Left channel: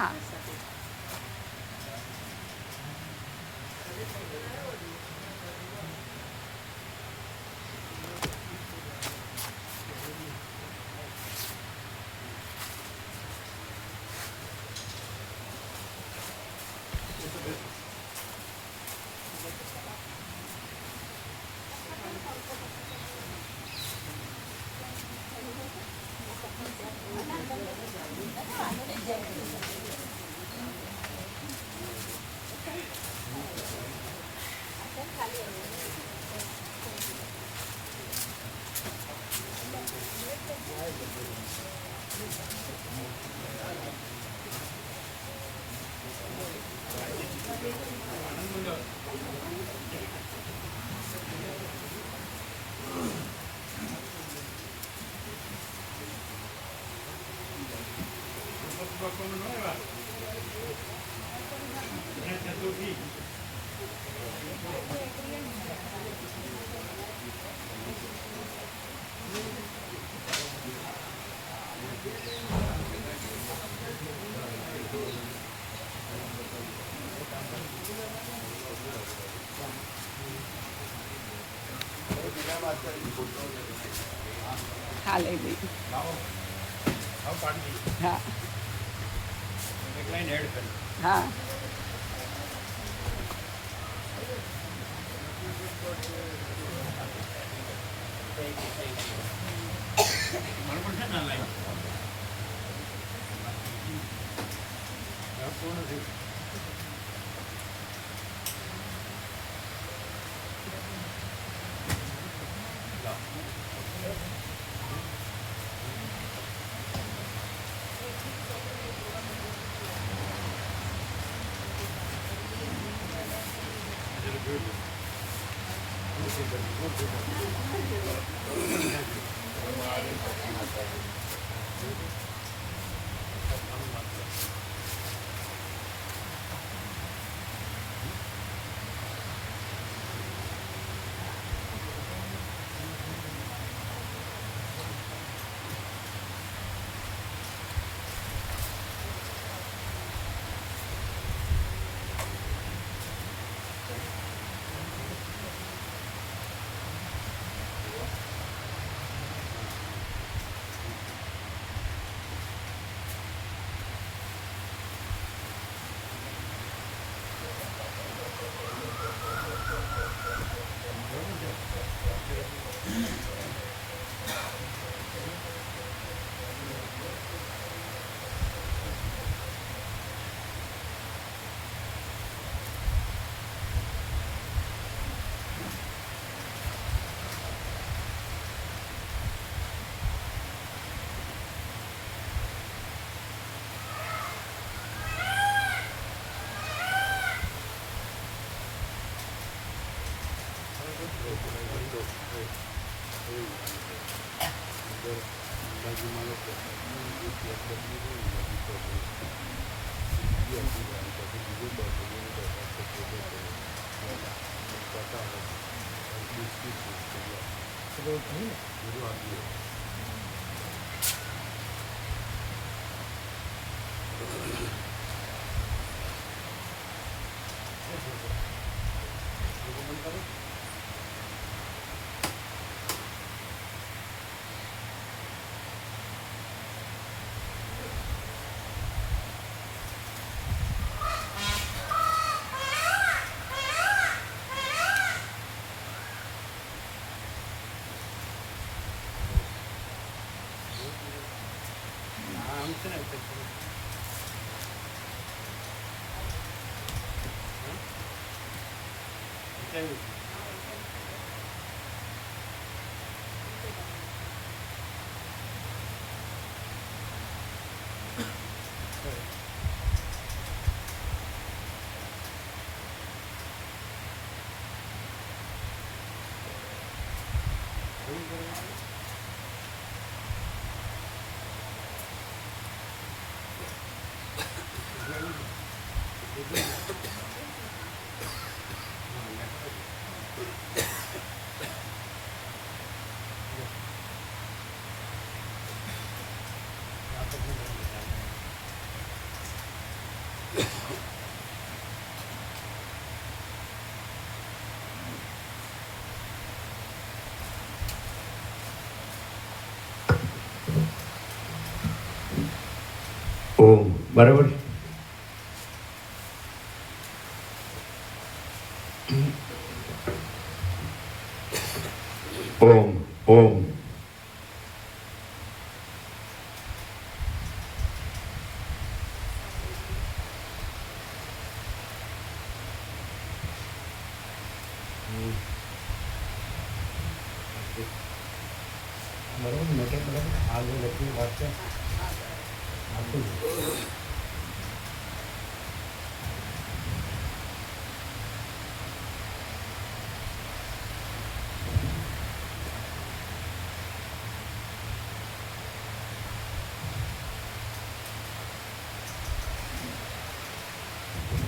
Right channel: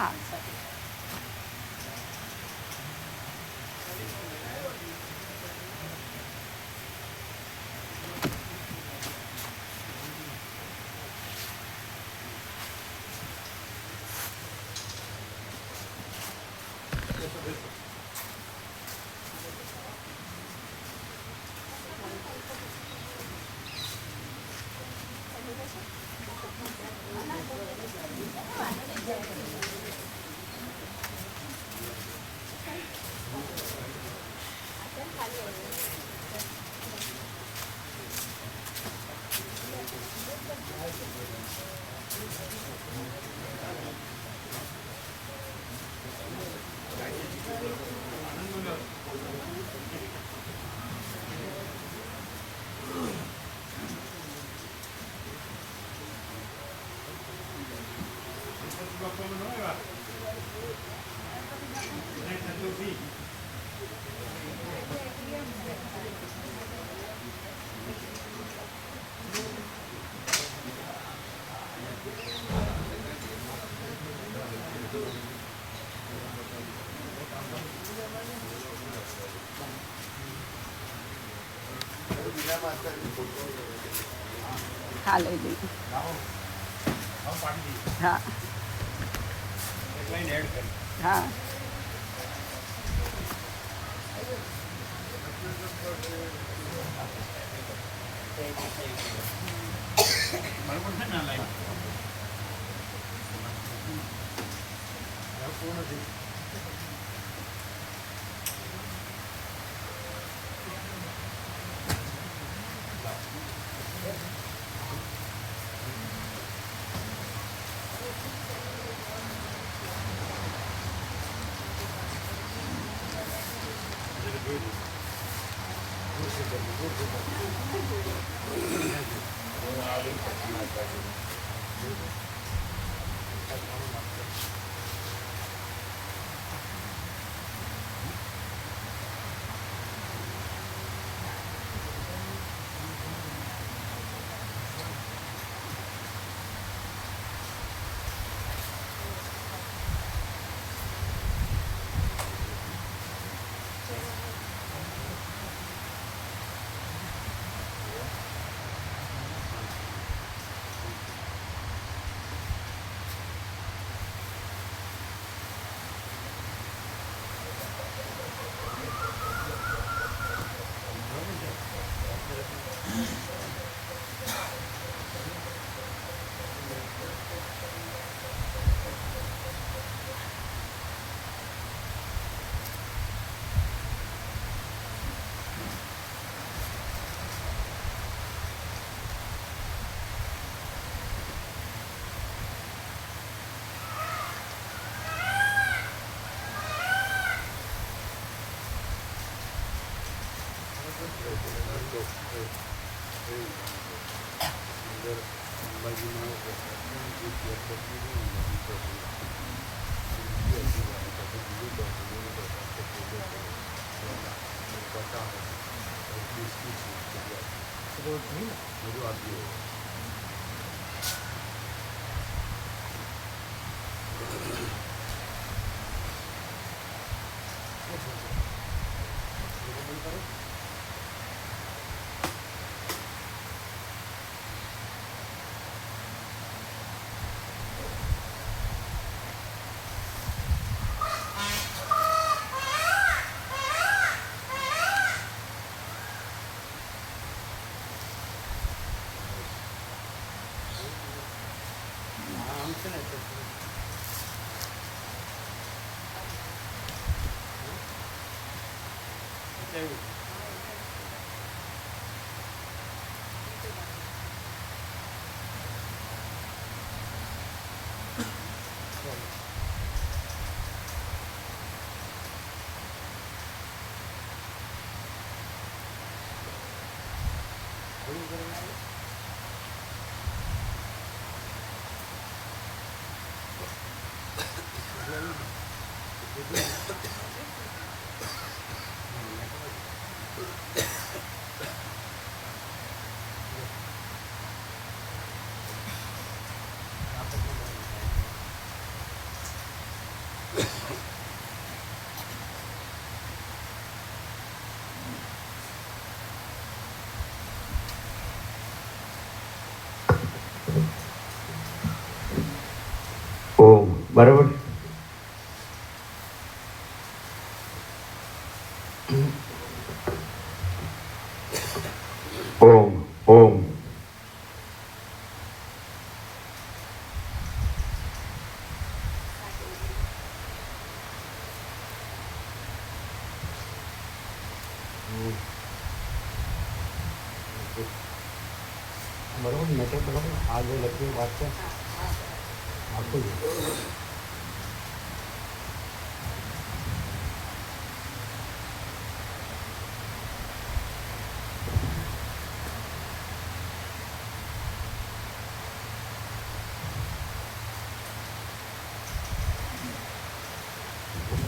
હા. હા લઈ લઈ. હા હા. પૂર્ણ થઈ બરાબર મેટર બરાબર આ જે લખી વાત છે આપતું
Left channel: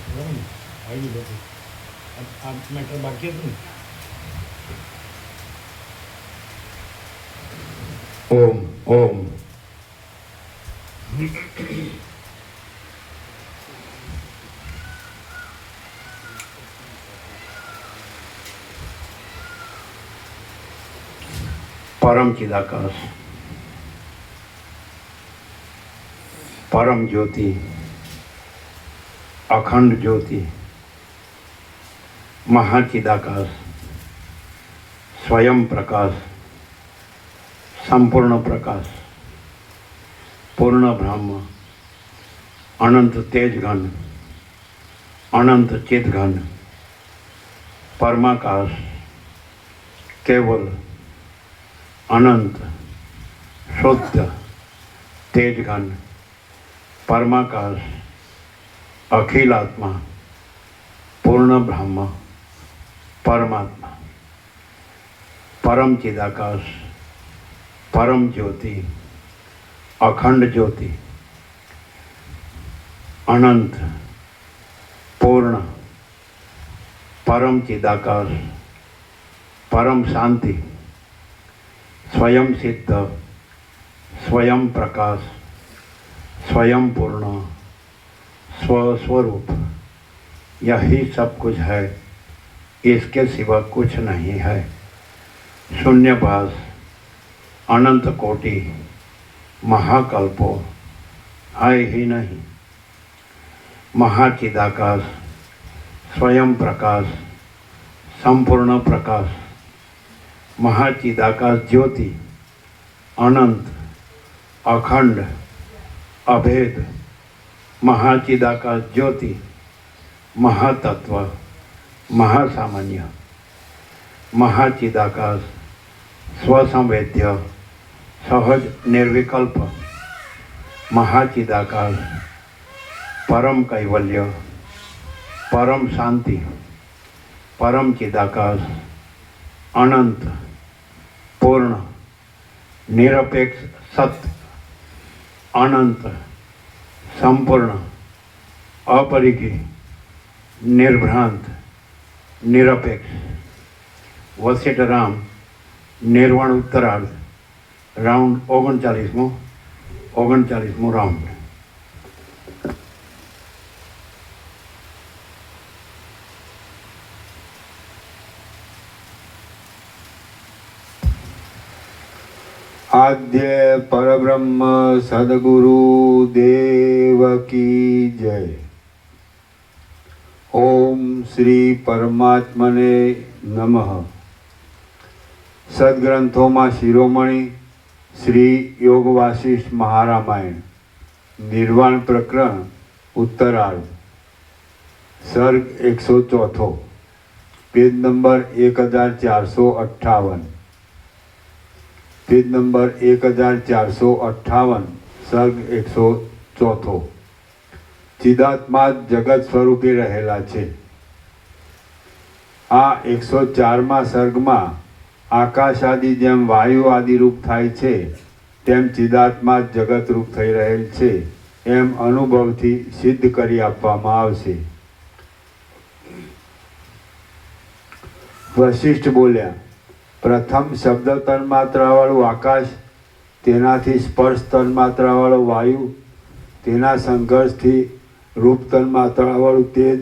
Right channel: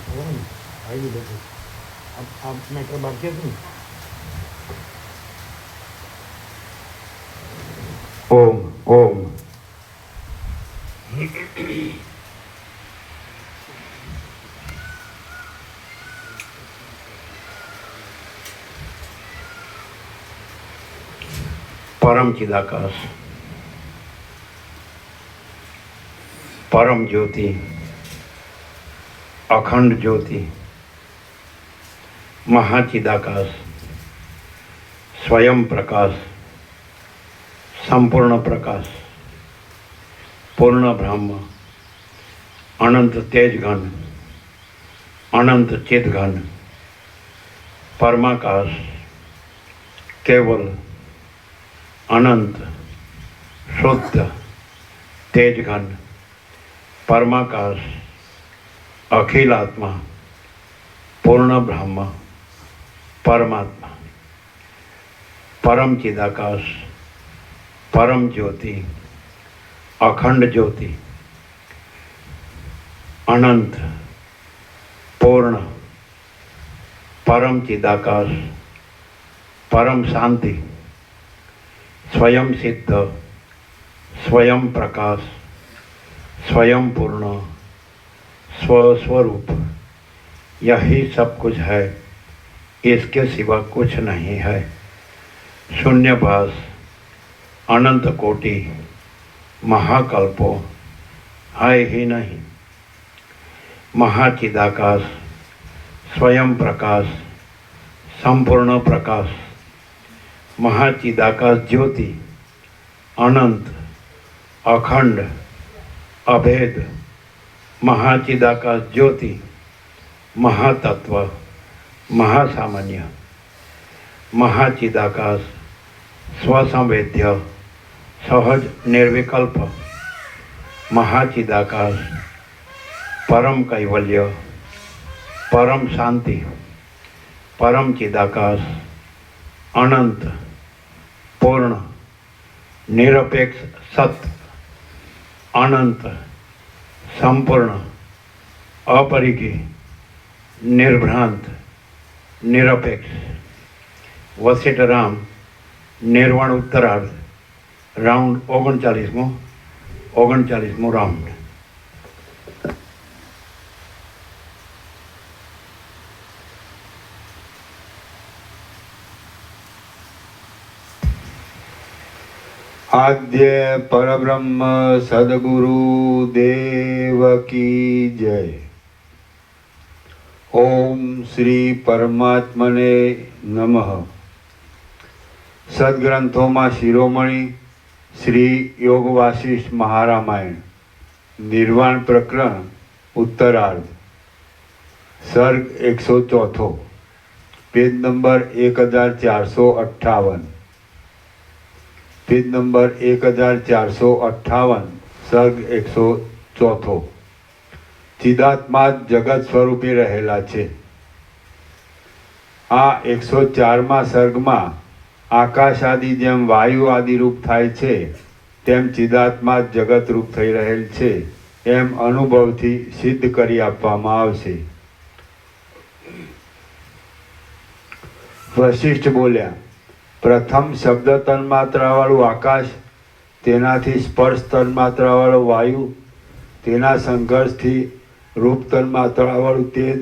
બરાબર ને આવી લખી આ મેટર બાકી હતું ને ઓમ ઓમ परम चिदाकाश परम ज्योति अखंड ज्योति महाचिदाकाश स्वयं प्रकाश संपूर्ण प्रकाश पूर्ण ब्रह्म अनंत तेज घन अनंत चित घन परमाकाश केवल अनंत शुद्ध तेज घन परमाकाश अखिल आत्मा पूर्ण ब्रह्म परमात्मा परम चिदाकाश परम ज्योति अखंड ज्योति अनंत पूर्ण परम चिदाकाश परम शांति स्वयं सिद्ध स्वयं प्रकाश स्वयं पूर्ण स्वस्वरूप यही सब कुछ है, इसके सिवा कुछ नहीं है। शून्यभास अनंत कोटि महाकल्पो है ही नहीं। महाचिदाकाश स्वयं प्रकाश संपूर्ण प्रकाश महाचिदाकाश ज्योति अनंत अखंड अभेद महाचिदाकाश ज्योति महातत्व महासामान्य महाचिदाकाश स्वसंवेद्य सहज निर्विकल्प महाचिदाकाश परम कैवल्य परम शांति परम चिदाकाश अनंत पूर्ण निरपेक्ष सत्य अनंत संपूर्ण अपरिकी निर्भ्रांत निरपेक्ष वसिष्ठराम निर्वाण उत्तरार्ध राउंड 39मो राउंड। आद्य परब्रह्म सद्गुरु देव की जय। ओम श्री परमात्मने नमः। सद्ग्रंथों में शिरोमणि श्री योग वासिष्ठ महारामायण निर्वाण प्रकरण उत्तरार्ध सर्ग 104 पेज नंबर 1458 पेज नंबर 1458 सर्ग 104 चिदात्मा जगत स्वरूपे रहेला छे। आ 104 सर्ग में आकाश आदि जेम वायु आदि रूप थाय छे तेम चिदात्मा जगत रूप थई रहेल छे एम अनुभवथी सिद्ध करी आपवामां आवशे। वशिष्ठ बोल्या, प्रथम शब्द तन्मात्रावाळुं आकाश, तेनाथी स्पर्श तन्मात्रावाळो वायु, तेना संघर्षथी रूप तन्मात्रावाळुं तेज,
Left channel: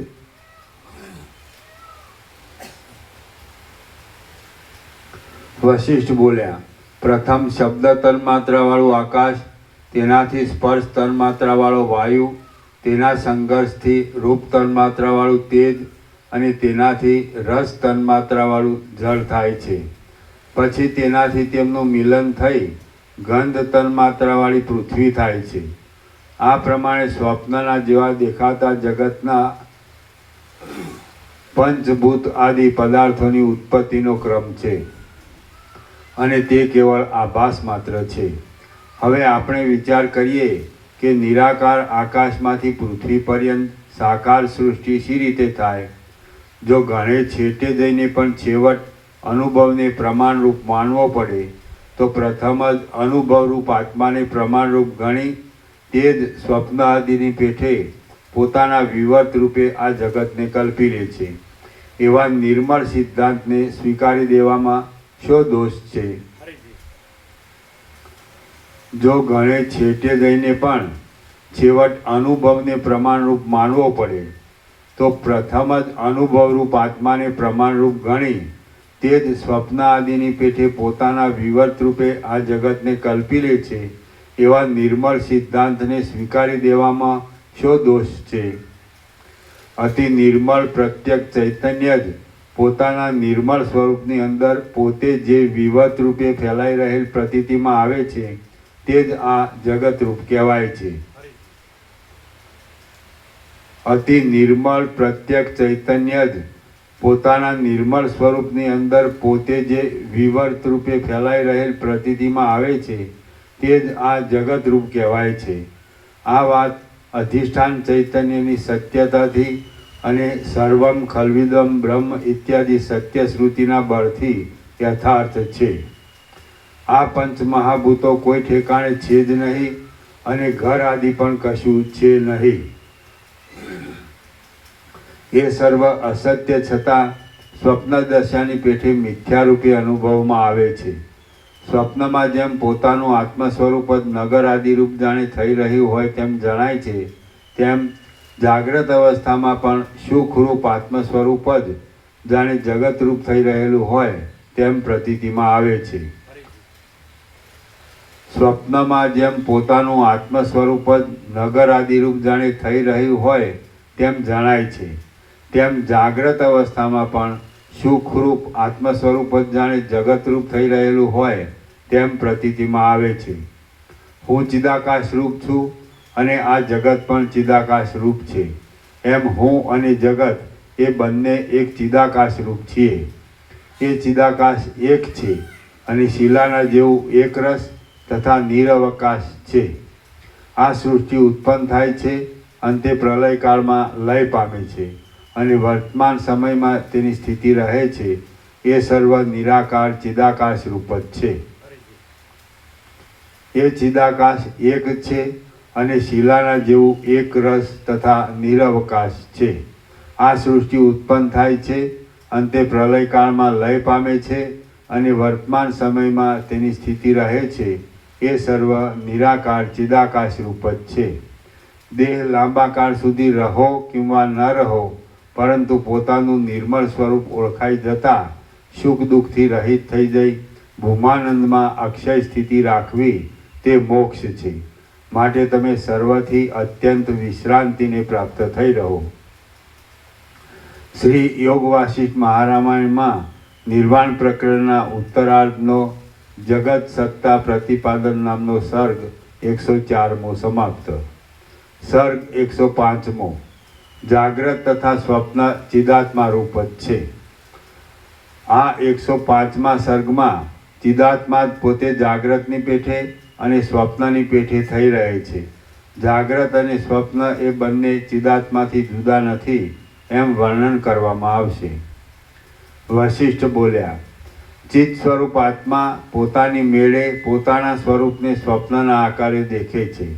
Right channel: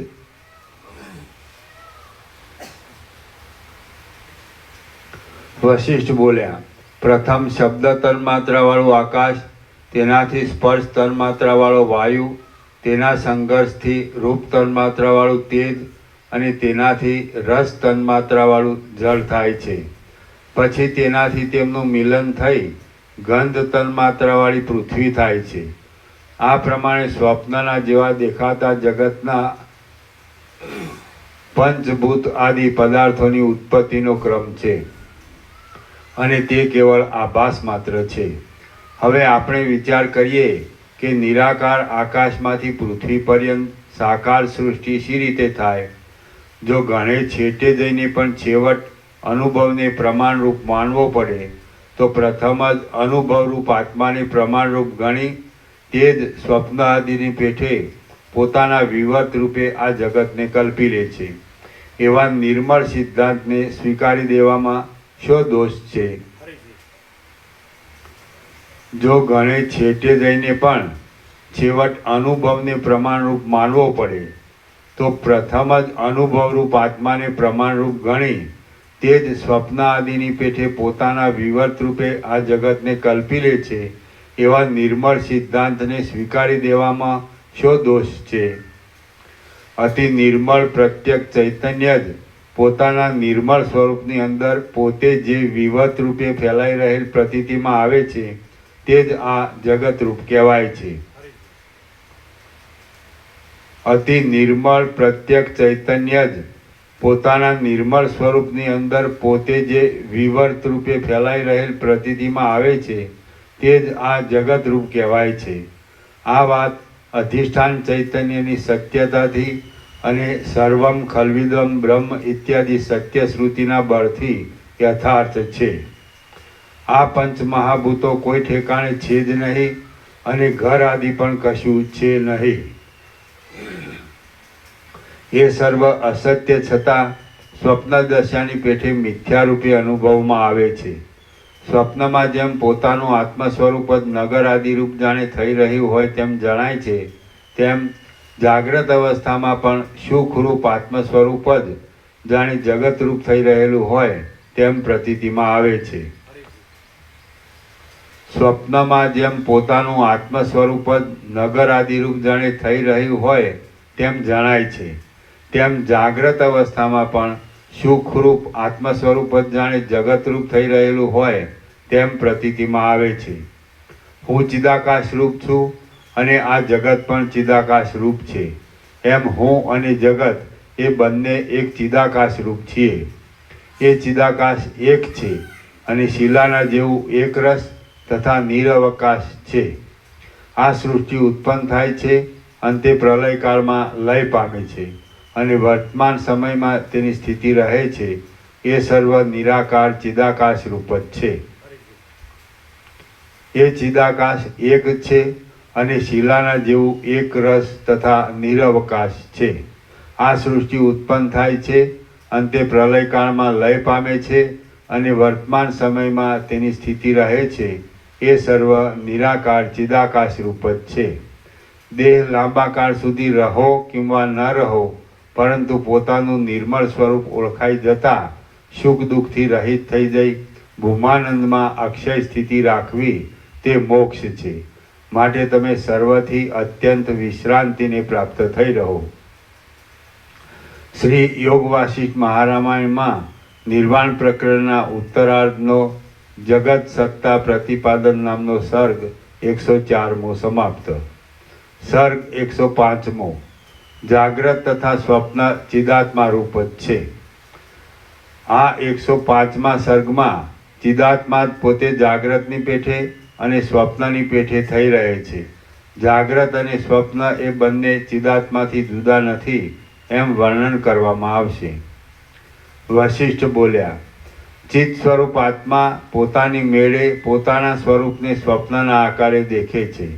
वशिष्ठ बोल्या, प्रथम शब्द तन्मात्रावाळुं आकाश, तेनाथी स्पर्श तन्मात्रावाळो वायु, तेना संघर्षथी रूप तन्मात्रावाळुं तेज અને તેનાથી રસ તન્માત્રાવાળું જળ થાય છે। પછી તેનાથી તેમનું મિલન થઈ ગંધ તન્માત્રાવાળી પૃથ્વી થાય છે। આ પ્રમાણે સ્વપ્નના જેવા દેખાતા જગતના પંચભૂત આદિ પદાર્થોની ઉત્પત્તિનો ક્રમ છે। અને તે કેવળ આભાસ માત્ર છે. હવે આપણે વિચાર કરીએ કે નિરાકાર આકાશમાંથી પૃથ્વી પર્યંત સાકાર સૃષ્ટિ શી રીતે થાય. જો ઘણે છેટે જઈને પણ છેવટ અનુભવને પ્રમાણરૂપ માનવો પડે તો પ્રથમ જ અનુભવરૂપ આત્માને પ્રમાણરૂપ ગણી તે જ સ્વપ્ન આદિની પેઠે પોતાના વિવર્ત રૂપે આ જગતને કલ્પી લે છે. એવા નિર્મળ સિદ્ધાંતને સ્વીકારી દેવામાં શો દોષ છે? જો ઘણે છેટે જઈને પણ છેવટ અનુભવને પ્રમાણરૂપ માનવો પડે તો પ્રથમ જ અનુભવરૂપ આત્માને પ્રમાણરૂપ ગણી તે જ સ્વપ્ન આદિની પેઠે પોતાના વિવર્ત રૂપે આ જગતને કલ્પી લે છે. એવા નિર્મળ સિદ્ધાંતને સ્વીકારી દેવામાં શો દોષ છે? અતિ નિર્મળ પ્રત્યક્ષ ચૈતન્ય જ પોતાના નિર્મળ સ્વરૂપની અંદર પોતે જે વિવર્ત રૂપે ફેલાઈ રહેલ પ્રતીતિમાં આવે છે તે જ આ જગતરૂપ કહેવાય છે. અતિ નિર્મળ પ્રત્યક્ષ ચૈતન્ય જ પોતાના નિર્મળ સ્વરૂપની અંદર પોતે જે વિવર્ત રૂપે ફેલાઈ રહેલ પ્રતીતિમાં આવે છે તે જ આ જગતરૂપ કહેવાય છે. આ વાત અધિષ્ઠાન ચૈતન્યની સત્યતાથી અને સર્વમ ખલ્વિદમ બ્રહ્મ ઇત્યાદિ સત્ય શ્રુતિના બળથી યથાર્થ છે. આ પંચ મહાભૂતો કોઈ ઠેકાણે છે જ નહીં અને ઘર આદિ પણ કશું છે નહીં. એ સર્વ અસત્ય છતાં સ્વપ્ન દશાની પેઠે મિથ્યા રૂપે અનુભવમાં આવે છે. સ્વપ્નમાં જેમ પોતાનું આત્મ સ્વરૂપ જ નગર આદિ રૂપ જાણે થઈ રહ્યું હોય તેમ જણાય છે તેમ જાગ્રત અવસ્થામાં પણ સુખરૂપ આત્મ સ્વરૂપ જ જાણે જગતરૂપ થઈ રહેલું હોય તેમ પ્રતીતિમાં આવે છે. સ્વપ્નમાં જેમ પોતાનું આત્મ સ્વરૂપ જ નગર આદિરૂપ જાણે થઈ રહ્યું હોય તેમ જણાય છે તેમ જાગ્રત અવસ્થામાં પણ સુખરૂપ આત્મ સ્વરૂપ જ જાણે જગતરૂપ થઈ રહેલું હોય તેમ પ્રતીતિમાં આવે છે. હું ચિદાકાશ રૂપ છું અને આ જગત પણ ચિદાકાશ રૂપ છે. એમ હું અને જગત એ બંને એક ચિદાકાશ રૂપ છીએ. એ ચિદાકાશ એક છે અને શિલાના જેવું એક રસ તથા નિરવકાશ છે. આ સૃષ્ટિ ઉત્પન્ન થાય છે અને તે પ્રલયકાળમાં લય પામે છે અને વર્તમાન સમયમાં તેની સ્થિતિ રહે છે. એ સર્વ નિરાકાર ચિદાકાશ રૂપ જ છે. એ ચિદાકાશ એક છે અને શિલાના જેવું એક રસ તથા નિરવકાશ છે. આ સૃષ્ટિ ઉત્પન્ન થાય છે અને તે પ્રલયકાળમાં લય પામે છે અને વર્તમાન સમયમાં તેની સ્થિતિ રહે છે. એ સર્વ નિરાકાર ચિદાકાશ રૂપ જ છે. દેહ લાંબા કાળ સુધી રહો કિંવા ન રહો પરંતુ પોતાનું નિર્મળ સ્વરૂપ ઓળખાઈ જતાં સુખ દુઃખથી રહિત થઈ જઈ ભૂમાનંદમાં અક્ષય સ્થિતિ રાખવી તે મોક્ષ છે. માટે તમે સર્વથી અત્યંત વિશ્રાંતિને પ્રાપ્ત થઈ રહો. શ્રી યોગ વાસિષ્ઠ મહારામાયણમાં નિર્વાણ પ્રકરણના ઉત્તરાર્ધનો જગત સત્તા પ્રતિપાદન નામનો સર્ગ 104મો સમાપ્ત. સર્ગ 105મો જાગ્રત તથા સ્વપ્ન ચિદાત્મા રૂપ જ છે. આ 105મા સર્ગમાં ચિદાત્મા જ પોતે જાગ્રતની પેઠે અને સ્વપ્નની પેઠે થઈ રહે છે. જાગ્રત અને સ્વપ્ન એ બંને ચિદાત્માથી જુદા નથી એમ વર્ણન કરવામાં આવશે. વશિષ્ઠ બોલ્યા, ચિત્ત સ્વરૂપ આત્મા પોતાની મેળે પોતાના સ્વરૂપને સ્વપ્નના આકારે દેખે છે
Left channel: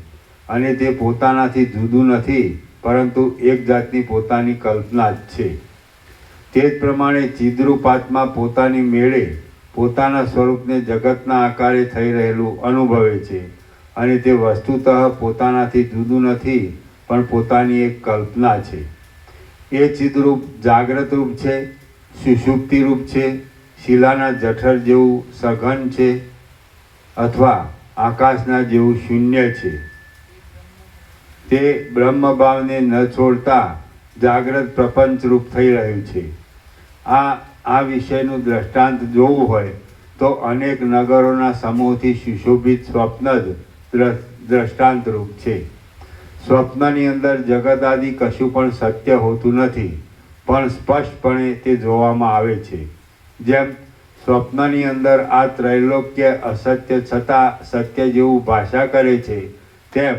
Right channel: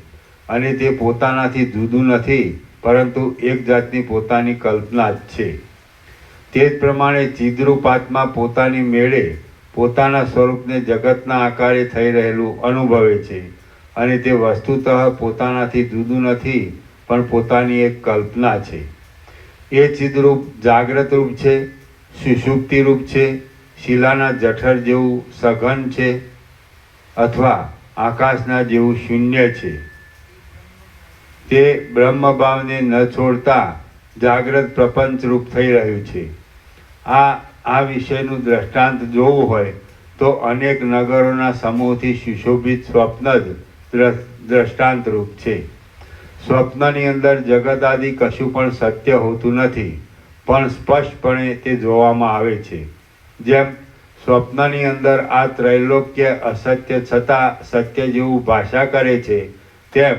અને તે પોતાનાથી જુદું નથી પરંતુ એક જાતની પોતાની કલ્પના જ છે. તે જ પ્રમાણે ચિદ્રૂપ આત્મા પોતાની મેળે પોતાના સ્વરૂપને જગતના આકારે થઈ રહેલું અનુભવે છે અને તે વસ્તુતઃ પોતાનાથી જુદું નથી પણ પોતાની એક કલ્પના છે. એ ચિદ્રૂપ જાગ્રત રૂપ છે, સુષુપ્તિ રૂપ છે, શિલાના જઠર જેવું સઘન છે અથવા આકાશના જેવું શૂન્ય છે. તે બ્રહ્મભાવને ન છોડતા જાગ્રત પ્રપંચ રૂપ થઈ રહ્યું છે. આ વિષયનું દ્રષ્ટાંત જોવું હોય તો અનેક નગરોના સમૂહથી સુશોભિત સ્વપ્ન જ દ્રષ્ટાંત રૂપ છે. સ્વપ્નની અંદર જગત આદિ કશું પણ સત્ય હોતું નથી પણ સ્પષ્ટપણે તે જોવામાં આવે છે. જેમ સ્વપ્નની અંદર આ ત્રૈલોક્ય અસત્ય છતાં સત્ય જેવું ભાષા કરે છે, તેમ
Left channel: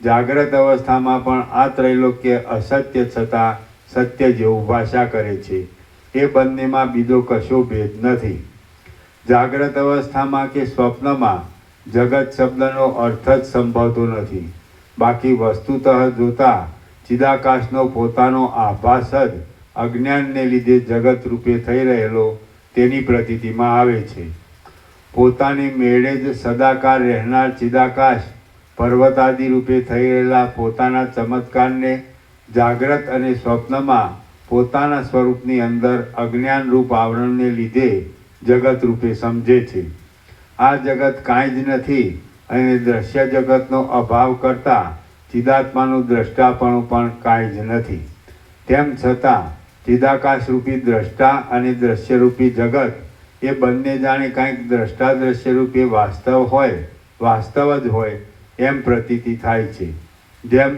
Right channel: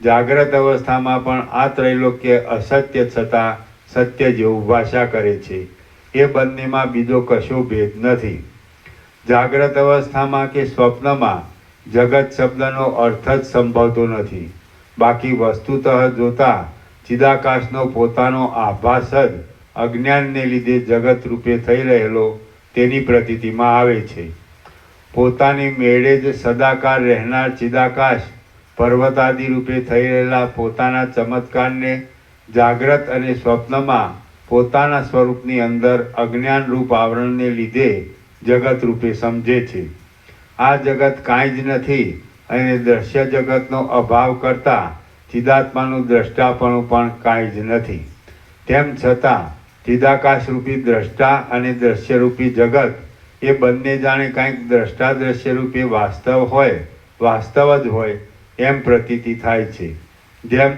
જાગ્રત અવસ્થામાં પણ આ ત્રૈલોક્ય અસત્ય છતાં સત્ય જેવું ભાષા કરે છે. એ બંનેમાં બીજો કશો ભેદ નથી. જાગ્રત અવસ્થામાં કે સ્વપ્નમાં જગત શબ્દનો અર્થ જ સંભવતો નથી. બાકી વસ્તુતઃ જોતા ચિદાકાશનો પોતાનો આભાસ જ અજ્ઞાનને લીધે જગત રૂપે થઈ રહેલો તેની પ્રતીતિમાં આવે છે. પોતાની મેળે જ સદાકાર રહેનાર ચિદાકાશ પર્વતાદિ રૂપે થઈ રહેલા પોતાના ચમત્કારને જાગ્રત અને સ્વપ્નમાં પોતાના સ્વરૂપની અંદર અજ્ઞાન રૂપ આવરણને લીધે જગત રૂપે સમજે છે. આ જગત કાંઈ જ નથી અને દ્રશ્ય જગતનો અભાવ કરતાં ચિદાત્માનું દ્રષ્ટાપણું પણ કાંઈ જ નથી. તેમ છતાં ચિદાકાશરૂપી દ્રષ્ટા અને દ્રશ્યરૂપી જગત એ બંને જાણે કાંઈક દ્રષ્ટા દ્રશ્યરૂપી વાસ્તવ જ હોય એમ પ્રતીતિ થાય છે. જેમ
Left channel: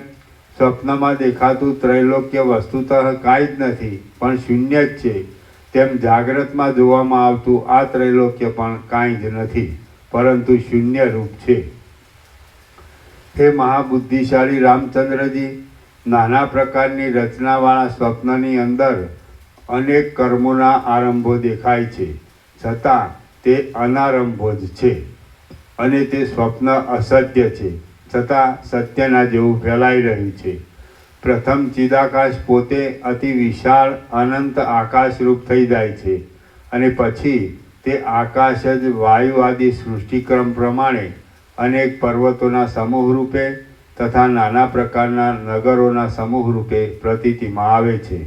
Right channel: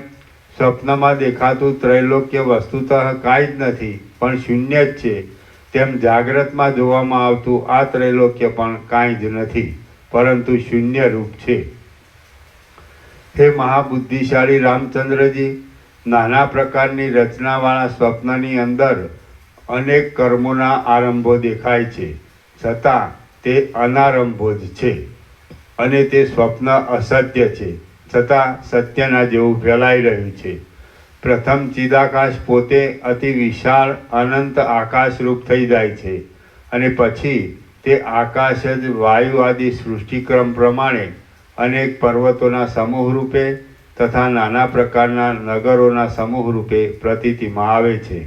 સ્વપ્નમાં દેખાતું ત્રૈલોક્ય વસ્તુતઃ કાંઈ જ નથી પણ શૂન્ય જ છે, તેમ જાગ્રતમાં જોવામાં આવતું આ ત્રૈલોક્ય પણ કાંઈ જ નથી પરંતુ શૂન્ય રૂપ છે. હે મહાબુદ્ધિશાળી રામચંદ્રજી, નાના પ્રકારની રચનાવાળા સ્વપ્નની અંદર અનેક કર્મોના આરંભો દેખાય છે, છતાં તે અનારંભો જ છે અને તે સ્વપ્ન અસત્ય છે, છતાં સત્યના જેવું ફેલાઈ રહ્યું છે. પ્રથમ ચિદાકાશ પોતે અતિ વિશાળ અનંત આકાશરૂપ થઈ જાય છે અને પછી તે આકાશ જ વાયુ આદિ સૃષ્ટિક્રમ પ્રમાણે અનેક પર્વતોના સમૂહ રૂપે તથા નાના પ્રકારના નગરોના સમૂહ રૂપે પ્રતીતિમાં આવે છે.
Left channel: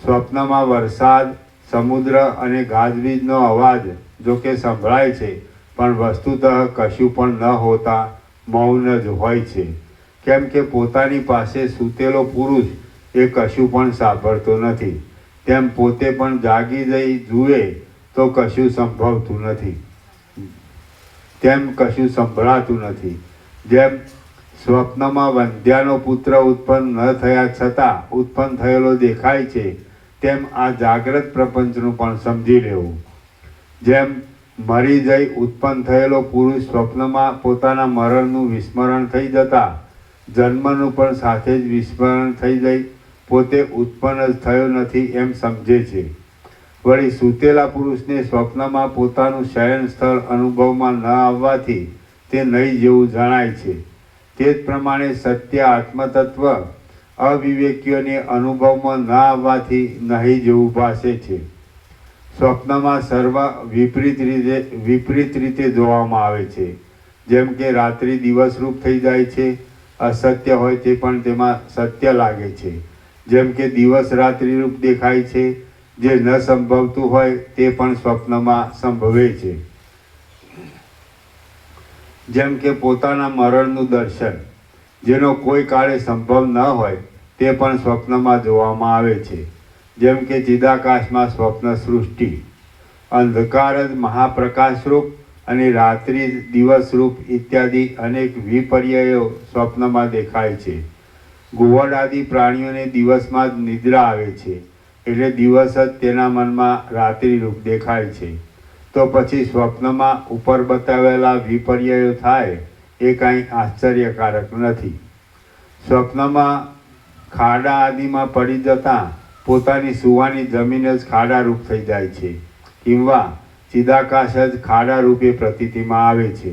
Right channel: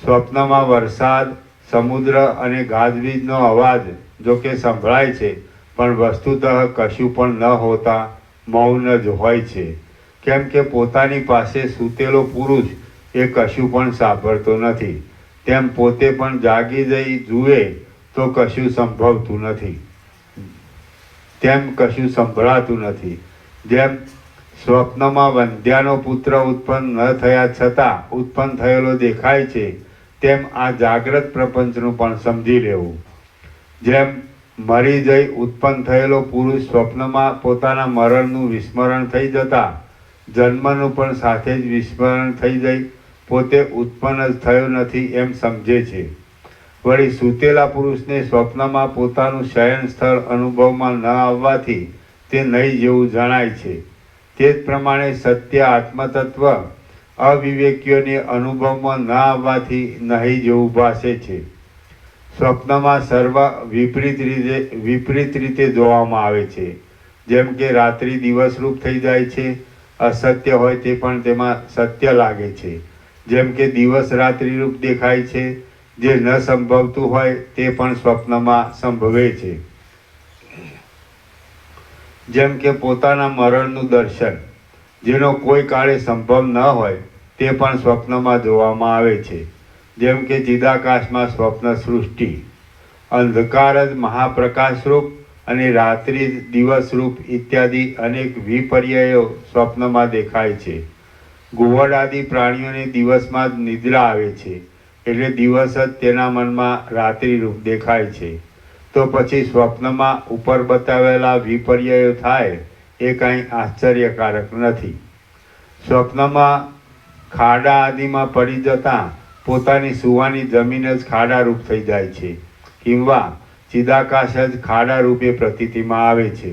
સ્વપ્નમાં વરસાદ, સમુદ્ર અને ગાજવીજનો અવાજ જોકે સંભળાય છે, પણ વસ્તુતઃ કશું પણ ન હોતા મૌન જ હોય છે. કેમ કે પોતાની પાસે સૂતેલો પુરુષ એ કશું પણ સાંભળતો નથી, તેમ પોતે પણ જાગી જઈ જુએ તો કશું સંભવતું નથી, તેમ કશું સંભળાતું નથી. જેમ સ્વપ્નમાં વંધ્યાનો પુત્ર ઉત્પન્ન ન થયા છતાં ઉત્પન્ન થયેલો દેખાય છે, તેમ આ જાગ્રત પ્રપંચનું પણ સમજી લેવું. જેમ મરી જઈ ઉત્પન્ન થયેલો પુરુષ સ્વપ્નમાં પોતાના મરણનું વિસ્મરણ થઈ જતા જન્મનું પણ સાથે જ વિસ્મરણ થઈ જઈ પોતે ઉત્પન્ન જ થયો નથી એમ સમજે છે. વળી સૂતેલા પુરુષને સ્વપ્નમાં પોતાનું શયન સ્થળ અનુભવમાં ન આવવાથી તે નહીં જેવું જણાય છે. તે જ પ્રમાણે સત્ય આત્મતત્વ અવિવેકીઓને અનુભવમાં ન આવવાથી નહીં જેવું ભાસે છે. સ્વપ્નમાં સર્વ વિપરીત રીતે જોવામાં આવે છે. જેમ કે રાત્રિ દિવસરૂપ થઈ જાય છે, અસત્ય હોય તે પણ તેમાં સત્ય લાગે છે. જેમ કે દિવસ રાત્રિ રૂપ દેખાય છે, જે ન સંભવતું હોય તે પણ સ્વપ્નમાં સંભવે છે. જેમ કે પોતાના મરણનું દર્શન જેનો કોઈ કાળે સંભવ ન હોય તે પણ સ્વપ્નમાં જોવામાં આવે છે. જેમ કે ચિદાકાશમાં સ્વપ્ન સૃષ્ટિ, અંધકાર જ મહાપ્રકાશરૂપ અને રાત્રિ દિવસરૂપ ઇત્યાદિ અનેક વિપર્યયો સ્વપ્નમાં દેખાય છે. ઘુવડ આદિ પ્રાણીઓને દિવસમાં જ નિદ્રા આવે છે, એટલે દિવસ જ તેના મનમાં રાત્રિ રૂપ દેખાય છે. તો પછી સ્વપ્નમાં ઉપર બતાવેલા વિપર્યયો થાય એ કાંઈ આશ્ચર્યકારક નથી. સ્વપ્નમાં ખાડા આદિમાં પડી જતાં પોતાની સુવાની જમીન જ ખાડા રૂપ થઈ જાય છે, કિંવા ચિદાકાશ જ ખાડા રૂપે પ્રતીતિમાં આવે છે.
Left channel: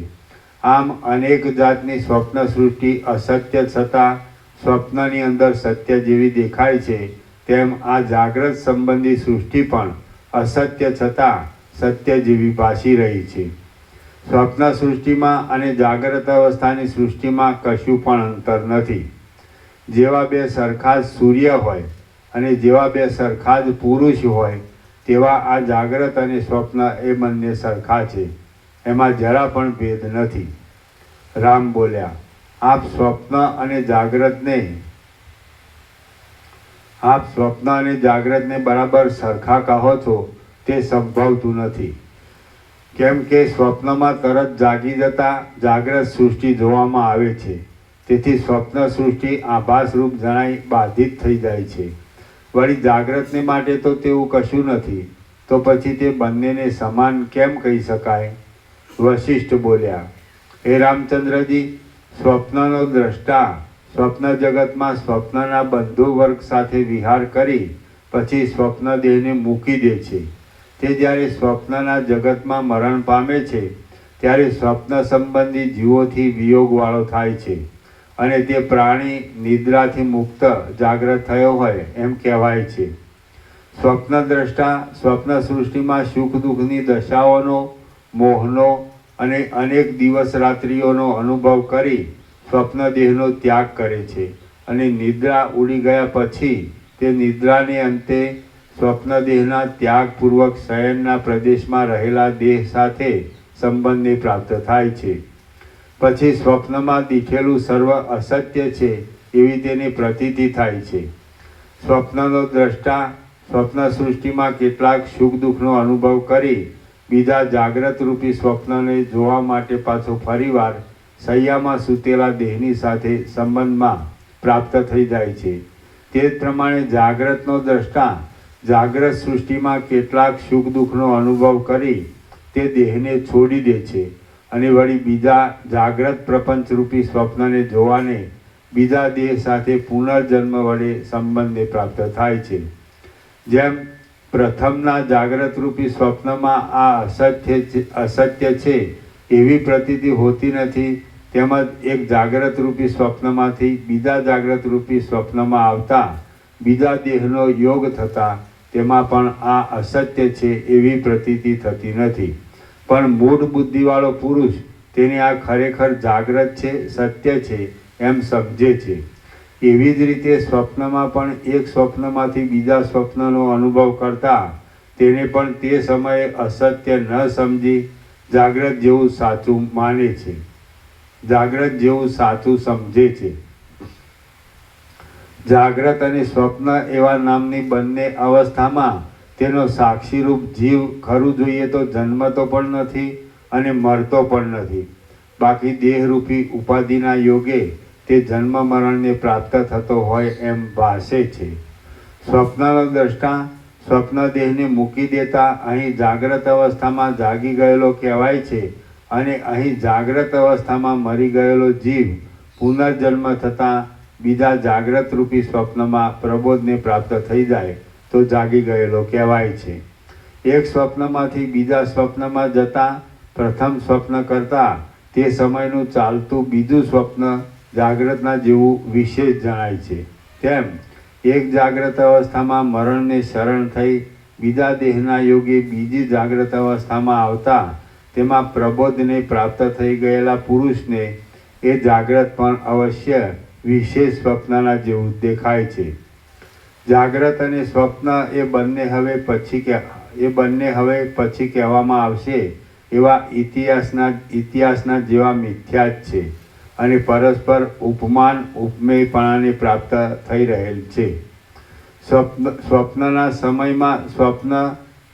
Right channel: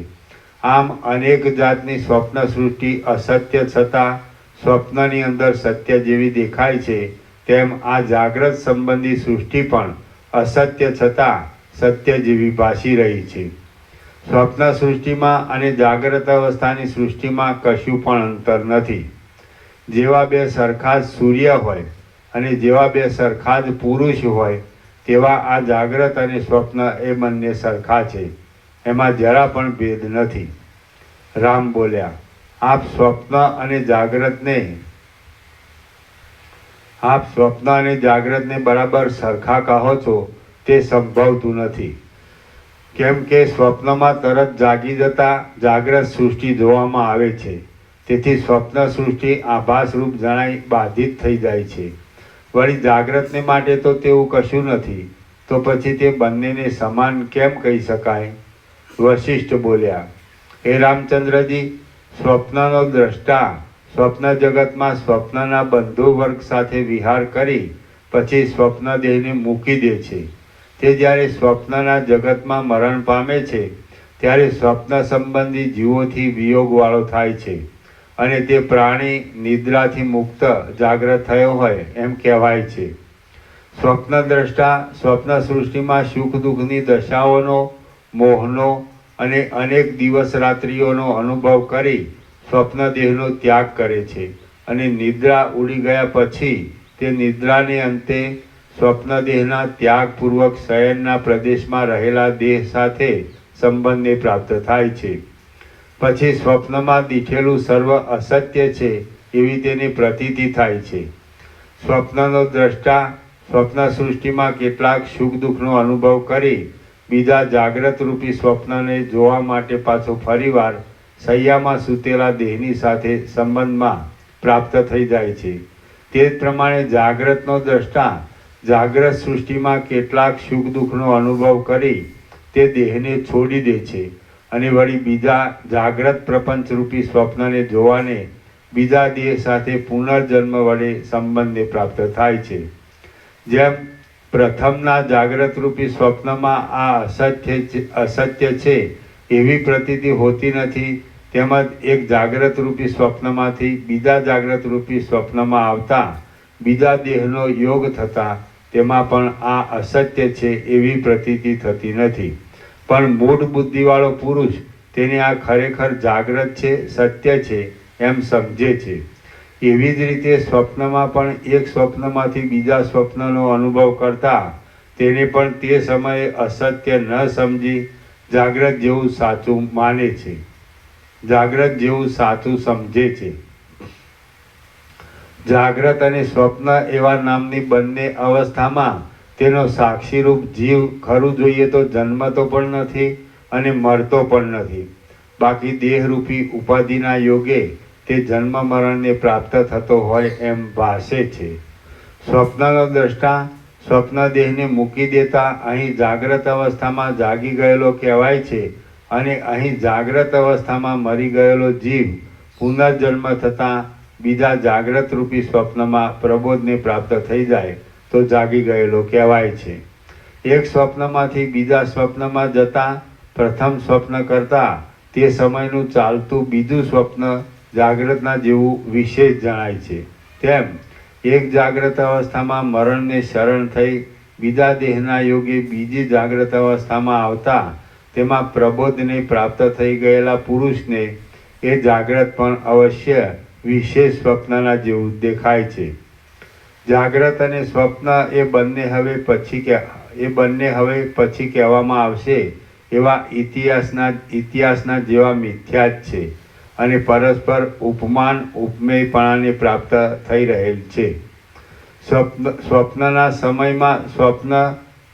આમ અનેક જાતની સ્વપ્ન સૃષ્ટિ અસત્ય છતાં સ્વપ્નની અંદર સત્ય જેવી દેખાય છે, તેમ આ જાગ્રત સંબંધી સૃષ્ટિ પણ અસત્ય છતાં સત્ય જેવી ભાસી રહી છે. સ્વપ્ન સૃષ્ટિમાં અને જાગ્રત અવસ્થાની સૃષ્ટિમાં કશું પણ અંતર નથી. જેવા બે સરખા જ સૂર્ય હોય અને જેવા બે સરખા જ પુરુષ હોય તેવા આ જાગ્રત અને સ્વપ્ન એ બંને સરખા છે, એમાં જરા પણ ભેદ નથી. રામ બોલ્યા, આપ સ્વપ્ન અને જાગ્રતને બરાબર સરખા કહો છો તે સંભવતું નથી. કેમ કે સ્વપ્નમાં તરત જાગી જતા જાગ્રત સૃષ્ટિ જોવામાં આવે છે, તેથી સ્વપ્ન સૃષ્ટિ આભાસરૂપ જણાઈ બાધિત થઈ જાય છે. વળી જાગ્રતને માટે તો તેવું કશું નથી, તો પછી તે બંનેને સમાન કેમ કહી શકાય? વશિષ્ઠ બોલ્યા, હે રામચંદ્રજી, સ્વપ્નનો દ્રષ્ટા સ્વપ્ન જગતમાં સ્વપ્નના બંધુ વર્ગ સાથે વિહાર કરી પછી સ્વપ્ન દેહને મૂકી દે છે. તે જ્યારે સ્વપ્નના જગતમાં મરણ પામે છે ત્યારે સ્વપ્ન સંબંધી જીવોથી વિયોગવાળો થાય છે અને તે પ્રાણી નિદ્રાથી મુક્ત જાગ્રત થયો હોય એમ કહેવાય છે. સ્વપ્ન દ્રષ્ટા સ્વપ્ન સૃષ્ટિમાં સુખ દુઃખની દશાઓનો, મોહનો અને અનેક દિવસ રાત્રિઓનો અનુભવ કરી સ્વપ્ન દેહનો ત્યાગ કરે છે અને નિદ્રા ઉડી ગયા પછી તે નિદ્રાને અંતે સ્વપ્ન દેહના ત્યાગપૂર્વક શયનના પ્રદેશમાં રહેલા દેહ સાથે સંબંધને પ્રાપ્ત થાય છે. પછી સ્વપ્નમાં દીઠેલું સર્વ અસત્ય છે એવી તેની પ્રતીતિ થાય છે. સ્વપ્નનો દ્રષ્ટા સ્વપ્ન સૃષ્ટિમાં કેટલાક સુખ દુઃખનો અનુભવ કરી બીજા જાગ્રત રૂપી સ્વપ્નને જોવા માટે પાછો ફરીવાર શૈયામાં સૂતેલા દેહની સાથે સંબંધમાં પ્રાપ્ત થઈ જાય છે. તે જ પ્રમાણે જાગ્રતનો દ્રષ્ટા જાગ્રત સૃષ્ટિમાં કેટલાક સુખ દુઃખનો અનુભવ કરી તે દેહને છોડી દે છે અને વળી બીજા જાગ્રત પ્રપંચરૂપી સ્વપ્નને જોવાને બીજા દેહ સાથે પુનર્જન્મ વડે સંબંધને પ્રાપ્ત થાય છે. જેમ પ્રથમના જાગ્રત રૂપી સ્વપ્નમાં આ અસત્ય છે એવી પ્રતીતિ હોતી નથી, તેમજ એક જાગ્રત રૂપી સ્વપ્નમાંથી બીજા જાગ્રત રૂપી સ્વપ્નમાં આવતા બીજા દેહનો યોગ થતા તેમાં પણ આ અસત્ય છે એવી પ્રતીતિ થતી નથી. પણ મૂળ બુદ્ધિવાળો પુરુષ તેને આ ખરેખર જાગ્રત છે, સત્ય છે એમ સમજે છે. એવી જ રીતે સ્વપ્નમાં પણ એક સ્વપ્નમાંથી બીજા સ્વપ્નનો અનુભવ કરતા તેને પણ તે સમયે અસત્ય ન સમજી જાગ્રત જેવું સાચું માને છે, જાગ્રત જેવું સાચું સમજે છે. જાગ્રત અને સ્વપ્ન એવા નામની બંને અવસ્થામાં તેનો સાક્ષીરૂપ જીવ ખરું જોઈએ તો જન્મતો પણ નથી અને મરતો પણ નથી. બાકી દેહરૂપી ઉપાધિના યોગે તે જન્મ મરણને પ્રાપ્ત થતો હોય એમ ભાસે છે. સ્વપ્નનો દ્રષ્ટા સ્વપ્ન દેહને મૂકી દેતા અહીં જાગ્રત અવસ્થામાં જાગી ગયેલો કહેવાય છે અને અહીં જાગ્રત અવસ્થામાં મરી ગયેલો જીવ પુનર્જન્મ થતાં બીજા જાગ્રત રૂપી સ્વપ્નમાં પ્રબોધને પ્રાપ્ત થઈ જાય તો જાગી ગયેલો કહેવાય છે. એક સ્વપ્નમાંથી બીજા સ્વપ્નમાં જતાં પ્રથમ સ્વપ્ન કરતાં તે સમયનું ચાલતું બીજું સ્વપ્ન જાગ્રતના જેવું વિશેષ જણાય છે. તેમ એક જાગ્રત અવસ્થામાં મરણને શરણ થઈ બીજા દેહના યોગે બીજી જાગ્રત અવસ્થામાં આવતા તેમાં પ્રબોધને પ્રાપ્ત થઈ ગયેલા પુરુષને એ જાગ્રત પણ અવશ્ય વિશેષ સ્વપ્નના જેવું દેખાય છે. જાગ્રત અને સ્વપ્ન એ બંને હવે પછી કહેવામાં આવશે એવા ઇતિહાસના જેવા મિથ્યા જ છે અને પરસ્પર ઉપમાન ઉપમેયપણાને પ્રાપ્ત થઈ રહેલ છે. સ્વપ્નના સમયમાં સ્વપ્ન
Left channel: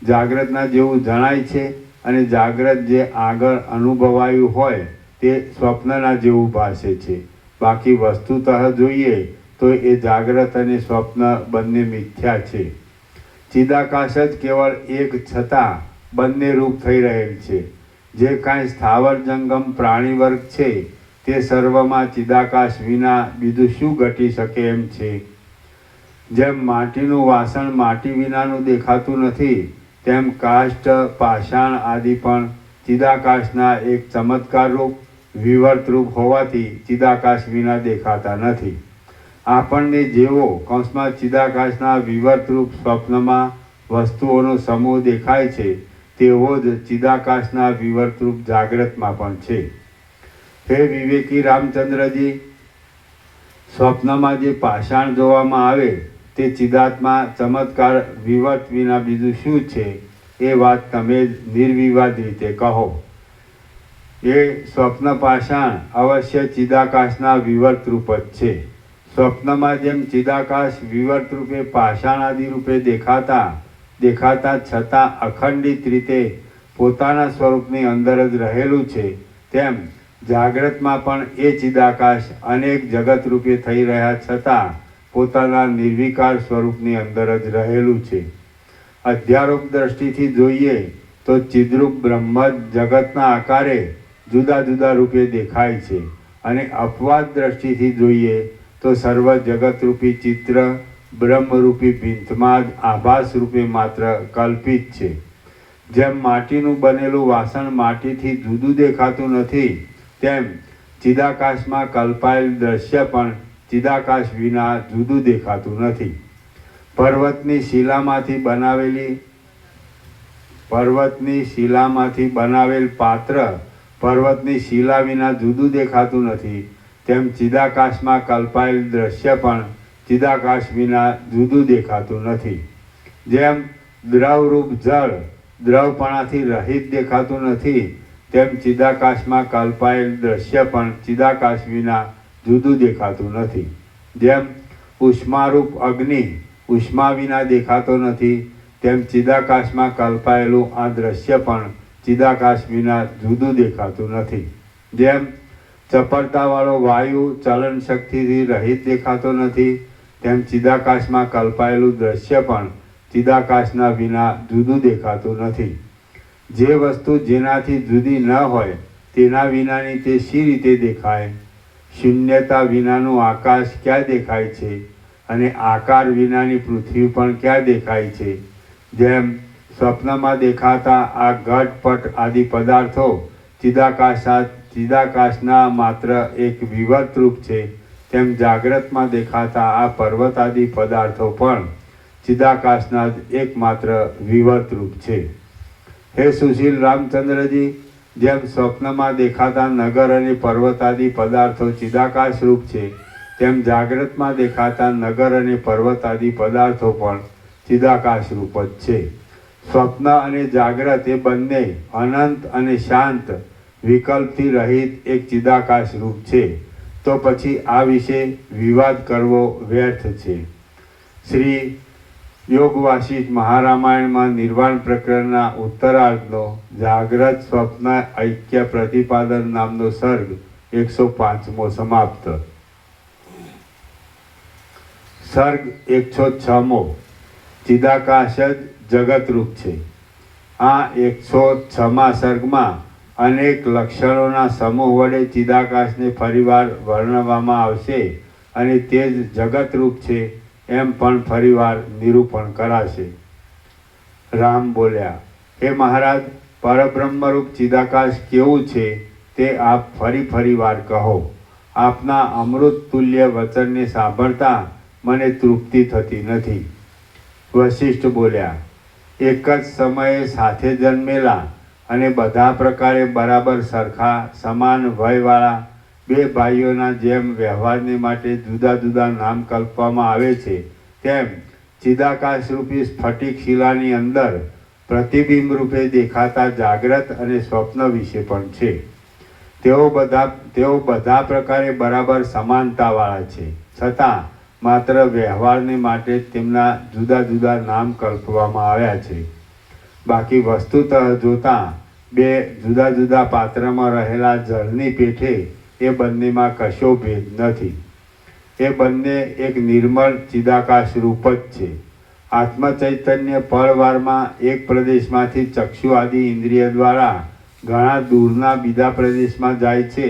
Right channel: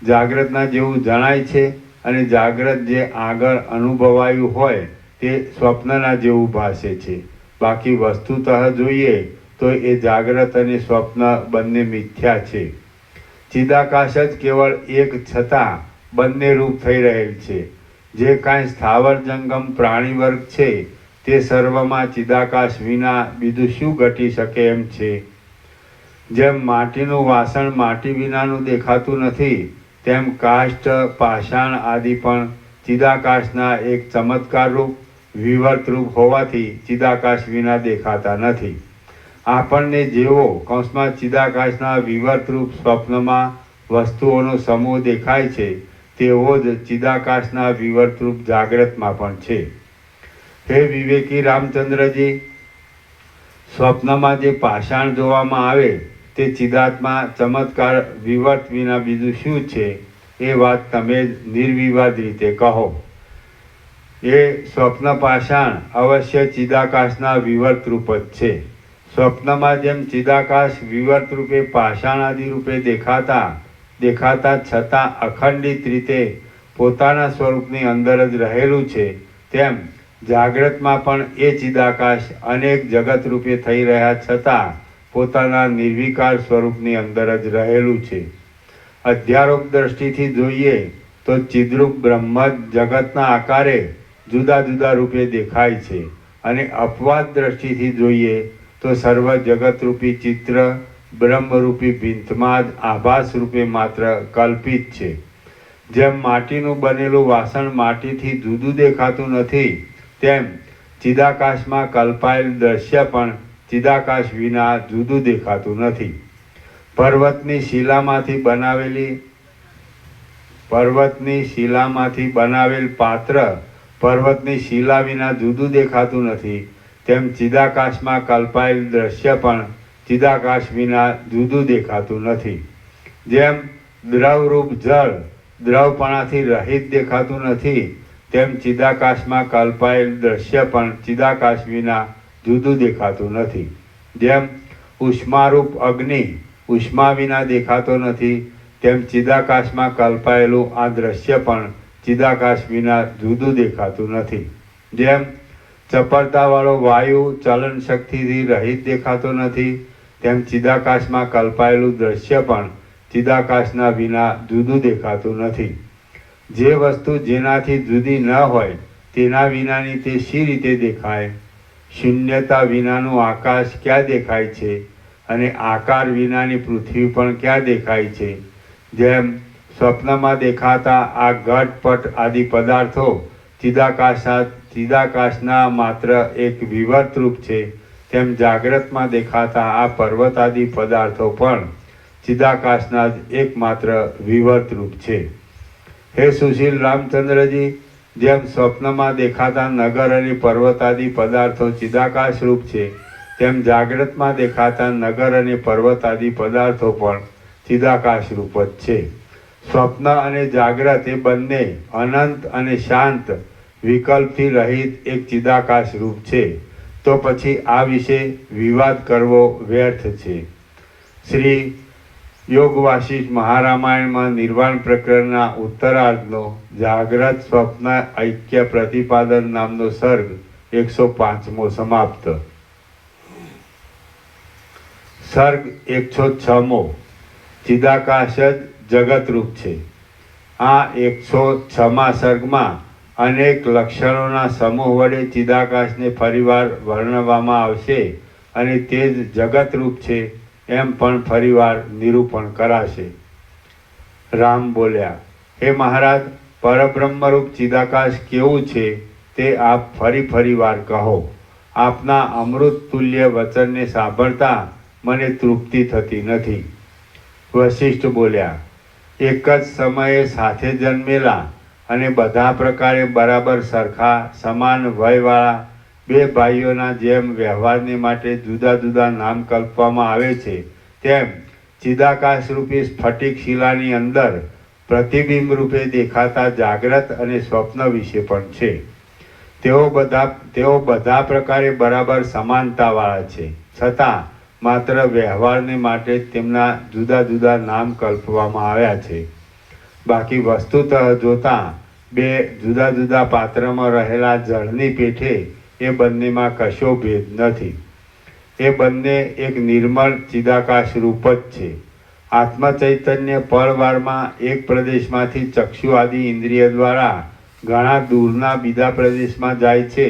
જાગ્રતના જેવું જણાય છે અને જાગ્રત જે આગળ અનુભવાયું હોય તે સ્વપ્નના જેવું ભાસે છે. બાકી વસ્તુતઃ જોઈએ તો એ જાગ્રત અને સ્વપ્ન બંને મિથ્યા છે. ચિદાકાશ જ કેવળ એક છતાં બંને રૂપ થઈ રહેલ છે. જે કાંઈ સ્થાવર જંગમ પ્રાણી વર્ગ છે તે સર્વમાં ચિદાકાશ વિના બીજું શું ઘટી શકે એમ છે. જેમ માટીનું વાસણ માટી વિનાનું દેખાતું નથી તેમ કાષ્ઠ, પાષાણ આદિ પણ ચિદાકાશના એક ચમત્કાર રૂપ વિવર્ત રૂપ હોવાથી ચિદાકાશ વિના દેખાતા નથી. આપણને જેવો કૌંસમાં ચિદાકાશના વિવર્ત રૂપ સ્વપ્નમાં વસ્તુઓનો સમૂહ દેખાય છે તેવો જ ચિદાકાશના વિવર્ત રૂપ જાગ્રતમાં પણ છે. હે વિવેકી રામચંદ્રજી, સ્વપ્નમાં જે પાષાણ જોવામાં આવે તે ચિદાત્મા ચમત્કાર વિવર્ત વિના બીજું શું છે એ વાત તમે નિર્વિવાદ રીતે કહો. એ સ્વપ્ન પાષાણ અવશ્ય ચિદાકાશના વિવર્ત રૂપ જ છે. સ્વપ્નમાં જેમ ચિદાકાશ વિવર્ત રૂપે પાષાણ આદિ રૂપે દેખાતા છતાં અખંડિત રીતે પોતાના સ્વરૂપની અંદર જ રહેલું છે, તેમ જાગ્રતમાં પણ એ ચિદાકાશ અનેક જગત રૂપે થઈ રહ્યા છતાં પોતાના નિર્વિકાર સ્વરૂપની અંદર જ રહેલું છે. અધ્યારોપ દ્રષ્ટિથી જોઈએ તો ચિદ્રૂપ બ્રહ્મ જગતના આકારે જુદા જુદા રૂપે દેખાય છે, અને અપવાદ દ્રષ્ટિથી જોઈએ તો સર્વ જગતરૂપી ચિત્ર બ્રહ્મરૂપી ભીંતમાં જ આભાસ રૂપે માત્ર કલ્પિત છે. જેમ માટીનું બનેલું વાસણ માટીથી જુદું દેખાતું નથી, તેમ ચિદાકાશમાં કલ્પાયેલ દ્રશ્ય પણ ચિદાકાશ વિના જુદું દેખાતું નથી. પર્વતની શિલામાંથી બનાવેલ પાત્ર પર્વતની શિલા વિના જુદું દેખાતું નથી, તેમ ચિદાકાશમાં કલ્પાયેલ દ્રશ્ય પણ ચિદાકાશ વિના જુદું દેખાતું નથી. જેમ દ્રવરૂપ જળ દ્રવપણાથી રહિત દેખાતું નથી, તેમ ચિદાકાશમાં કલ્પાયેલ દ્રશ્ય પણ ચિદાકાશ વિના જુદું દેખાતું નથી. જેમ ઉષ્મારૂપ અગ્નિ ઉષ્મા વિના દેખાતો નથી, તેમ ચિદાકાશમાં કલ્પાયેલું આ દ્રશ્ય પણ ચિદાકાશ વિના જુદું દેખાતું નથી. જેમ ચપળતાવાળો વાયુ ચલન શક્તિથી રહિત દેખાતો નથી, તેમ ચિદાકાશમાં કલ્પાયેલું દ્રશ્ય પણ ચિદાકાશના વિના જુદું દેખાતું નથી. જે વસ્તુ જેનાથી જુદી ન હોય તેના વિનાની તે શી રીતે દેખાય? શૂન્યતા વિનાનું આકાશ ક્યાં દેખાય છે, અને આકાર વિનાની પૃથ્વી પણ ક્યાં દેખાય છે? જેમ સ્વપ્નમાં દેખાતા આ ઘટપટ આદિ પદાર્થો ચિદાકાશના માત્ર એક વિવર્ત રૂપ છે, તેમ જાગ્રતમાં દેખાતા આ પર્વત આદિ પદાર્થો પણ ચિદાકાશના જ એકમાત્ર વિવર્ત રૂપ છે. હે સુશીલ રામચંદ્રજી, જેમ સ્વપ્નમાં દેખાતા નગર અને પર્વત આદિ પદાર્થો ચિદાકાશ રૂપ છે, તેમ જાગ્રતમાં દેખાતા નગર અને પર્વત આદિ પદાર્થો પણ ચિદાકાશ રૂપ જ છે. સ્વપ્ન અને જાગ્રત એ બંને અનંત અને શાંત વિકલ્પથી રહિત એક ચિદાકાશ રૂપ છે. તો પછી આ વિશે વિવાદ કરવો વ્યર્થ છે. શ્રી યોગ વાસિષ્ઠ મહારામાયણમાં નિર્વાણ પ્રકરણના ઉત્તરાર્ધનો જાગ્રત સ્વપ્ન ઐક્ય પ્રતિપાદન નામનો સર્ગ 105મો સમાપ્ત. સર્ગ 106મો ચિદાકાશ જ જગતરૂપ છે. આ 106મા સર્ગમાં અનેક લક્ષણોના સમૂહ વડે ચિદાકાશને ફરીવાર વર્ણવવામાં આવશે, અને તે જ જગતરૂપ છે એમ પણ ફરીવાર નિરૂપણ કરાશે. રામ બોલ્યા, હે મહારાજ, પરબ્રહ્મરૂપ ચિદાકાશ કેવું છે તે આપ ફરી વાર કહો. આપના અમૃત તુલ્ય વચનને સાંભળતા મને તૃપ્તિ થતી નથી. વશિષ્ઠ બોલ્યા, એક જ સમયે સાથે જન્મેલા અને બધા પ્રકારે બરાબર સરખા સમાન વયવાળા બે ભાઈઓના જેમ વ્યવહારને માટે જુદા જુદા નામ કલ્પવામાં આવે છે, તેમ ચિદાકાશ રૂપી સ્ફટિક શિલાની અંદર પ્રતિબિંબ રૂપે દેખાતા જાગ્રત અને સ્વપ્ન વિશે પણ છે. તેઓ બધા પ્રકારે બરાબર સમાનતાવાળા છે, છતાં માત્ર વ્યવહારને માટે તેમના જુદા જુદા નામ કલ્પવામાં આવ્યા છે. બાકી વસ્તુતઃ જોતાં બે જુદા જુદા પાત્રમાં રહેલા જળની પેઠે એ બંનેમાં કશો ભેદ નથી. એ બંને એક નિર્મળ ચિદાકાશ રૂપ જ છે. આત્મ ચૈતન્ય પળવારમાં એક પ્રદેશમાંથી ચક્ષુ આદિ ઇન્દ્રિય દ્વારા ઘણા દૂરના બીજા પ્રદેશમાં જાય છે,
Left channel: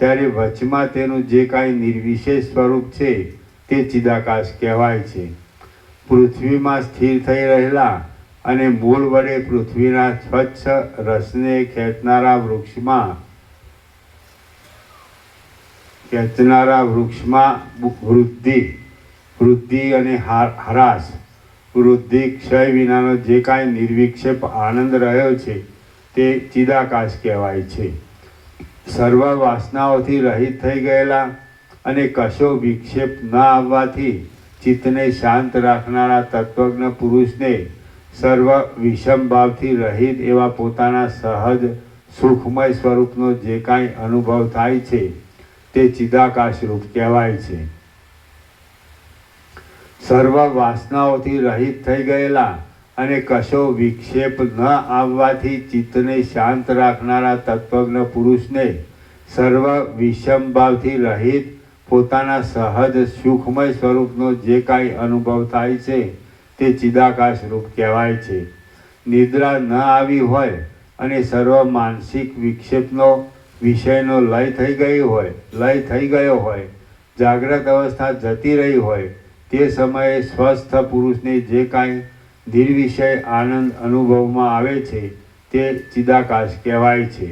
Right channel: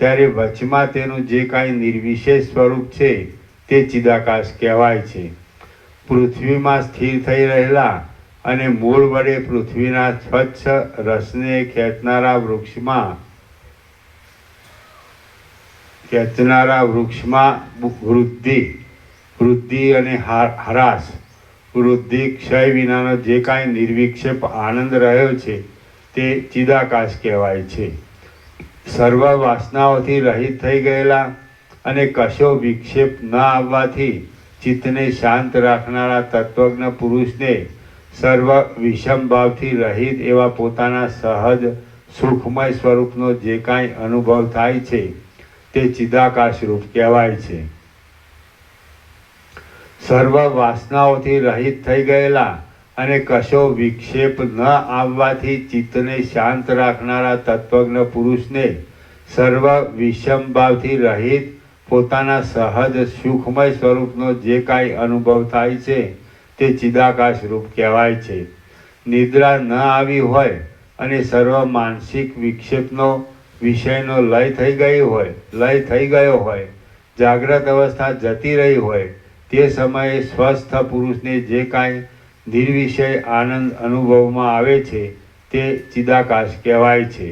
ત્યારે વચમાં તેનું જે કાંઈ નિર્વિશેષ સ્વરૂપ છે તે ચિદાકાશ કહેવાય છે. પૃથ્વીમાં સ્થિર થઈ રહેલા અને મૂળ વડે પૃથ્વીના સ્વચ્છ રસને ખેંચનારા વૃક્ષમાં વૃદ્ધિ અને હ્રાસ, વૃદ્ધિ ક્ષય વિનાનો જે કાંઈ નિર્વિક્ષેપ આનંદ રહ્યો છે તે ચિદાકાશ કહેવાય છે. સર્વ વાસનાઓથી રહિત થઈ ગયેલા અને કશો વિક્ષેપ ન આવવાથી ચિત્તને શાંત રાખનારા તત્વજ્ઞ પુરુષને સર્વ વિષમ ભાવથી રહિત એવા પોતાના સહજ સુખમય સ્વરૂપનો જે કાંઈ અનુભવ થાય છે તે ચિદાકાશ રૂપ કહેવાય છે. સર્વ વાસનાઓથી રહિત થઈ ગયેલા અને કશો વિક્ષેપ ન આવવાથી ચિત્તને શાંત રાખનારા તત્વજ્ઞ પુરુષને સર્વ વિષમ ભાવથી રહિત પોતાના સહજ સુખમય સ્વરૂપનો જે કાંઈ અનુભવ થાય છે તે ચિદાકાશ રૂપ કહેવાય છે. નિદ્રા ન આવી હોય અને સર્વ માનસિક વિક્ષેપનો વિષયનો લય થઈ ગયો હોય, જાગ્રત અવસ્થા જતી રહી હોય, તે સમયે સ્વસ્થ પુરુષને જે કાંઈ નિર્વિષય આનંદ અનુભવમાં આવે છે તે ચિદાકાશ કહેવાય છે.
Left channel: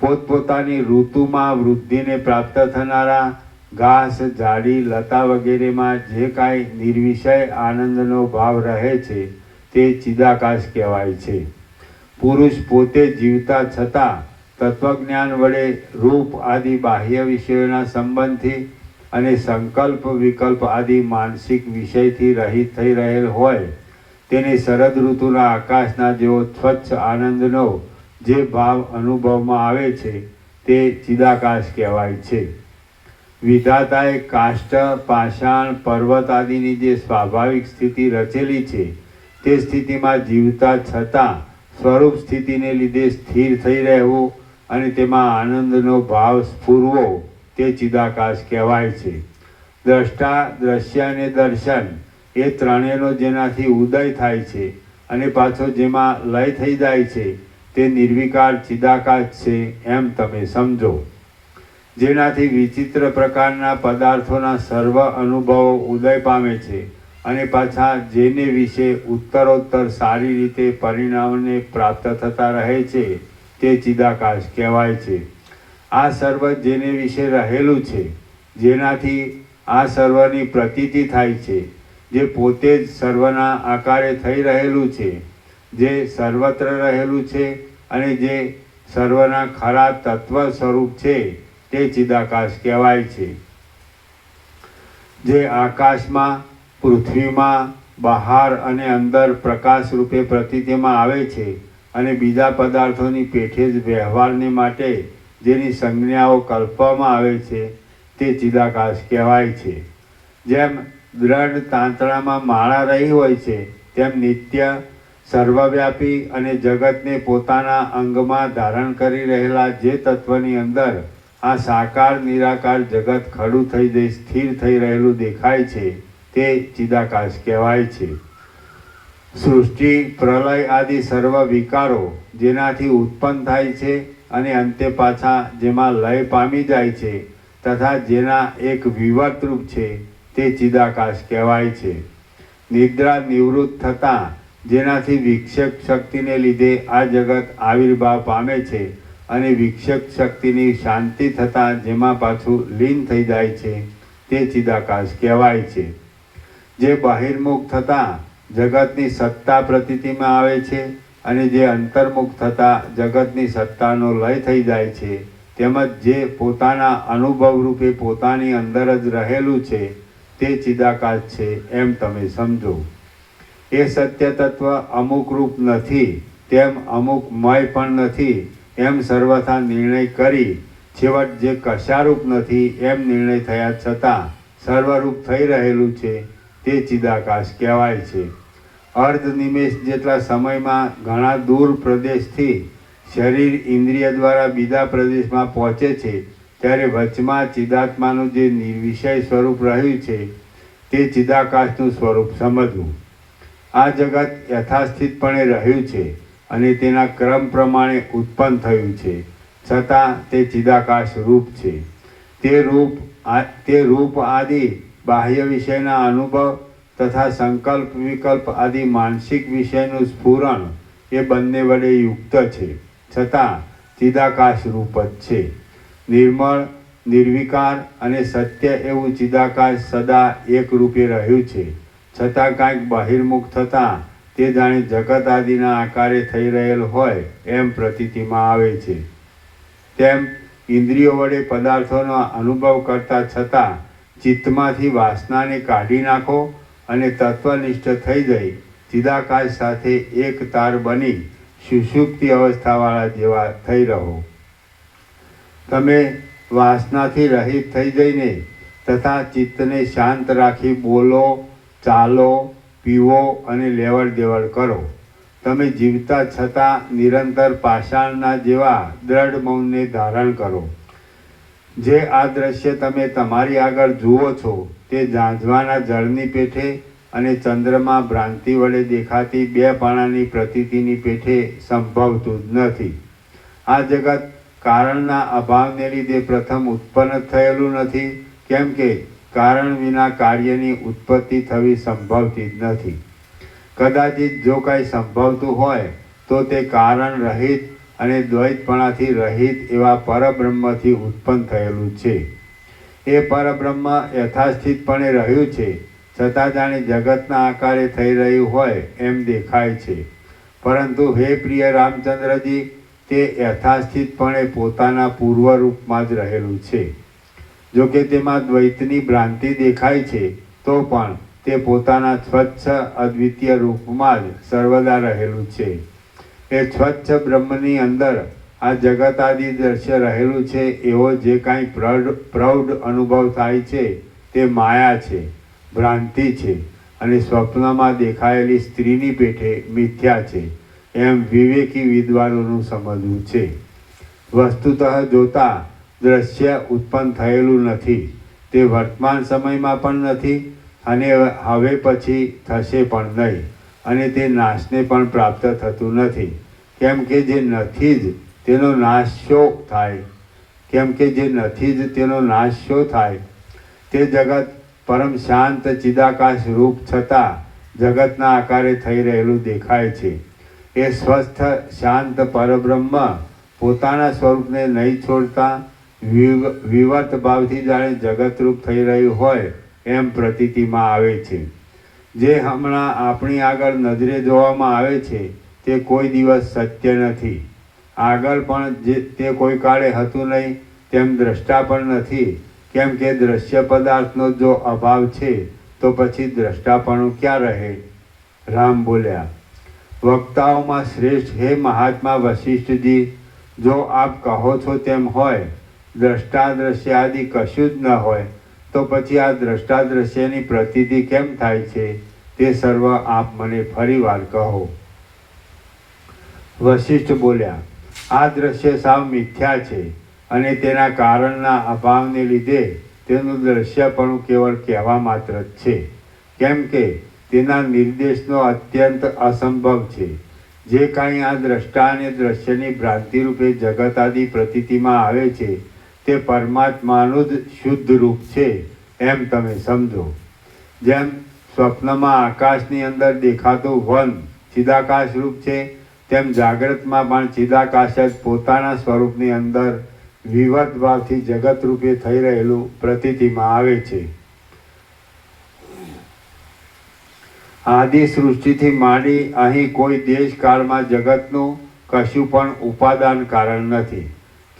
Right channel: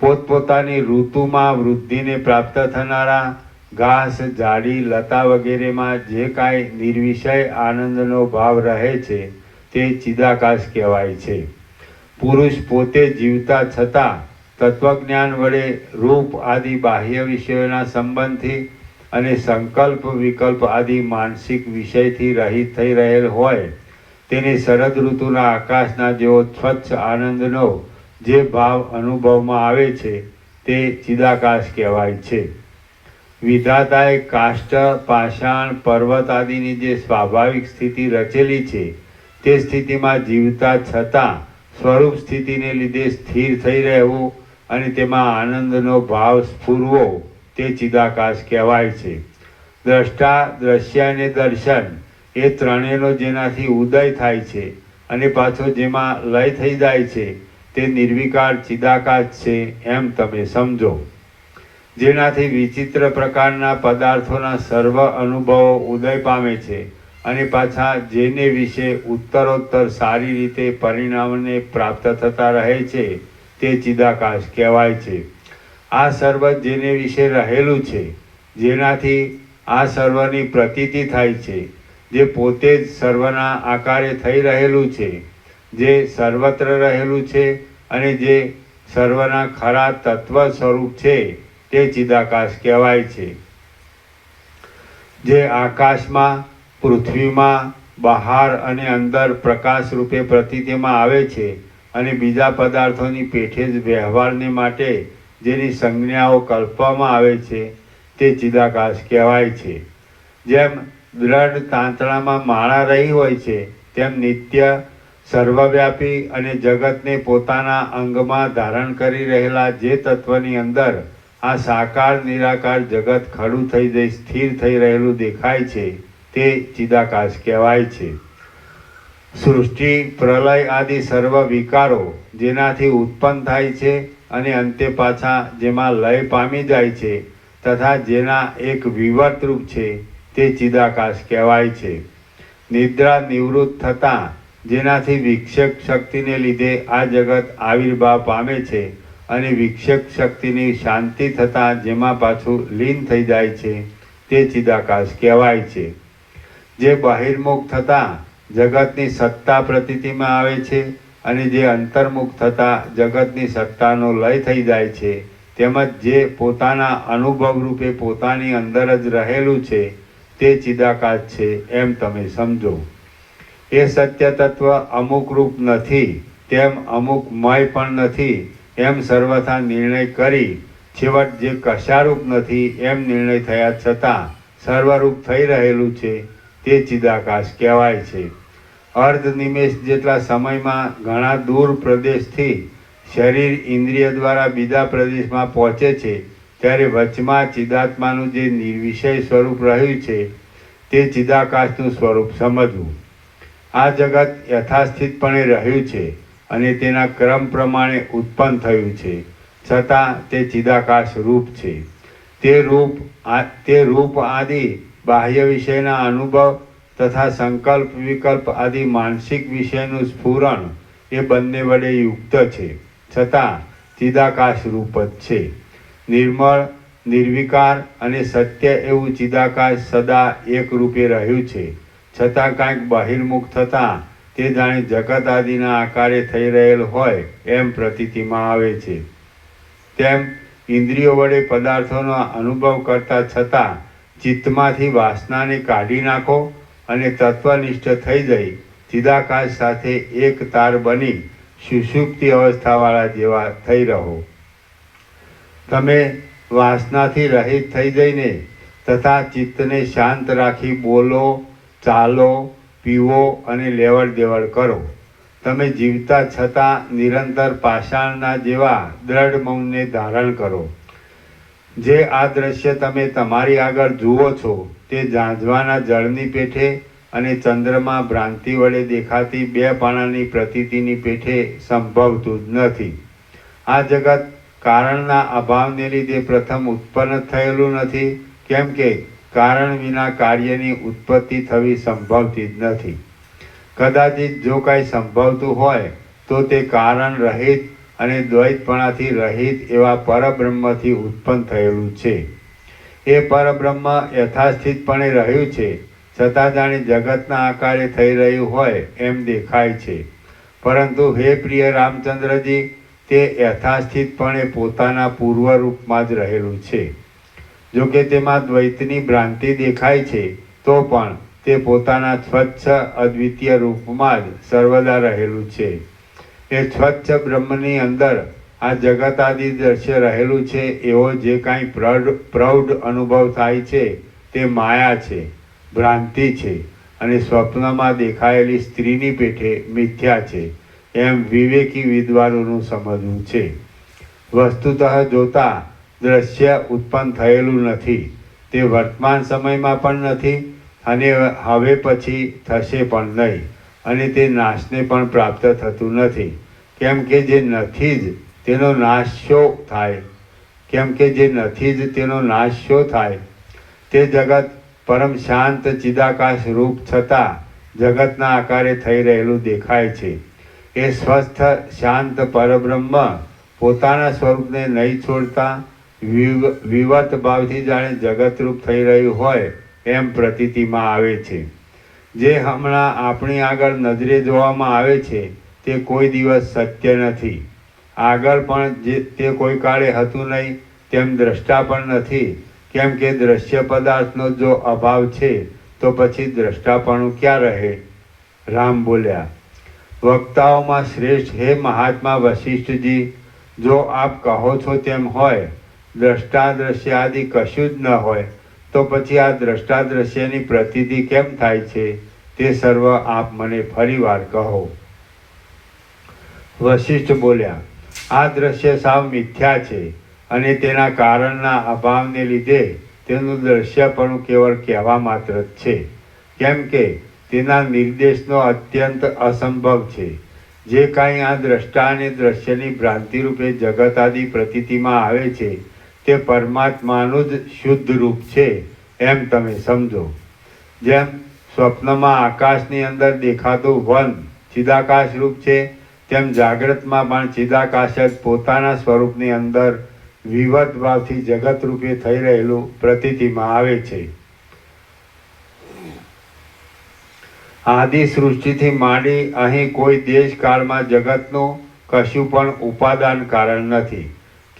પોતપોતાની ઋતુમાં વૃદ્ધિને પ્રાપ્ત થનારા ઘાસ, ઝાડી, લતા વગેરેમાં જે કાંઈ નિર્વિષય આનંદનો ભાવ રહે છે તે ચિદાકાશ કહેવાય છે. પુરુષ પોતે જીવતા છતાં તત્વજ્ઞાન વડે રૂપ આદિ બાહ્ય વિષયોના સંબંધથી અને સંકલ્પ વિકલ્પ આદિ માનસિક વિષયથી રહિત થઈ રહેલ હોય, તેને શરદ ઋતુના આકાશના જેવો સ્વચ્છ આનંદનો જે ભાવ અનુભવમાં આવે છે તે ચિદાકાશ કહેવાય છે. વિધાતાએ કાષ્ઠ, પાષાણ, પર્વત આદિની જે સ્વાભાવિક સ્થિતિ રચેલી છે તે સ્થિતિમાં જીવતા છતાં સ્વરૂપ સ્થિતિને લીધે સ્થિર થઈ રહેવું અને તેમાં આનંદનો ભાવ સ્ફુરવો તે ચિદાકાશ કહેવાય છે. દ્રષ્ટા, દ્રશ્ય અને દર્શન એ ત્રણેયનો જેનાથી ઉદય થાય છે અને પાછો જેમાં લય થઈ જાય છે તે નિર્વિકાર ચિદાકાશ છે એમ તમે સમજો. જેનાથી વિચિત્ર પ્રકારના પદાર્થોના સર્વ અનુભવો ઉદય પામે છે અને પાછા જેને વિશે ઉત્તરોત્તર સારી રીતે પરિણામને પ્રાપ્ત થતા રહે છે તે ચિદાકાશ કહેવાય છે. આ સર્વ જેને વિશે રહેલું છે, જેનાથી આ સર્વની પ્રતીતિ થાય છે, જે પોતે જ સર્વના આકારે થઈ રહેલું છે, જે સર્વત્ર રહેલું છે અને જે સર્વના ખરા તત્વ સ્વરૂપ છે તે ચિદાકાશ કહેવાય છે. જે આકાશમાં, પૃથ્વીમાં, બહાર અને અંદર પ્રકાશ રૂપે પ્રતીતિમાં આવે છે અને બીજા પદાર્થોની પેઠે જ વ્યવહારને માટે જેની સંજ્ઞાઓ કલ્પવામાં આવે છે તે ચિદાકાશ કહેવાય છે. જેમ દ્રઢ તાંતણામાં માળા રહી હોય છે તેમ નિત્ય, સર્વવ્યાપી અને જગતને પોતાના અંગમાં ધારણ કરી રહેલા જે તત્વની અંદર આ સાકાર નિરાકાર જગત ખડું થઈ જઈ સ્થિર થઈ રહેલું દેખાય છે તે ચિદાકાશ કહેવાય છે. સૃષ્ટિ, પ્રલય આદિ સર્વ વિકારો જેનાથી ઉત્પન્ન થાય છે અને અંતે પાછા જેમાં લય પામી જાય છે તથા જેના એક વિવર્ત રૂપ છે તે ચિદાકાશ કહેવાય છે. નિદ્રા નિવૃત્ત થતાં જેનાથી વિક્ષેપ શક્તિને લીધે આ જગત આવિર્ભાવ પામે છે અને વિક્ષેપ શક્તિની શાંતિ થતાં જેમાં પાછું લીન થઈ જાય છે તે ચિદાકાશ કહેવાય છે. જે બહિર્મુખ થતાં જગતની સત્તા પ્રતીતિમાં આવે છે અને જે અંતર્મુખ થતાં જગતની સત્તાનો લય થઈ જાય છે, તેમજ જે પોતાના અનુભવ રૂપે પોતાની અંદર જ રહેલું છે તે ચિદાકાશ છે એમ તમે સમજો. એ સત્ય તત્વ અમુક રૂપ નથી તેમ અમુક મય પણ નથી એમ સર્વથા નિર્ણય કરી છેવટ જે કશારૂપ નથી એમ નિર્ણય થયા છતાં સર્વરૂપ થઈ રહેલું છે તે ચિદાકાશ કહેવાય છે. અર્ધ નિમેષ જેટલા સમયમાં ઘણા દૂર પ્રદેશથી શરીર ઇન્દ્રિય દ્વારા બીજા પ્રદેશમાં પહોંચે છે ત્યારે વચમાં ચિદાત્માનું જે નિર્વિષય સ્વરૂપ રહ્યું છે તે ચિદાકાશનું સ્વરૂપ સમજવું. આ જગત યથાસ્થિતપણે રહ્યું છે અને તેના ક્રમ પ્રમાણે ઉત્પન્ન થયું છે છતાં તે ચિદાકાશ રૂપ છે. તે રૂપ આદિ બાહ્ય વિષયના અનુભવ તથા સંકલ્પ વિકલ્પ આદિ માનસિક વિષયનું સ્ફુરણ એ બંને વડે યુક્ત છે છતાં ચિદાકાશ રૂપ જ છે. નિર્મળ, નિર્વિકાર અને સત્ય એવું ચિદાકાશ સદા એક રૂપે રહ્યું છે છતાં કાંઈક બહિર્મુખ થતાં તે જાણે જગત આદિના આકારે થઈ રહેલ હોય એમ પ્રતીતિમાં આવે છે. તેમ ઇન્દ્રિયો વડે પદાર્થોનો અનુભવ કરતા છતાં ચિત્તમાંથી વાસનાને કાઢી નાખો અને તત્વનિષ્ઠ થઈ જઈ ચિદાકાશ સાથે એક તાર બની સુષુપ્તિ અવસ્થાવાળા જેવા થઈ રહો. તમે વાસનાથી રહિત થઈ જઈને તથા ચિત્તને શાંત રાખી બોલો, ચાલો, પીવો અને લેવડ દેવડ કરો. તમે જીવતા છતાં નિરંતર પાષાણના જેવા દ્રઢ મૌનને ધારણ કરો. જે આ દ્રશ્ય તમે તમારી આગળ જુઓ છો તે ઝાંઝવાના જળની પેઠે અને ચંદ્રમાં ભ્રાંતિ વડે દેખાતી બે પાણાની પ્રતીતિની પેઠે સંભવતું જ નથી. આ જગત કારણના અભાવને લીધે પ્રથમ ઉત્પન્ન થયેલું નથી, કેમ કે કારણ વિના કાર્યની ઉત્પત્તિ થવી સંભવતી જ નથી. કદાચિત જો કાંઈ સંભવતું હોય તો તે કારણ રહિત અને દ્વૈતપણાથી રહિત એવા પરબ્રહ્મથી ઉત્પન્ન થયેલું છે. એ પરબ્રહ્મ યથાસ્થિતપણે રહ્યું છે, છતાં જાણે જગતના આકારે થઈ રહ્યું હોય એમ દેખાય છે. પરંતુ હે પ્રિય રામચંદ્રજી, તે યથાસ્થિતપણે પોતાના પૂર્વરૂપમાં જ રહેલું છે. જો કે તેમાં દ્વૈતની ભ્રાંતિ દેખાય છે તો પણ તે પોતાના સ્વચ્છ અદ્વિતીય રૂપમાં જ સર્વદા રહેલું છે. એ સ્વચ્છ બ્રહ્મની અંદર આ જગત આદિ દ્રશ્ય રહેલું છે એવો જે કાંઈ પ્રૌઢ અનુભવ થાય છે તે માયા છે, ભ્રાંતિ છે અને સ્વપ્નમાં દેખાયેલી સ્ત્રીની પેઠે મિથ્યા છે એમ વિવેકી વિદ્વાનોનું સમજવું છે. વસ્તુતઃ જોતા દ્રશ્ય ઉત્પન્ન થયેલું નથી, તે વર્તમાન સમયમાં પણ નથી અને હવે પછી થશે પણ નહીં, અને તે નાશને પણ પ્રાપ્ત થતું નથી. કેમ કે જે નથી જ તેનો નાશ શો થાય? કેમ કે જે નથી જ તેનો નાશ શો થાય? તે જગત પરમ શાંત ચિદાકાશ રૂપ છતાં જગતના આકારે થઈ રહેલું દેખાય છે. એ સ્વસ્થ શાંત પરબ્રહ્મ પોતાના સ્વરૂપને નહીં છોડતા વિવર્ત ભાવથી જાણે જગતરૂપ થઈ રહ્યું હોય એમ પ્રતીતિમાં આવે છે. જે હમણાં આપણી આગળ નજરે જોવામાં આવે છે તે કોઈ દિવસ સત્ય નથી. આગળ પણ તે કોઈ કાળે હતું નહીં તેમ દ્રષ્ટા પણ નથી. કેમ કે દ્રશ્ય પદાર્થનો જો અભાવ છે તો પછી દ્રષ્ટાપણું ક્યાં રહે? રામ બોલ્યા, વક્તાઓમાં શ્રેષ્ઠ હે મહાત્મા વશિષ્ઠજી, જો આપ કહો છો તેમ હોય, દ્રષ્ટા દ્રશ્ય આદિ કશું જ ન હોય તો પછી આ દ્રષ્ટા દ્રશ્યની પ્રતીતિ કેમ થાય છે તે સર્વ આપ મને ફરી વાર કહો. વશિષ્ઠ બોલ્યા, આ દ્રશ્ય સાવ મિથ્યા છે અને તેના કારણના અભાવને લીધે તેનું દ્રશ્યપણું કેવળ કહેવા માત્ર જ છે. કેમ કે તેના નિર્દેશનો અત્યંત અસંભવ છે. જે કાંઈ આ દ્રષ્ટા અને દ્રશ્યની ભ્રાંતિ રૂપે જગત આદિ પ્રતીતિમાં આવે છે તે પરમાત્માનું જ શુદ્ધ રૂપ છે એમ તમે સમજો. જેમ સ્વપ્નમાં આકાશની અંદર દેખાતું વન ચિદાકાશ રૂપ છે, તેમ જાગ્રતમાં પણ ચિદાકાશ જ પોતાના સ્વરૂપની અંદર વિવત ભાવથી જગત રૂપે થઈ રહેલું પ્રતીતિમાં આવે છે. આદિ સૃષ્ટિથી માંડી અહીં કોઈ દેશ કાળમાં જગતનું કશું પણ ઉપાદાન કારણ નથી.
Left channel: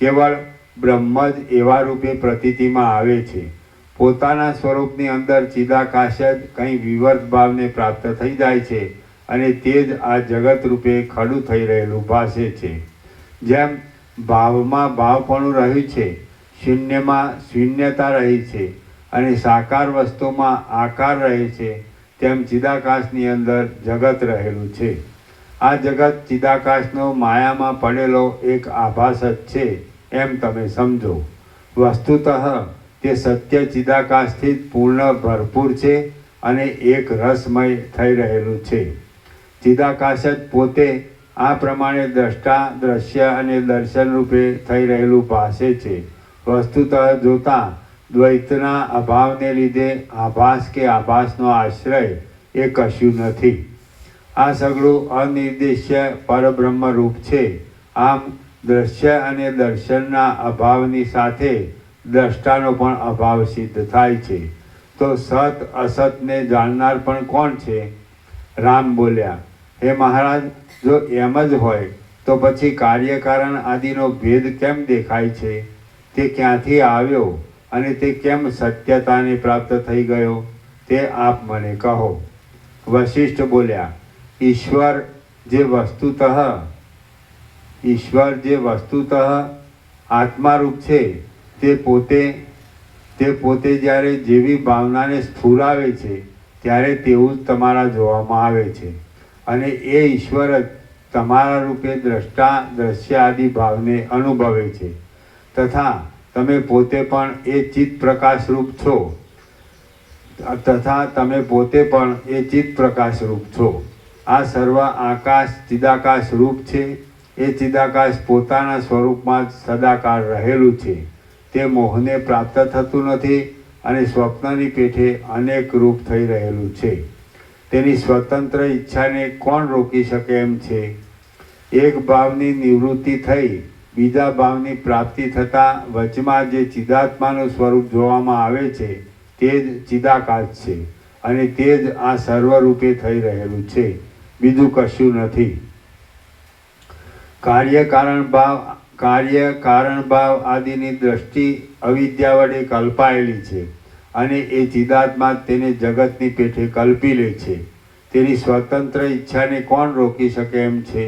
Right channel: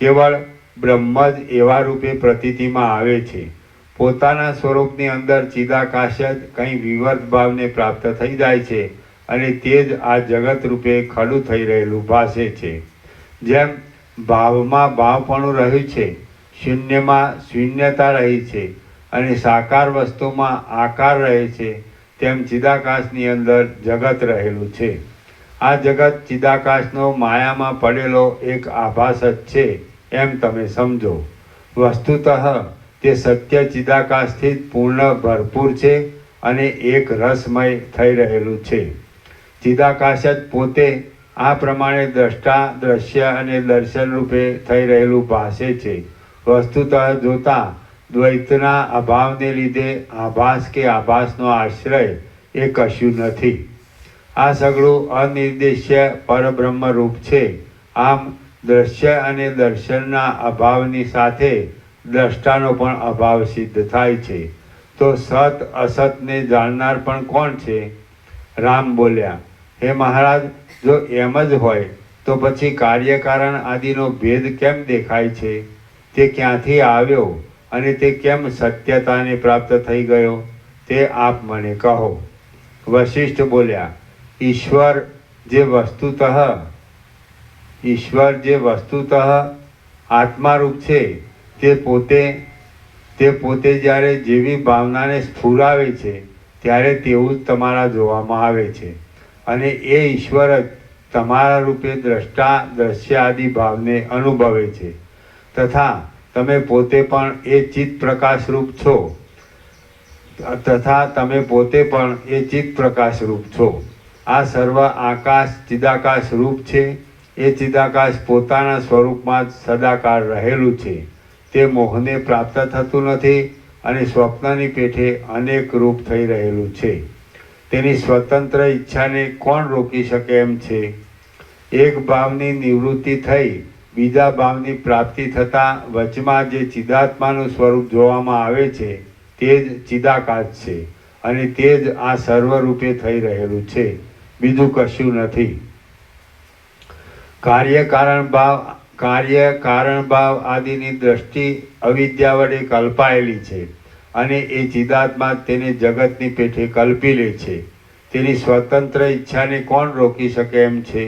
કેવળ બ્રહ્મ જ એવા રૂપે પ્રતીતિમાં આવે છે. પોતાના સ્વરૂપની અંદર ચિદાકાશ જ કંઈ વિવર્ત ભાવને પ્રાપ્ત થઈ જાય છે અને તે જ આ જગત રૂપે ખડું થઈ રહેલું ભાસે છે. જેમ ભાવમાં ભાવપણું રહ્યું છે, શૂન્યમાં શૂન્યતા રહી છે અને સાકાર વસ્તુમાં આકાર રહે છે, તેમ ચિદાકાશની અંદર જગત રહેલું છે. આ જગત ચિદાકાશનો માયામાં પડેલો એક આભાસ જ છે એમ તમે સમજો. વસ્તુતઃ તે સત્ય ચિદાકાશથી જ પૂર્ણ ભરપૂર છે અને એક રસમય થઈ રહેલું છે. ચિદાકાશ જ પોતે આ પ્રમાણે દ્રષ્ટા દ્રશ્ય અને દર્શન રૂપે થઈ રહેલું ભાસે છે. વસ્તુતઃ જોતા દ્વૈતના અભાવને લીધે આભાસ કે આભાસનો આશ્રય એ કશું નથી. આ સગળું અનિર્દેશ્ય પરબ્રહ્મ રૂપ છે. આમ દ્રશ્ય અને દર્શનના અભાવની સાથે દ્રષ્ટાનો પણ અભાવ સિદ્ધ થાય છે. તો સત અસતને જાણનાર પણ કોણ છે? રામ બોલ્યા, હે મહારાજ, જો એમ જ હોય તો પછી કાર્યકારણ આદિનો ભેદ કેમ દેખાય છે? તે ક્યાંથી આવ્યો અને તે કેમ સત્યતાને પ્રાપ્ત થઈ ગયો તે આપ મને કહો. વશિષ્ઠ બોલ્યા, ઈશ્વર જે વસ્તુતઃ આત્મારૂપ છે તે પોતે જ્યારે જેવી ભાવનાને સ્ફુરાવે છે ત્યારે તેવું જ તમારા જોવામાં આવે છે અને એ ઈશ્વર જ તમારા રૂપે દ્રષ્ટા દ્રશ્ય આદિ ભાવને અનુભવે છે તથા તમે પોતે પણ એ ચિત્ત પ્રકાશ રૂપ છો. તથા તમે પોતે પણ એ ચિત્ત પ્રકાશ રૂપ છો. આ સર્વ આકાશ ચિદાકાશ રૂપ છે. એ ચિદાકાશ પોતાના સ્વરૂપમાં જ સદાકાળ રહેલું છે. તે મોહને પ્રાપ્ત થતું નથી અને સ્વપ્નની પેઠે અનેક રૂપ થઈ રહેલું છે. તેની સ્વતંત્ર ઈચ્છાને કોણ રોકી શકે એમ છે? એક ભાવની નિવૃત્તિ થઈ બીજા ભાવની પ્રાપ્તિ થતાં વચમાં જે ચિદાત્માનું સ્વરૂપ જોવામાં આવે છે તે જ ચિદાકાશ છે અને તે જ આ સર્વરૂપે થઈ રહેલું છે, બીજું કશું નથી. કાર્ય કારણ ભાવ આદિની દ્રષ્ટિ અવિદ્યા વડે કલ્પાયેલી છે અને એ ચિદાત્મા તેને જગતની પેઠે કલ્પી લે છે. તેની સ્વતંત્ર ઈચ્છાને કોણ રોકી શકે એમ છે?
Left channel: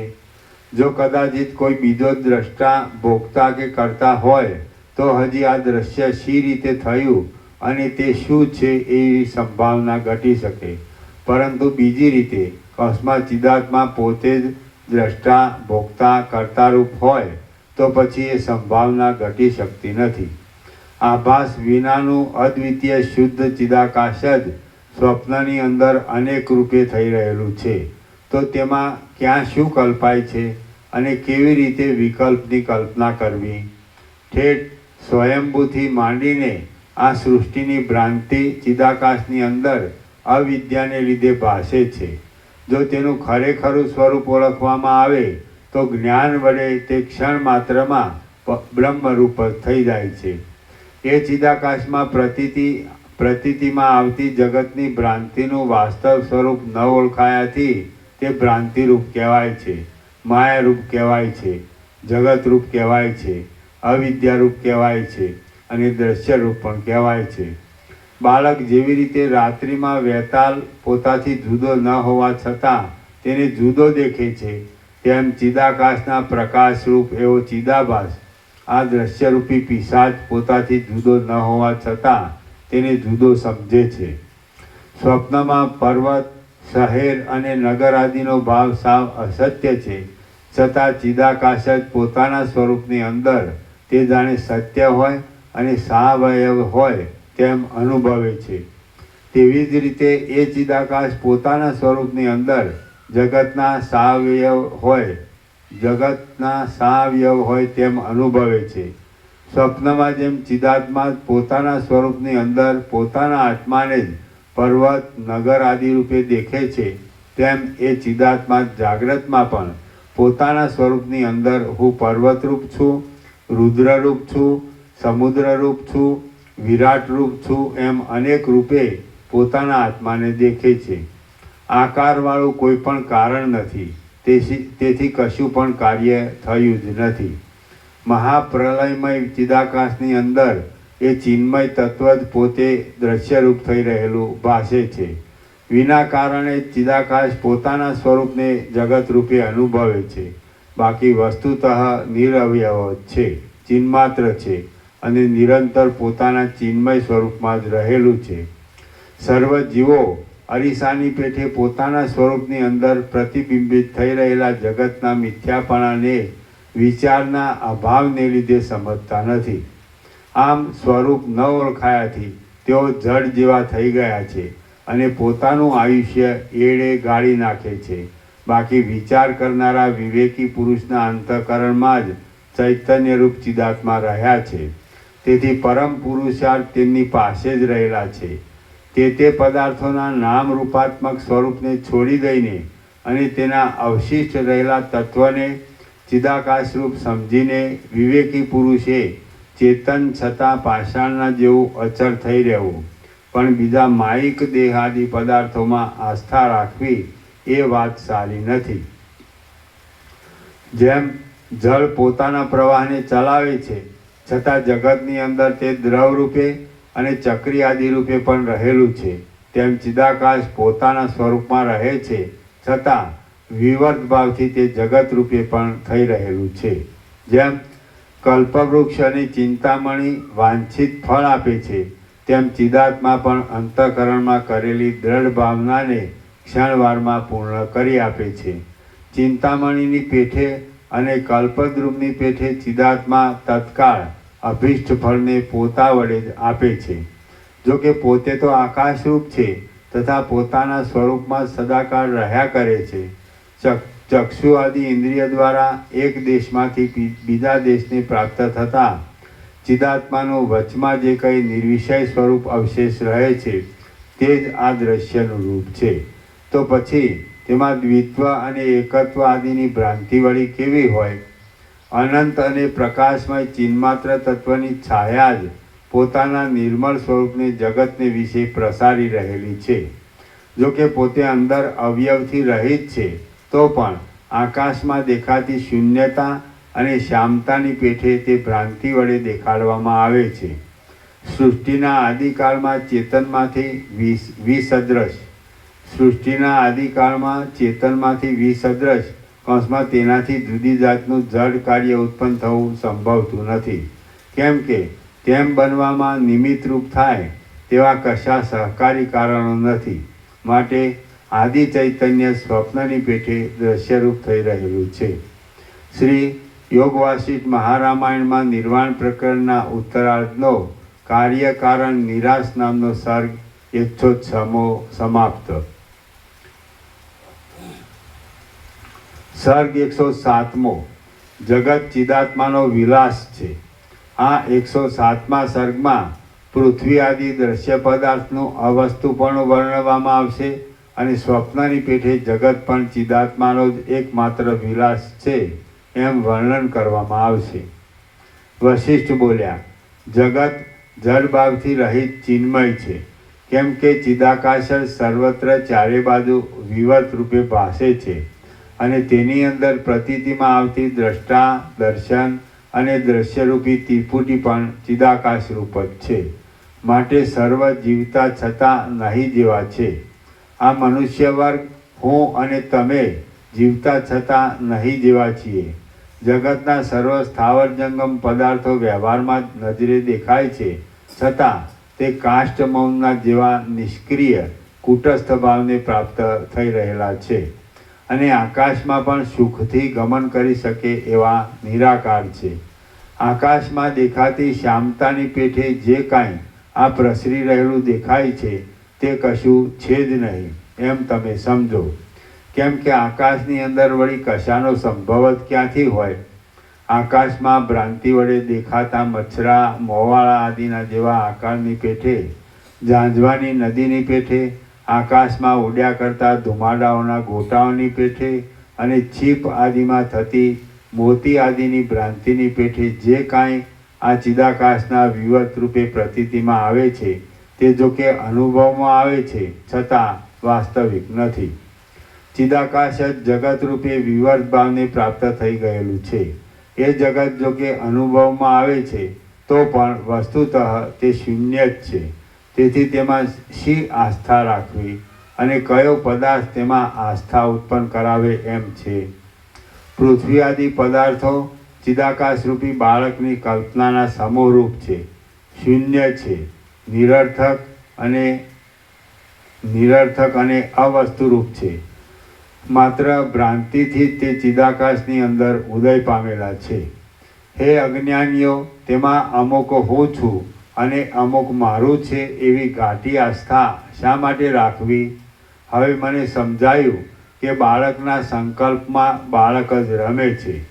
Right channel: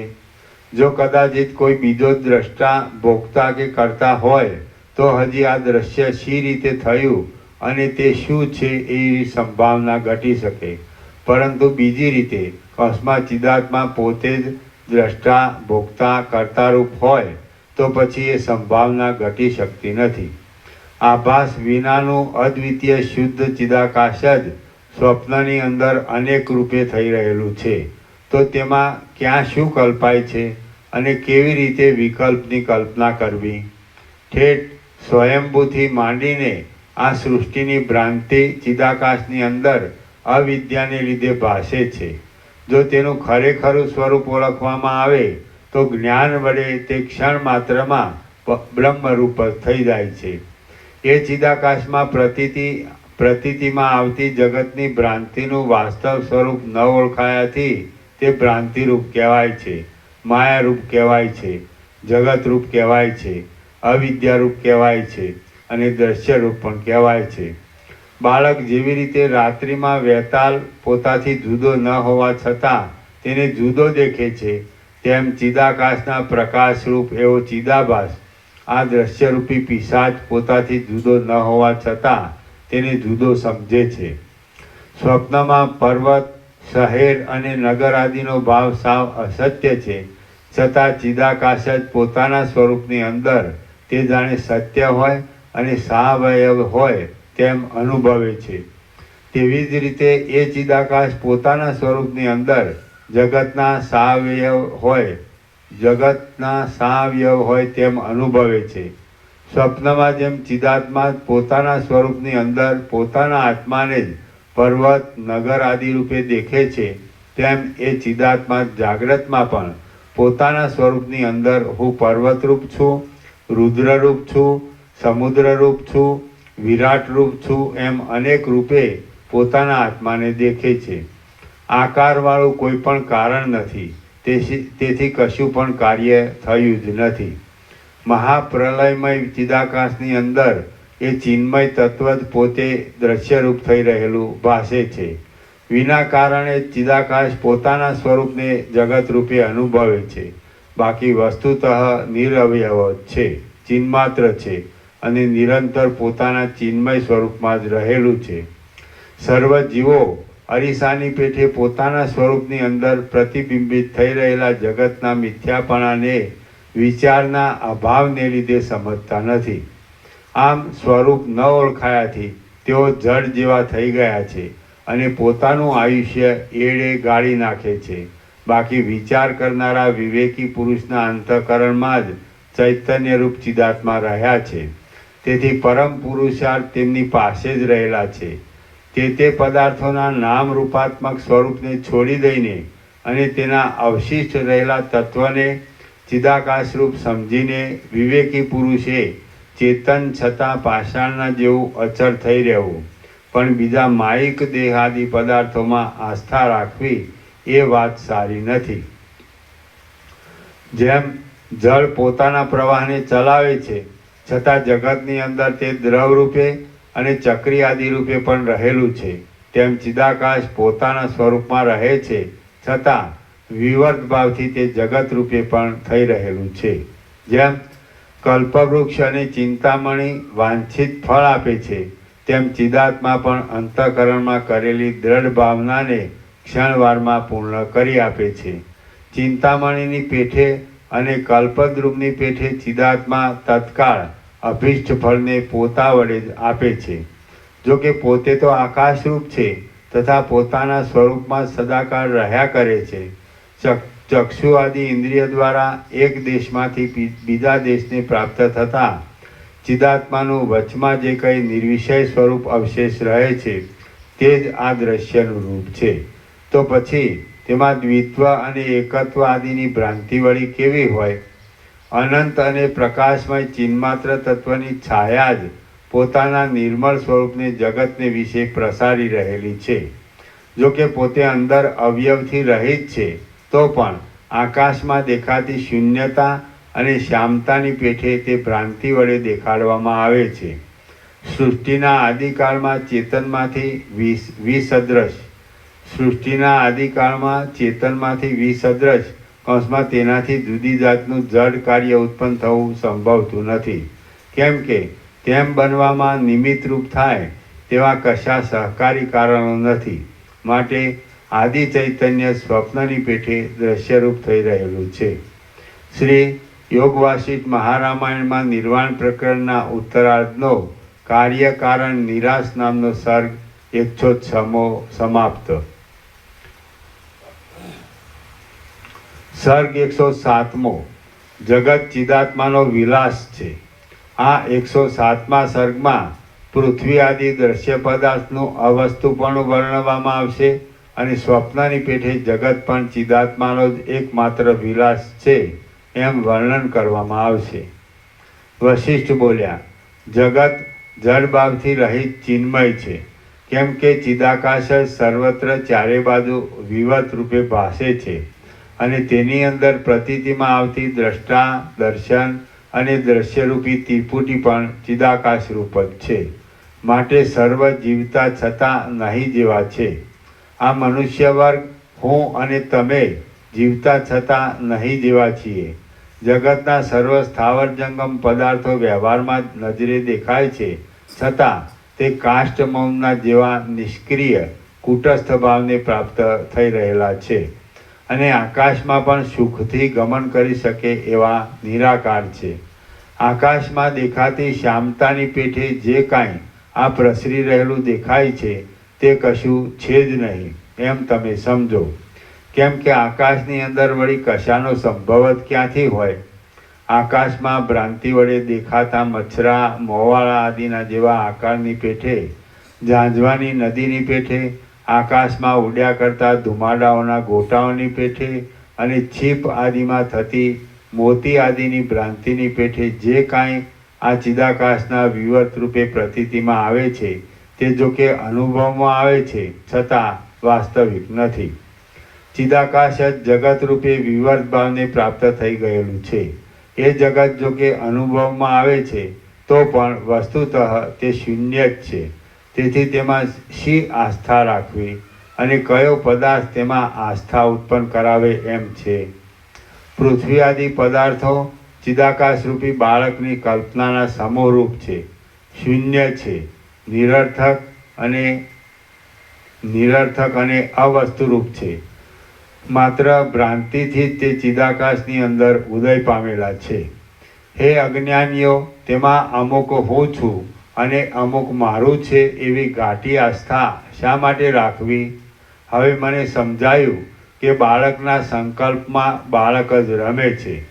જો કદાચિત કોઈ બીજો દ્રષ્ટા ભોગતા કે કરતા હોય તો હજી આ દ્રશ્ય શી રીતે થયું અને તે શું છે એવી સંભાવના ઘટી શકે, પરંતુ બીજી રીતે કસ્માત ચિદાત્મા પોતે જ દ્રષ્ટા ભોગતા કર્તારૂપ હોય તો પછી એ સંભાવના ઘટી શકતી નથી. આભાસ વિનાનું અદ્વિતીય શુદ્ધ ચિદાકાશ જ સ્વપ્નની અંદર અનેક રૂપે થઈ રહેલું છે. તો તેમાં ક્યાં શું કલ્પાય છે અને કેવી રીતે વિકલ્પની કલ્પના કરવી? ઠેઠ સ્વયંભૂથી માંડીને આ સૃષ્ટિની ભ્રાંતિ ચિદાકાશની અંદર અવિદ્યાને લીધે ભાસે છે. જો તેનું ખરેખરું સ્વરૂપ ઓળખવામાં આવે તો જ્ઞાન વડે તે ક્ષણ માત્રમાં બ્રહ્મરૂપ થઈ જાય છે. એ ચિદાકાશમાં પ્રતીતિમાં આવતી જગતની ભ્રાંતિનું વાસ્તવ સ્વરૂપ ન ઓળખાયાથી તે ભ્રાંતિરૂપ કહેવાય છે, માયારૂપ કહેવાય છે, જગતરૂપ કહેવાય છે, અવિદ્યારૂપ કહેવાય છે અને દ્રશ્યરૂપ પણ કહેવાય છે. બાળક જેવી રીતે રાત્રિમાં વેતાલ પોતાથી જુદો ન હોવા છતાં તેને જુદો દેખે છે, તેમ ચિદાકાશના પ્રકાશરૂપ એવો ચિદાભાસ આ દ્રશ્યરૂપી પિશાચ પોતાથી જુદો ન હોવા છતાં તેને જુદો સમજે છે. સ્વપ્નમાં પર્વત, શહેર અને નગર આદિનો ભાવ સાવ અસત્ય છે, છતાં ચિદાકાશ જ પોતાના સ્વરૂપની અંદર તે જાણે સત્ય હોય અને સાવયવ હોય તેમ અનુભવે છે. તેવી જ રીતે એ ચિદાકાશ પોતાના સ્વરૂપની અંદર જગતના સાવયવ હોય તેમ અનુભવે છે. સ્વપ્નમાં જેમ ચિદાત્મા પોતાના સ્વરૂપની અંદર પોતાના આત્માને જ પર્વત, નગર આદિ રૂપે દેખે છે, તેમ એ ચિદાત્મા જાગ્રતમાં પણ પોતાના સ્વરૂપની અંદર હું પર્વતરૂપ છું, રુદ્રરૂપ છું, સમુદ્રરૂપ છું, વિરાટ રૂપ છું એમ અનેક રૂપે પોતાના આત્માને દેખે છે. આકારવાળું કોઈ પણ કારણ નથી, તેથી કશું પણ કાર્ય થયું જ નથી. મહાપ્રલયમય ચિદાકાશની અંદર એ ચિન્મય તત્વ જ પોતે દ્રશ્યરૂપ થઈ રહેલું ભાસે છે. વિના કારણે ચિદાકાશ પોતાના સ્વરૂપને જગત રૂપે અનુભવે છે. બાકી વસ્તુતઃ નિરવયવ છે, ચિન્માત્ર છે અને નિરંતર પોતાના ચિન્મય સ્વરૂપમાં જ રહેલું છે. સર્વ જીવો અરીસાની પેઠે પોતાના સ્વરૂપની અંદર પ્રતિબિંબિત થઈ રહેલા જગતના મિથ્યાપણાને વિચારના અભાવને લીધે સમજતા નથી. આમ સ્વરૂપ ન ઓળખાયાથી તેઓ જડ જેવા થઈ ગયા છે અને પોતાનું આયુષ્ય એળે ગાળી નાખે છે. બાકી વિચાર કરનારા વિવેકી પુરુષના અંતઃકરણમાં જ ચૈતન્યરૂપ ચિદાત્મા રહ્યા છે. તેથી પરમ પુરુષાર્થ તેમની પાસે જ રહેલા છે. તે પદાર્થોના નામ રૂપાત્મક સ્વરૂપને છોડી દઈને અને તેના અવશિષ્ટ રહેલા તત્વને ચિદાકાશરૂપ સમજીને વિવેકી પુરુષે ચેતન છતાં પાષાણના જેવું અચળ થઈ રહેવું, પણ બીજા માયિક દેહાદી પદાર્થોમાં આસ્થા રાખવી એ વાત સારી નથી. જેમ જળ પોતાના પ્રવાહને ચલાવે છે છતાં જગતની અંદર તે દ્રવ રૂપે અને ચક્રી આદિ રૂપે પણ રહેલું છે, તેમ ચિદાકાશ પોતાના સ્વરૂપમાં રહે છે છતાં વિવર્ત ભાવથી તે જગત રૂપે પણ થઈ રહેલું છે. જેમ કલ્પવૃક્ષ અને ચિંતામણી વાંછિત ફળ આપે છે, તેમ ચિદાત્મા પણ અંતઃકરણમાં કરેલી દ્રઢ ભાવનાને ક્ષણવારમાં પૂર્ણ કરી આપે છે. ચિંતામણીની પેઠે અને કલ્પદ્રુમની પેઠે ચિદાત્મા તત્કાળ અભિષ્ટ ફળને પોતા વડે જ આપે છે. જો કે પોતે તો આકાશરૂપ છે તથા પોતાના સ્વરૂપમાં સદાકાળ રહ્યા કરે છે. ચક્ષુ આદિ ઇન્દ્રિય દ્વારા એક દેશમાંથી બીજા દેશને પ્રાપ્ત થતાં ચિદાત્માનું વચમાં જે કંઈ નિર્વિષય સ્વરૂપ અવશેષ રહે છે તે જ આ દ્રશ્યનું રૂપ છે. તો પછી તેમાં દ્વિત્વ અને એકત્વ આદિની ભ્રાંતિ વળી કેવી હોય? અનંત અને પ્રકાશમય ચિન્માત્ર તત્વની છાયા જ પોતાના નિર્મળ સ્વરૂપને જગતને વિશે પ્રસારી રહેલી છે. જો કે પોતે અંદર અવયવથી રહિત છે તો પણ આકાશમાં દેખાતી શૂન્યતા અને શ્યામતાની પેઠે તે ભ્રાંતિ વડે દેખાડવામાં આવે છે. સૃષ્ટિના આદિકાળમાં ચેતનમાંથી વિસદૃશ કૌંસમાં તેનાથી જુદી જાતનું જડ કાર્ય ઉત્પન્ન થવું સંભવતું નથી. કેમ કે તેમ બનવામાં નિમિત્તરૂપ થાય તેવા કશા સહકારી કારણો નથી. માટે આદિ ચૈતન્ય સ્વપ્નની પેઠે દ્રશ્યરૂપ થઈ રહેલું છે. શ્રી યોગ વાસિષ્ઠ મહારામાયણમાં નિર્વાણ પ્રકરણના ઉત્તરાર્ધનો કાર્યકારણ નિરાશ નામનો સર્ગ 106મો સમાપ્ત. સર્ગ 107મો જગત ચિદાત્માનો વિલાસ છે. આ 107મા સર્ગમાં પૃથ્વી આદિ દ્રશ્ય પદાર્થનું અવસ્તુપણું વર્ણવવામાં આવશે અને સ્વપ્નની પેઠે જગત પણ ચિદાત્માનો જ એકમાત્ર વિલાસ છે એમ વર્ણન કરવામાં આવશે. વશિષ્ઠ બોલ્યા, જગત જડભાવથી રહિત ચિન્મય છે. કેમ કે ચિદાકાશ સર્વત્ર ચારે બાજુ વિવત રૂપે ભાસે છે અને તેની અંદર પ્રતીતિમાં આવતી દ્રષ્ટા, દર્શન અને દ્રશ્યરૂપી ત્રિપુટી પણ ચિદાકાશ રૂપ જ છે. માટે સર્વ જીવતા છતાં નહીં જેવા છે. આ મનુષ્ય વર્ગ, હું અને તમે જીવતા છતાં નહીં જેવા છીએ. જગતના સર્વ સ્થાવર જંગમ પદાર્થો વ્યવહારમાં નજરે દેખાય છે છતાં તે કાષ્ઠ મૌનના જેવા નિષ્ક્રિય કુટસ્થ ભાવને પ્રાપ્ત થઈ રહેલા છે અને આકાશમાં પણ સુખથી ગમન કરી શકે એવા નિરાકાર છે. આકાશમાં દેખાતી શ્યામતાની પેઠે જે કાંઈ આ પ્રસરી રહેલું દેખાય છે તે કશું છે જ નહીં એમ તમે સમજો. કેમ કે આકાશની અંદર વળી કશાનો સંભવ જ ક્યાંથી હોય? આકાશમાં ભ્રાંતિ વડે દેખાતા મચ્છરા, મોવાળા આદિના જેવા આકારની પેઠે, ઝાંઝવાની નદીની પેઠે, આકાશમાં ઉડ્યા કરતા ધુમાડાઓના ગોટાઓની પેઠે અને છીપ આદિમાં થતી મોતી આદિની ભ્રાંતિની પેઠે જે કાંઈ આ ચિદાકાશના વિવત રૂપે પ્રતીતિમાં આવે છે તે જો કે અનુભવમાં આવે છે છતાં વાસ્તવિક નથી. ચિદાકાશ જ જગત રૂપે વિવર્ત ભાવને પ્રાપ્ત થઈ ગયેલું છે. એ જગત જો કે અનુભવમાં આવે છે તો પણ વસ્તુતઃ તે શૂન્ય જ છે. તેથી તેમાં શી આસ્થા રાખવી અને કયો પદાર્થ તેમાં આસ્થા ઉત્પન્ન કરાવે એમ છે. પૃથ્વી આદિ પદાર્થો ચિદાકાશરૂપી બાળકની કલ્પનાના સમોરૂપ છે, શૂન્ય છે, નિરર્થક અને અવસ્તુરૂપ છે. માત્ર ભ્રાંતિથી જ તે ચિદાકાશની અંદર ઉદય પામેલા છે. હે અજ્ઞાનીઓ, તેમાં અમુક હું છું અને અમુક મારું છે એવી ઘાટી આસ્થા શા માટે રાખવી? હવે મને સમજાયું કે બાળકના સંકલ્પમાં બાળક જ રમે છે.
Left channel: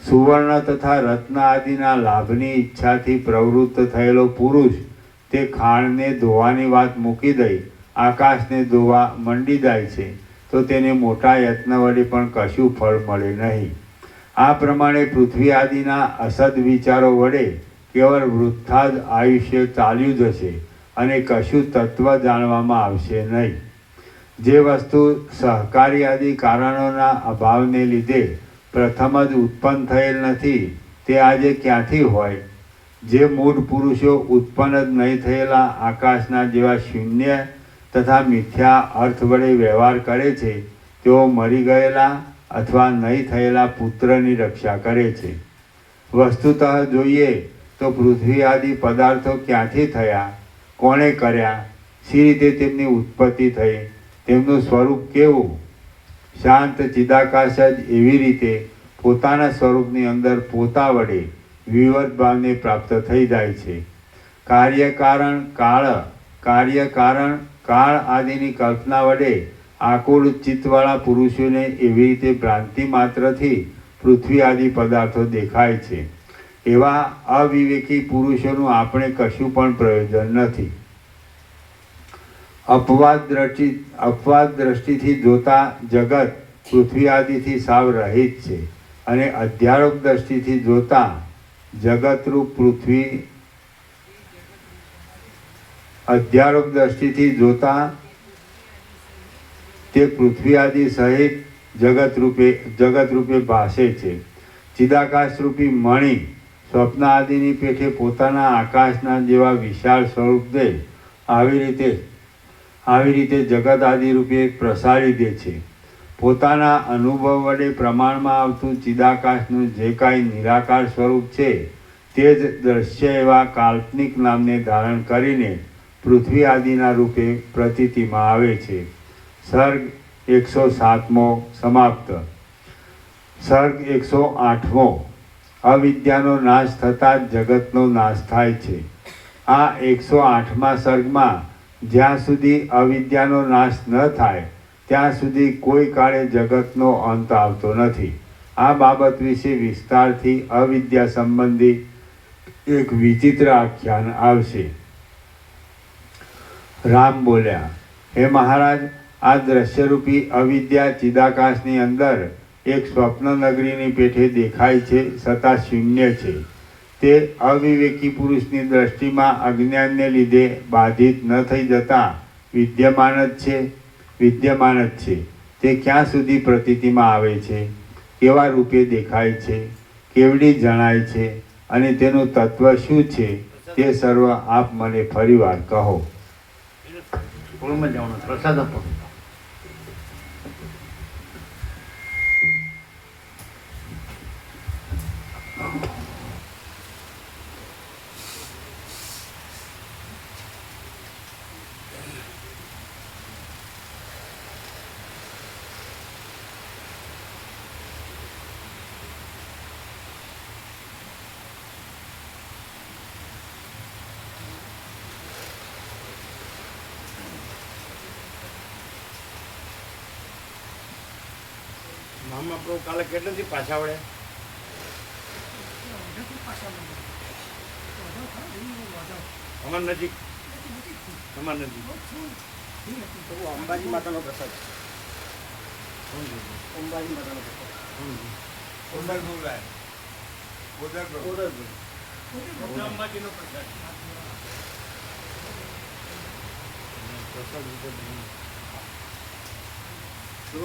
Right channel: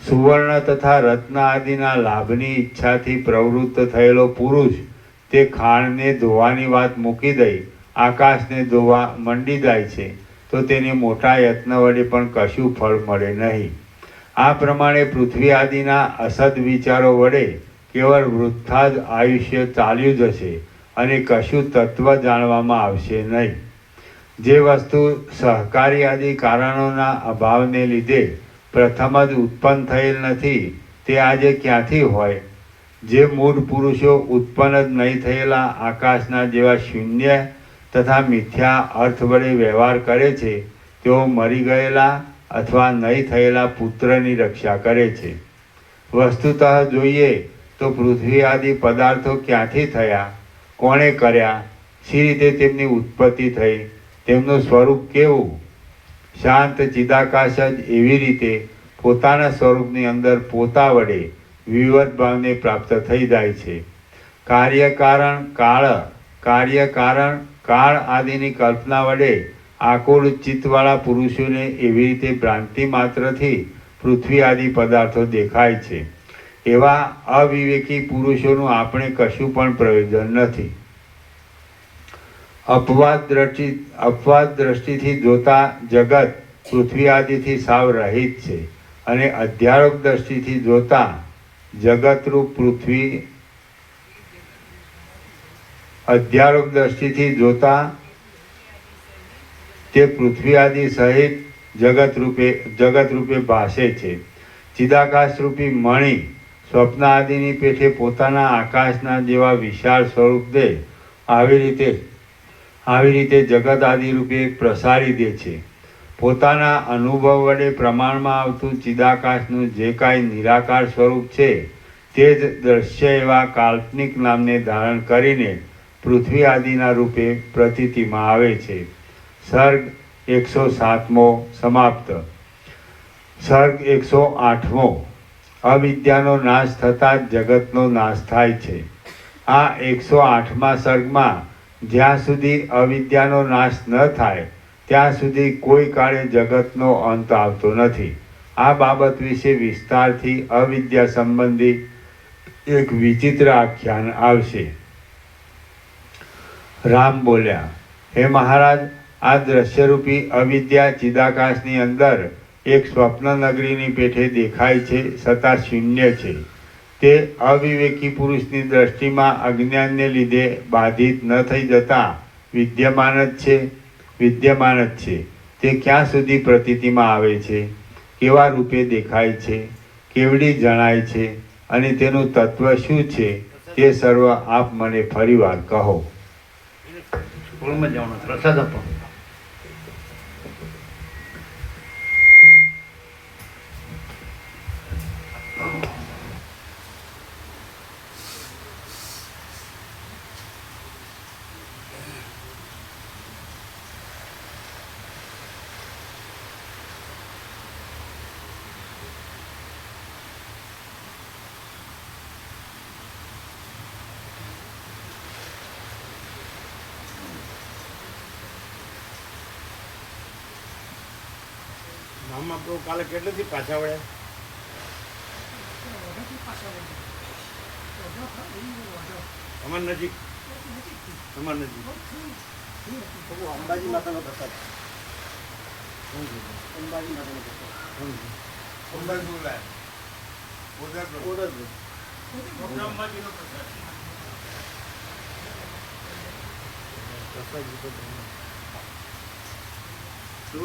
સુવર્ણ તથા રત્ન આદિના લાભની ઈચ્છાથી પ્રવૃત્ત થયેલો પુરુષ તે ખાણને ધોવાની વાત મૂકી દઈ આકાશને ધોવા મંડી જાય છે તો તેને મોટા યત્ન વડે પણ કશું ફળ મળે નહીં. આ પ્રમાણે પૃથ્વી આદિના અસદ વિચારો વડે કેવળ વૃથા જ આયુષ્ય ચાલ્યું જશે અને કશું તત્વ જાણવામાં આવશે નહીં. જે વસ્તુ સહકારી આદિ કારણોના અભાવને લીધે પ્રથમ જ ઉત્પન્ન થયેલ નથી તે આજે ક્યાંથી હોય? જે મૂળ પુરુષો ઉત્પન્ન જ નહીં થયેલા આકાશના જેવા શૂન્ય તથા મિથ્યા અર્થ વડે વ્યવહાર કરે છે તેઓ મરી ગયેલા અથવા નહીં થયેલા પુત્રની રક્ષા કરે છે. વસ્તુતઃ જોઈએ તો પૃથ્વી આદિ પદાર્થો ક્યાંથી થયા, કોણે કર્યા, શી રીતે તેમની ઉત્પત્તિ થઈ, તેમનું સ્વરૂપ કેવું? શાંત ચિદાકાશ જ એવી રીતે પોતાના સ્વરૂપની અંદર પોતા વડે વિવત ભાવને પ્રાપ્ત થઈ જાય છે. કાર્યકારણ કાળ કાર્ય કારણ કાળ આદિની કલ્પના વડે આકુળ ચિત્તવાળા પુરુષોને એવી રીતે ભ્રાંતિ માત્રથી પૃથ્વી આદિ પદાર્થો દેખાય છે. એવા અવિવેકી પુરુષોનું આપણે કશું પણ પ્રયોજન નથી. અપવાદ દ્રષ્ટિથી જોતા જગત પૃથ્વી આદિથી સાવ રહિત છે અને અધ્યારોપ દ્રષ્ટિથી જોતા જગતરૂપ પૃથ્વી અધ્યારોપ દ્રષ્ટિથી જોતા તે પૃથ્વી આદિ સહિત જગત રૂપે ભાસે છે. ચિદાકાશરૂપી મણિ સ્વપ્ન આદિની પેઠે પોતાના આકાશના જેવા વિશાળ સ્વરૂપ દે આવી રીતે જગત આદિ રૂપે પ્રસારી દે છે. પોતાના અનુભવ વડે પ્રમાણમાં આવતું ચિદાકાશનું જે કાંઈ નિરાકાર સ્વરૂપ છે તે જ દ્રશ્ય એવા કાલ્પનિક નામને ધારણ કરીને પૃથ્વી આદિના રૂપે પ્રતીતિમાં આવે છે. સર્ગ 107મો સમાપ્ત. સર્ગ 108મો. અવિદ્યાનો નાશ થતાં જ જગતનો નાશ થાય છે. આ 108મા સર્ગમાં જ્યાં સુધી અવિદ્યાનો નાશ ન થાય ત્યાં સુધી કોઈ કાળે જગતનો અંત આવતો નથી. આ બાબત વિશે વિસ્તારથી અવિદ્યા સંબંધી એક વિચિત્ર આખ્યાન આવશે. રામ બોલ્યા, હે મહારાજ, આ દ્રશ્યરૂપી અવિદ્યા ચિદાકાશની અંદર એક સ્વપ્ન નગરીની પેઠે દેખાય છે છતાં શૂન્ય છે. તે અવિવેકી પુરુષની દ્રષ્ટિમાં અજ્ઞાનને લીધે બાધિત ન થઈ જતા વિદ્યમાન જ છે. તે ક્યાં સુધી પ્રતીતિમાં આવે છે, કેવા રૂપે દેખાય છે, કેવડી જણાય છે અને તેનું તત્વ શું છે તે સર્વ આપ મને ફરીવાર કહો. પ્રસાદ આપો. મહાપ્રભુ કાલે કેટલેથી પાછા વળ્યા? અમાર નજીક અંબાજી માતાનો પ્રસાદ. અંબાજી માતાનો પ્રસાદ. અંબાજીનો પ્રસાદ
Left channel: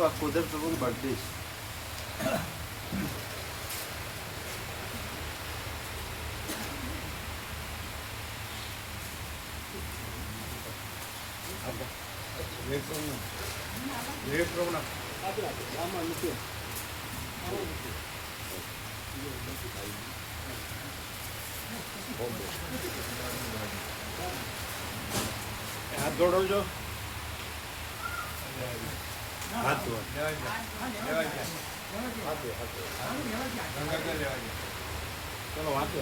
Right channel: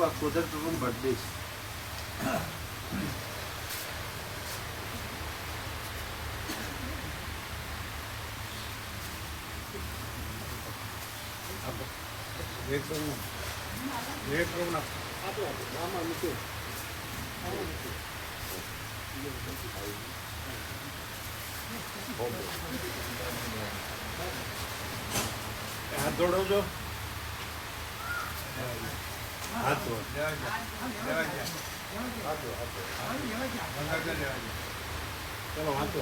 આ કોદર બર્થડે હાથ જોડો છો. હાથ ધોવા ચલો વાંચો.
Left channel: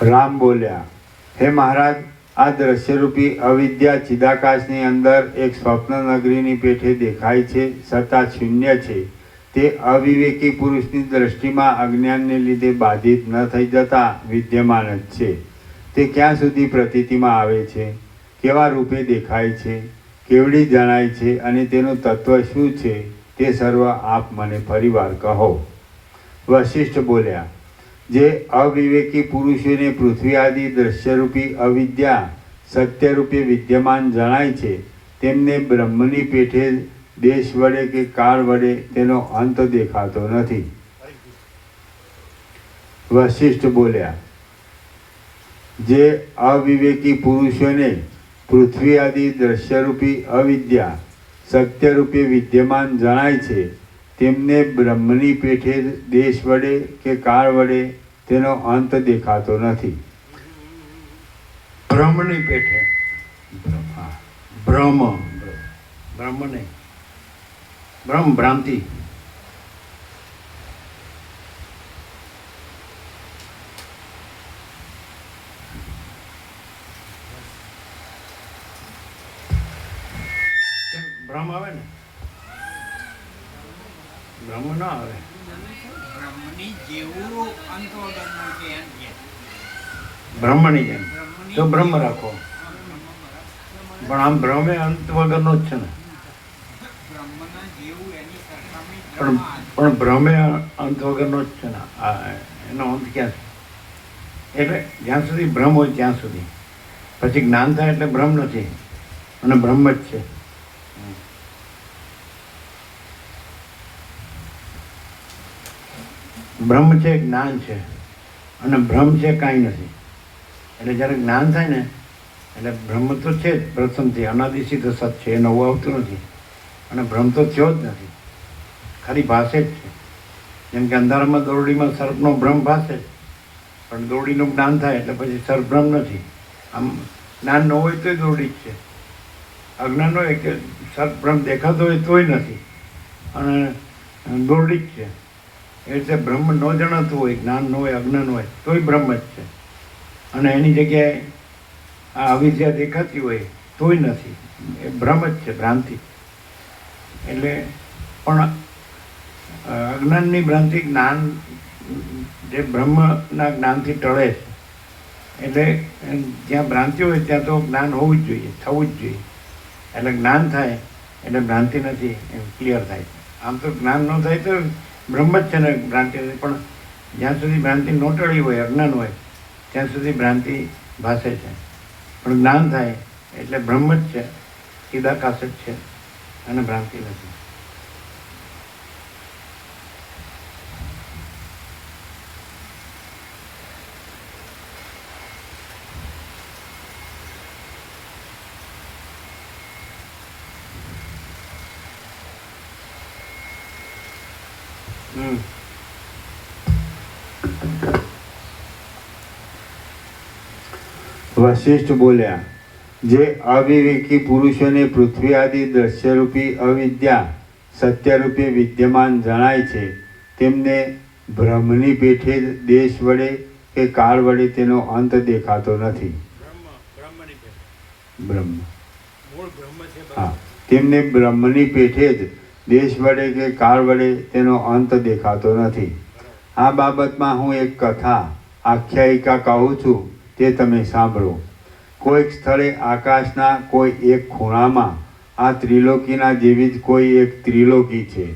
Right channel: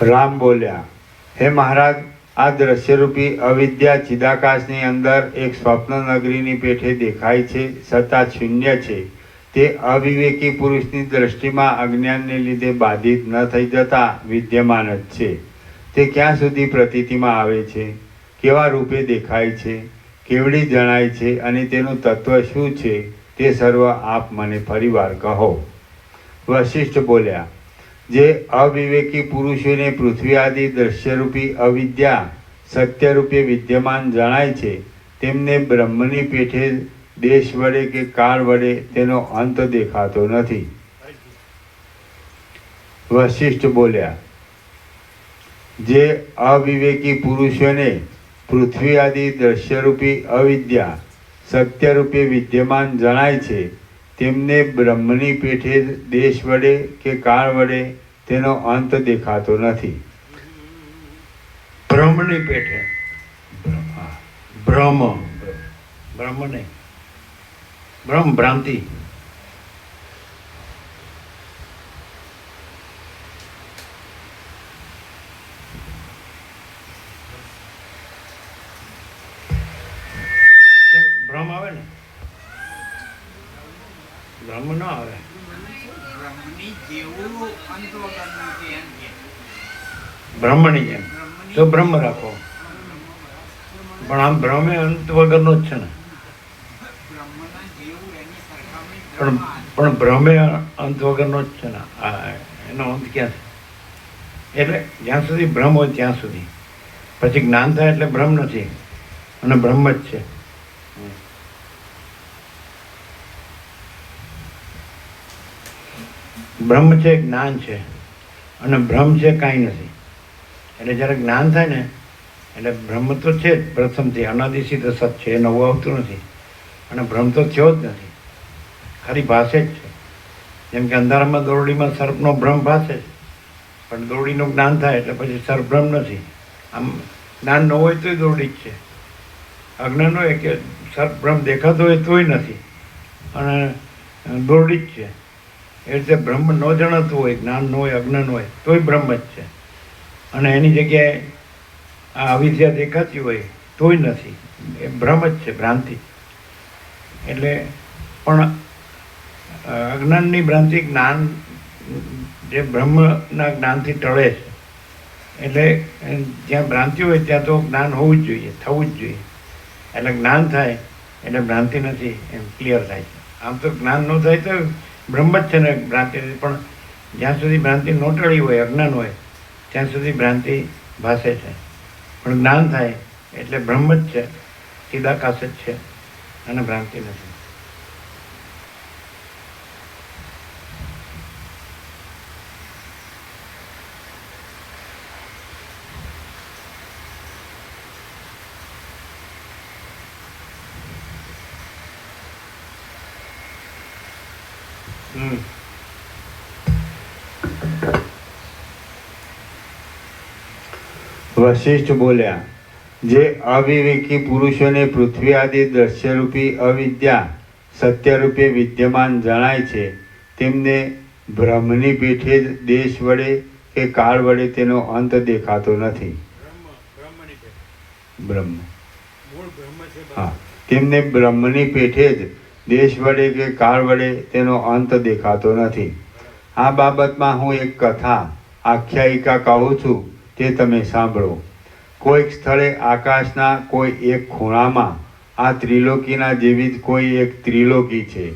રામ બોલ્યા, હે મહારાજ, આ દ્રશ્યરૂપી અવિદ્યા ચિદાકાશની અંદર એક સ્વપ્ન નગરીની પેઠે દેખાય છે છતાં શૂન્ય છે. તે અવિવેકી પુરુષની દ્રષ્ટિમાં અજ્ઞાનને લીધે બાધિત ન થઈ જતા વિદ્યમાન જ છે. તે ક્યાં સુધી પ્રતીતિમાં આવે છે, કેવા રૂપે દેખાય છે, કેવડી જણાય છે અને તેનું તત્વ શું છે તે સર્વ આપ મને ફરીવાર કહો. વશિષ્ઠ બોલ્યા, જે અવિવેકી પુરુષોને પૃથ્વી આદિ દ્રશ્યરૂપી અવિદ્યા સત્યરૂપે વિદ્યમાન જણાય છે તેમને બ્રહ્મની પેઠે દેશ વડે કે કાળ વડે તેનો અંત દેખાતો નથી. વશિષ્ઠ બોલ્યા, જે અવિવેકી પુરુષોને પૃથ્વી આદિ દ્રશ્યરૂપી અવિદ્યા સત્યરૂપે વિદ્યમાન જણાય છે તેમને બ્રહ્મની પેઠે દેશ વડે કે કાળ વડે તેનો અંત દેખાતો નથી. બ્રહ્મની પેઠે બ્રહ્મ બ્રહ્મ નહીં, બ્રહ્મ ભ્રાંતિ. ભ્રમ આવે ને, બ્રહ્મ ના આવે. બ્રહ્મની જેમ તો બ્રહ્મ રાખો, પણ આમ ભ્રમે અંત વગરનો જ છે ને. પણ ભ્રમે અંત વગરનો જ છે ને. એનો અંત ક્યાં છે? એટલે જ્યાં સુધી ભ્રમ હોય ત્યાં સુધી, પછી જ્ઞાન થાય એટલે ભ્રમ નથી અને બ્રહ્મ જ છે. બ્રહ્મ છે, જ્ઞાન છે, અને ભ્રમ છે કાંઈ નથી. એટલે જ્યારે જ્ઞાન થાય ને એટલે બ્રહ્મ તો છે જ પ્રથમથી, અનાદિસિદ્ધ સત છે, એ નવું આવતું નથી. અને ભ્રમ તો થયો જ નથી, ખાલી ભાષે જ છે. જેમ કે અંધારામાં દોરડીમાં સર્પનો ભ્રમ ભાષે છે, પણ દોરડીનું જ્ઞાન થાય એટલે પછી સર્પ ભ્રમ નથી. આમ જ્ઞાન ન હોય તોય દોરડી જ છે, અજ્ઞાન હોય કે સર્પ ભ્રમ દેખાતો હોય તોય નથી, અને દોરડી જ છે. એ રીતે બ્રહ્મ ન જણાતું હોય, જ્ઞાન ન હોય, અજ્ઞાન હોય તોય બ્રહ્મ જ છે. અને એની જગ્યાએ આ અવિદ્યા દેખાતી હોય તોય નથી, એ ભ્રમ જ છે, ભ્રાંતિ. એટલે પણ અજ્ઞાનની ભ્રાંતિ જ્ઞાન જે બ્રહ્મના જ્ઞાનથી ટળે છે. એટલે જ્યાં ભ્રાંતિ હોય ત્યાં તો જ્ઞાન હોવું જ જોઈએ, થવું જ જોઈએ. એટલે જ્ઞાન થાય એટલે ભ્રાંતિ નથી, એમ ક્લિયર થાય છે. આમ તો જ્ઞાન ન થાય તો બ્રહ્મ જ છે ને, ભ્રાંતિ નથી. પણ જ્યાં સુધી ભ્રાંતિ ન ટળી હોય, અજ્ઞાન હોય, ત્યાં સુધી ભ્રાંતિ ભાસે છે. પણ જ્ઞાન થાય એટલે બ્રહ્મ જ છે, ચિદાકાશ જ છે, અને ભ્રાંતિ નથી. વશિષ્ઠ બોલ્યા, જે અવિવેકી પુરુષોને પૃથ્વી આદિ દ્રશ્યરૂપી અવિદ્યા સત્યરૂપે વિદ્યમાન જણાય છે, તેમને બ્રહ્મની પેઠે જ દેશ વડે કે કાળ વડે તેનો અંત દેખાતો નથી. બ્રહ્મ હા, તેમને બ્રહ્મની પેઠે જ દેશ વડે કે કાળ વડે તેનો અંત દેખાતો નથી. આ બાબતમાં હું એક કથા આખ્યાયિકા કહું છું, તે તમે સાંભળો. કોઈક સ્થળે આકાશના કોઈ એક ખૂણામાં આ ત્રિલોકીના જેવી જ કોઈ એક ત્રિલોકી છે,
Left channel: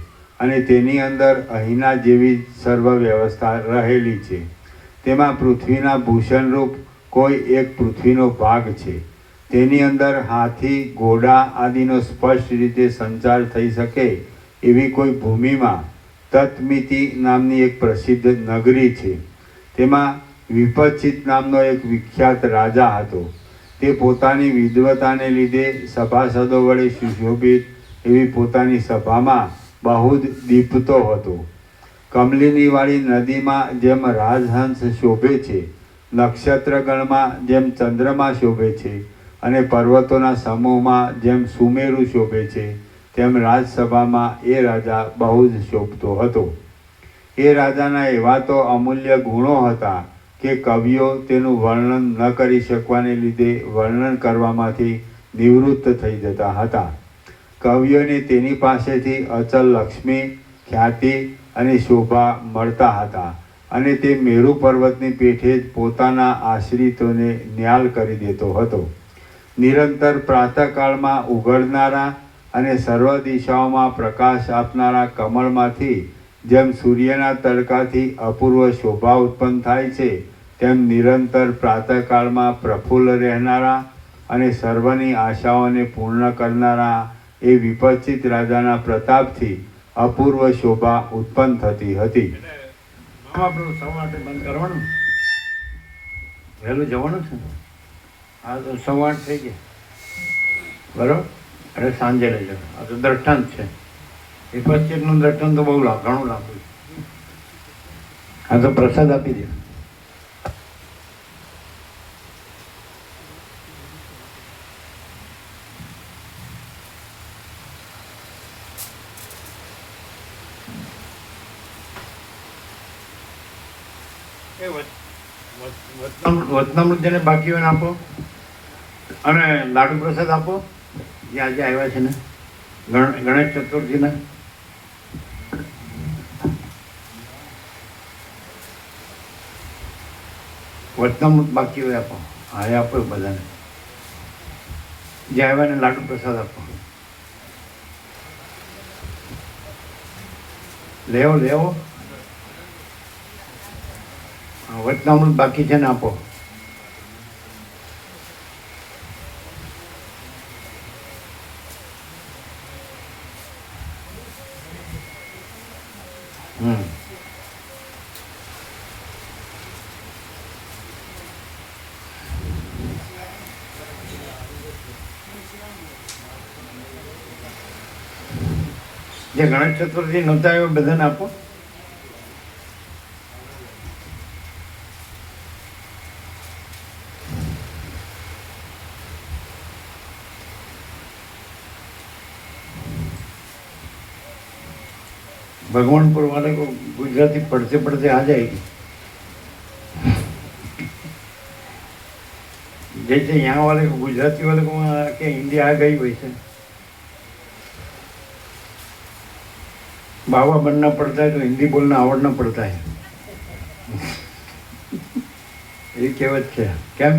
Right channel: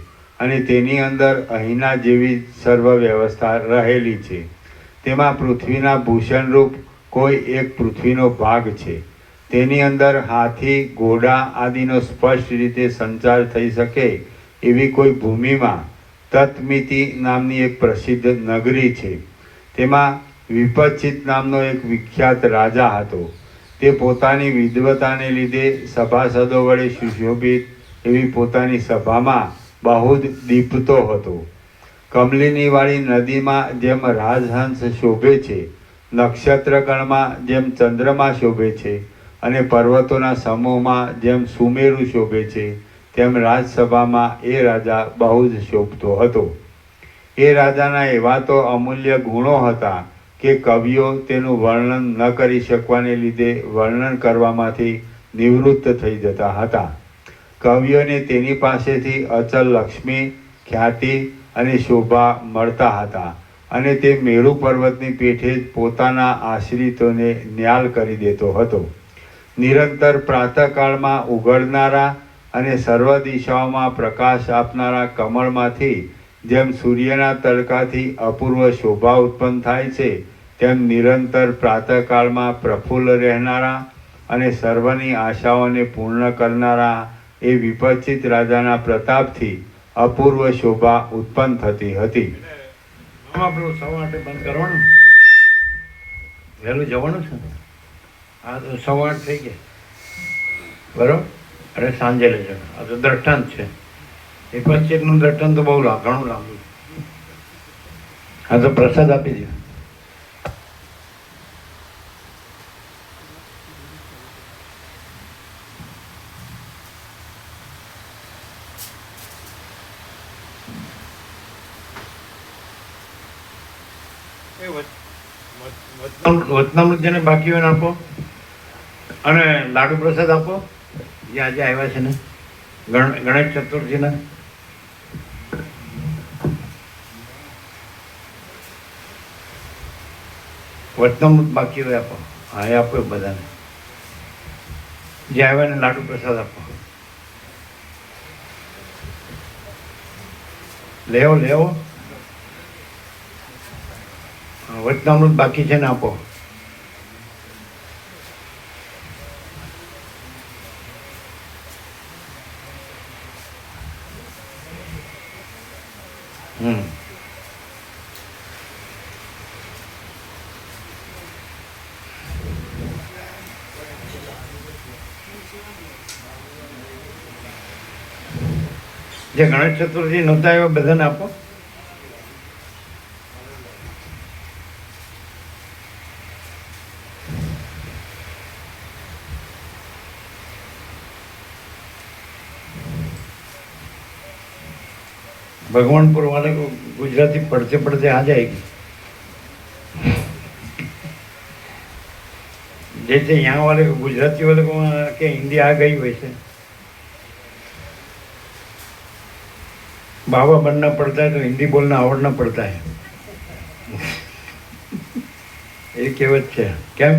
અને તેની અંદર અહીંના જેવી જ સર્વ વ્યવસ્થા રહેલી છે. તેમાં પૃથ્વીના ભૂષણરૂપ કોઈ એક પૃથ્વીનો ભાગ છે. તેની અંદર હાથી, ઘોડા આદિનો સ્પષ્ટ રીતે સંચાર થઈ શકે એવી કોઈ ભૂમિમાં તત્મિતિ નામની એક પ્રસિદ્ધ નગરી છે. તેમાં વિપચિત નામનો એક વિખ્યાત રાજા હતો. તે પોતાની વિદ્વતાને લીધે સભાસદો વડે સુશોભિત એવી પોતાની સભામાં બહુ જ દીપતો હતો. કમલિનીવાળી નદીમાં જેમ રાજહંસ શોભે છે, નક્ષત્રગણમાં જેમ ચંદ્રમા શોભે છે, અને પર્વતોના સમૂહમાં જેમ સુમેરુ શોભે છે, તેમ રાજસભામાં એ રાજા બહુ જ શોભતો હતો. એ રાજાના એવા તો અમૂલ્ય ગુણો હતા કે કવિઓ તેનું વર્ણન ન કરી શકવાને લીધે વર્ણન કરવામાંથી નિવૃત્ત થઈ જતા હતા. કવિઓને તેની પાસેથી અચલ લક્ષ્મી, ખ્યાતિ અને શોભા મળતા હતા, અને તે મેરુ પર્વતની પેઠે જ પોતાના આશ્રિતોને ન્યાલ કરી દેતો હતો. નિરંતર પ્રાતઃકાળમાં ઉઘડનારા અને સર્વ દિશાઓમાં પ્રકાશ આપનારા કમળમાંથી જેમ સૂર્યના તડકાથી અપૂર્વ શોભા ઉત્પન્ન થાય છે, તેમ નિરંતર પ્રાતઃકાળમાં પ્રફુલ્લ રહેનારા અને સર્વની આશાઓને પૂર્ણ કરનારા એ વિપચિત રાજાના પ્રતાપથી અપૂર્વ શોભા ઉત્પન્ન થતી હતી. આપણું સવા માટે બંધ કરવાનું, વહેલું જવાનું છે. આ તો સવા થઈ ગયા, બરોબર. અરે સાંજે લઈ જવાનું. આ તો દ્રષ્ટાંત છે. વિપચિતનું દ્રષ્ટાંત તો બહુ ઘણું લાંબુ. આ તો પ્રસાદ આપી દે. વચનામૃત જેને બાકી હોય ને આપો, અને લાડુ પ્રસાદ આપો જે આજે આવ્યા છે ને ગણેશ ચતુર્થીના. વચનામૃત બાકી હોય આપો. હા એ આપો બધાને જે આવ્યા ને લાડુ પ્રસાદ આપો. લેવો લેવો. વચનામૃત બાકી છે ને આપો. જે ગણેશ ચતુર્થી નહોતા એવા બધાને આપો. भगवानपुर वाले को गुजराती पढ़ते पढ़ते आ जाएगी, जैसे यहाँ वाले को गुजराती वाले को के हिंदी आ गई वैसे बाबा बनना पड़ता है तो हिंदी बोलना आवड़ना पड़ता है. ये कहेवत है. क्या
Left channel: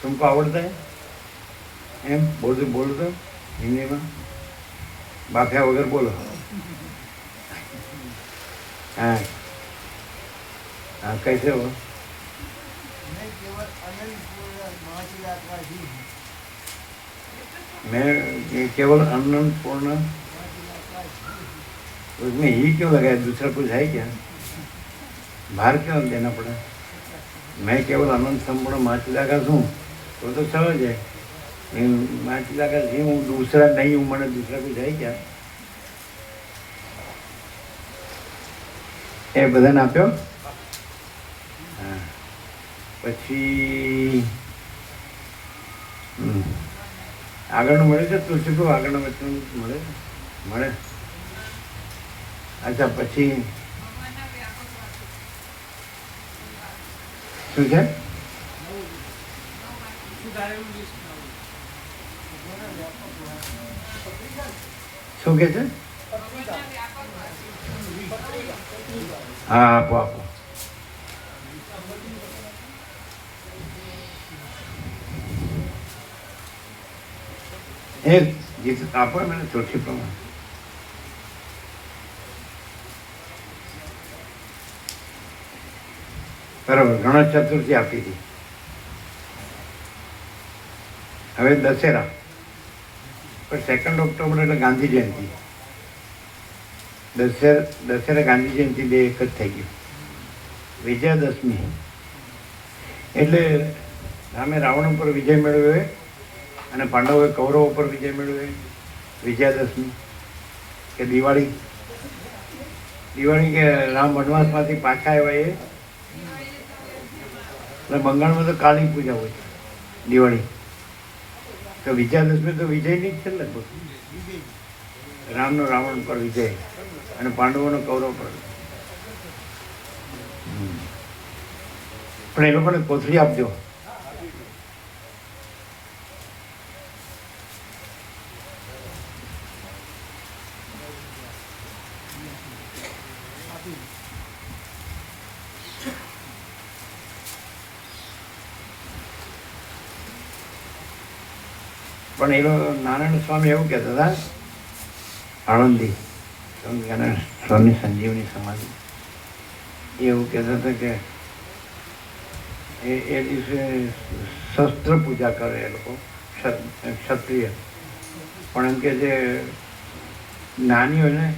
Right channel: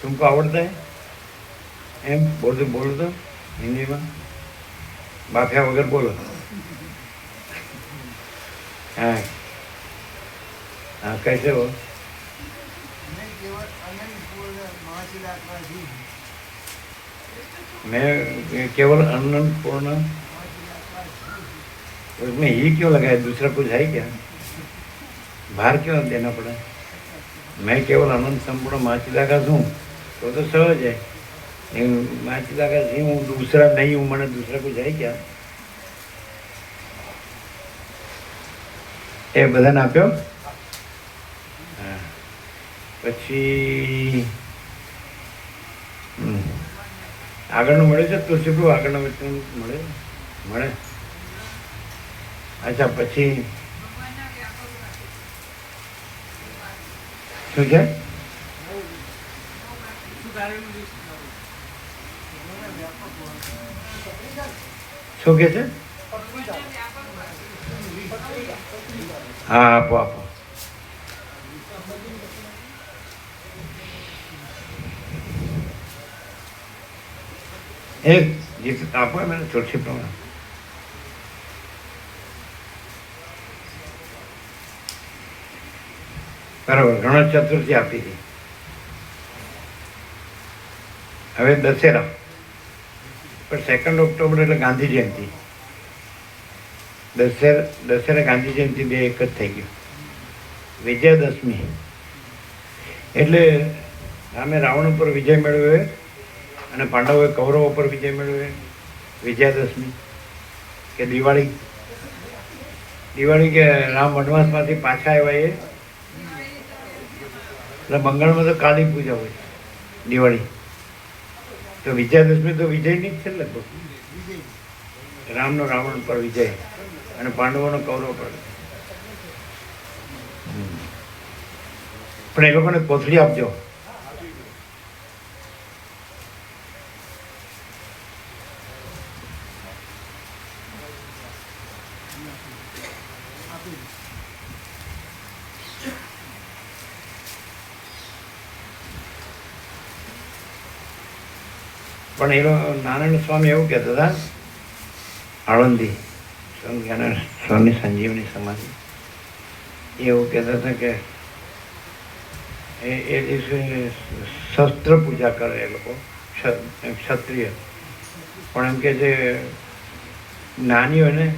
तुमको आवड़ता है एम बोल दो हिंदी में बाफिया वगैरह बोलो. हाँ हाँ कैसे हो? मैं केवल अन्नपूर्ण. उसमें ही क्यों लगाया? दूसरा कुछ है क्या? बाहर क्यों देना पड़ा? मैं केवल अनंत संपूर्ण माचिला का हूँ तो सहज है. माचिला का जी हूँ, दूसरा नहीं हूँ, मैंने दूसरा कुछ है क्या? એ બધાને આપ્યો. હા પછી આગળનું મળે છે તુલસીપ્રભુ? આગળનું મળે મળે. અચ્છા પછી શું છે? શું કે છે? हाँ आपो आपो. एक जिस आपो मैंने तुलसी प्रमाण बराबर. गणेश चतुर्थी आपी थी. હવે દશેરા પણ 2 ઓક્ટોબર એટલે ગાંધી જયંતિ. દશેરા ગાંધી જયંતિ બે એક જ થઈ ગયું. વિજયાદશમી એટલે રામે રાવણ ઉપર વિજય મેળવ્યો અને પાંડવોએ કૌરવો ઉપર વિજય મેળવ્યો. વિજયાદશમી કે દિવાળી. દિવાળી કે રામ વનવાસમાંથી પાછા આવ્યા એ. એટલે બંગાળમાં તો કાલી પૂજા હોય દિવાળી. તો વિજયાદશમી તો વિજયની જ છે ને. રામનો રાવણ પર વિજય અને પાંડવોનો કૌરવ પર. પણ એ લોકોને કોથળી આપજો. પણ એ નારાયણ સ્વામી એવું કહેતા હતા, આળંદી સ્વામી સંજીવની સમાધિ, એવું કહેતા હતા કે એ દિવસે શસ્ત્ર પૂજા કરે એ લોકો, ક્ષત્રિય. પણ એમ કે જે જ્ઞાની હોય ને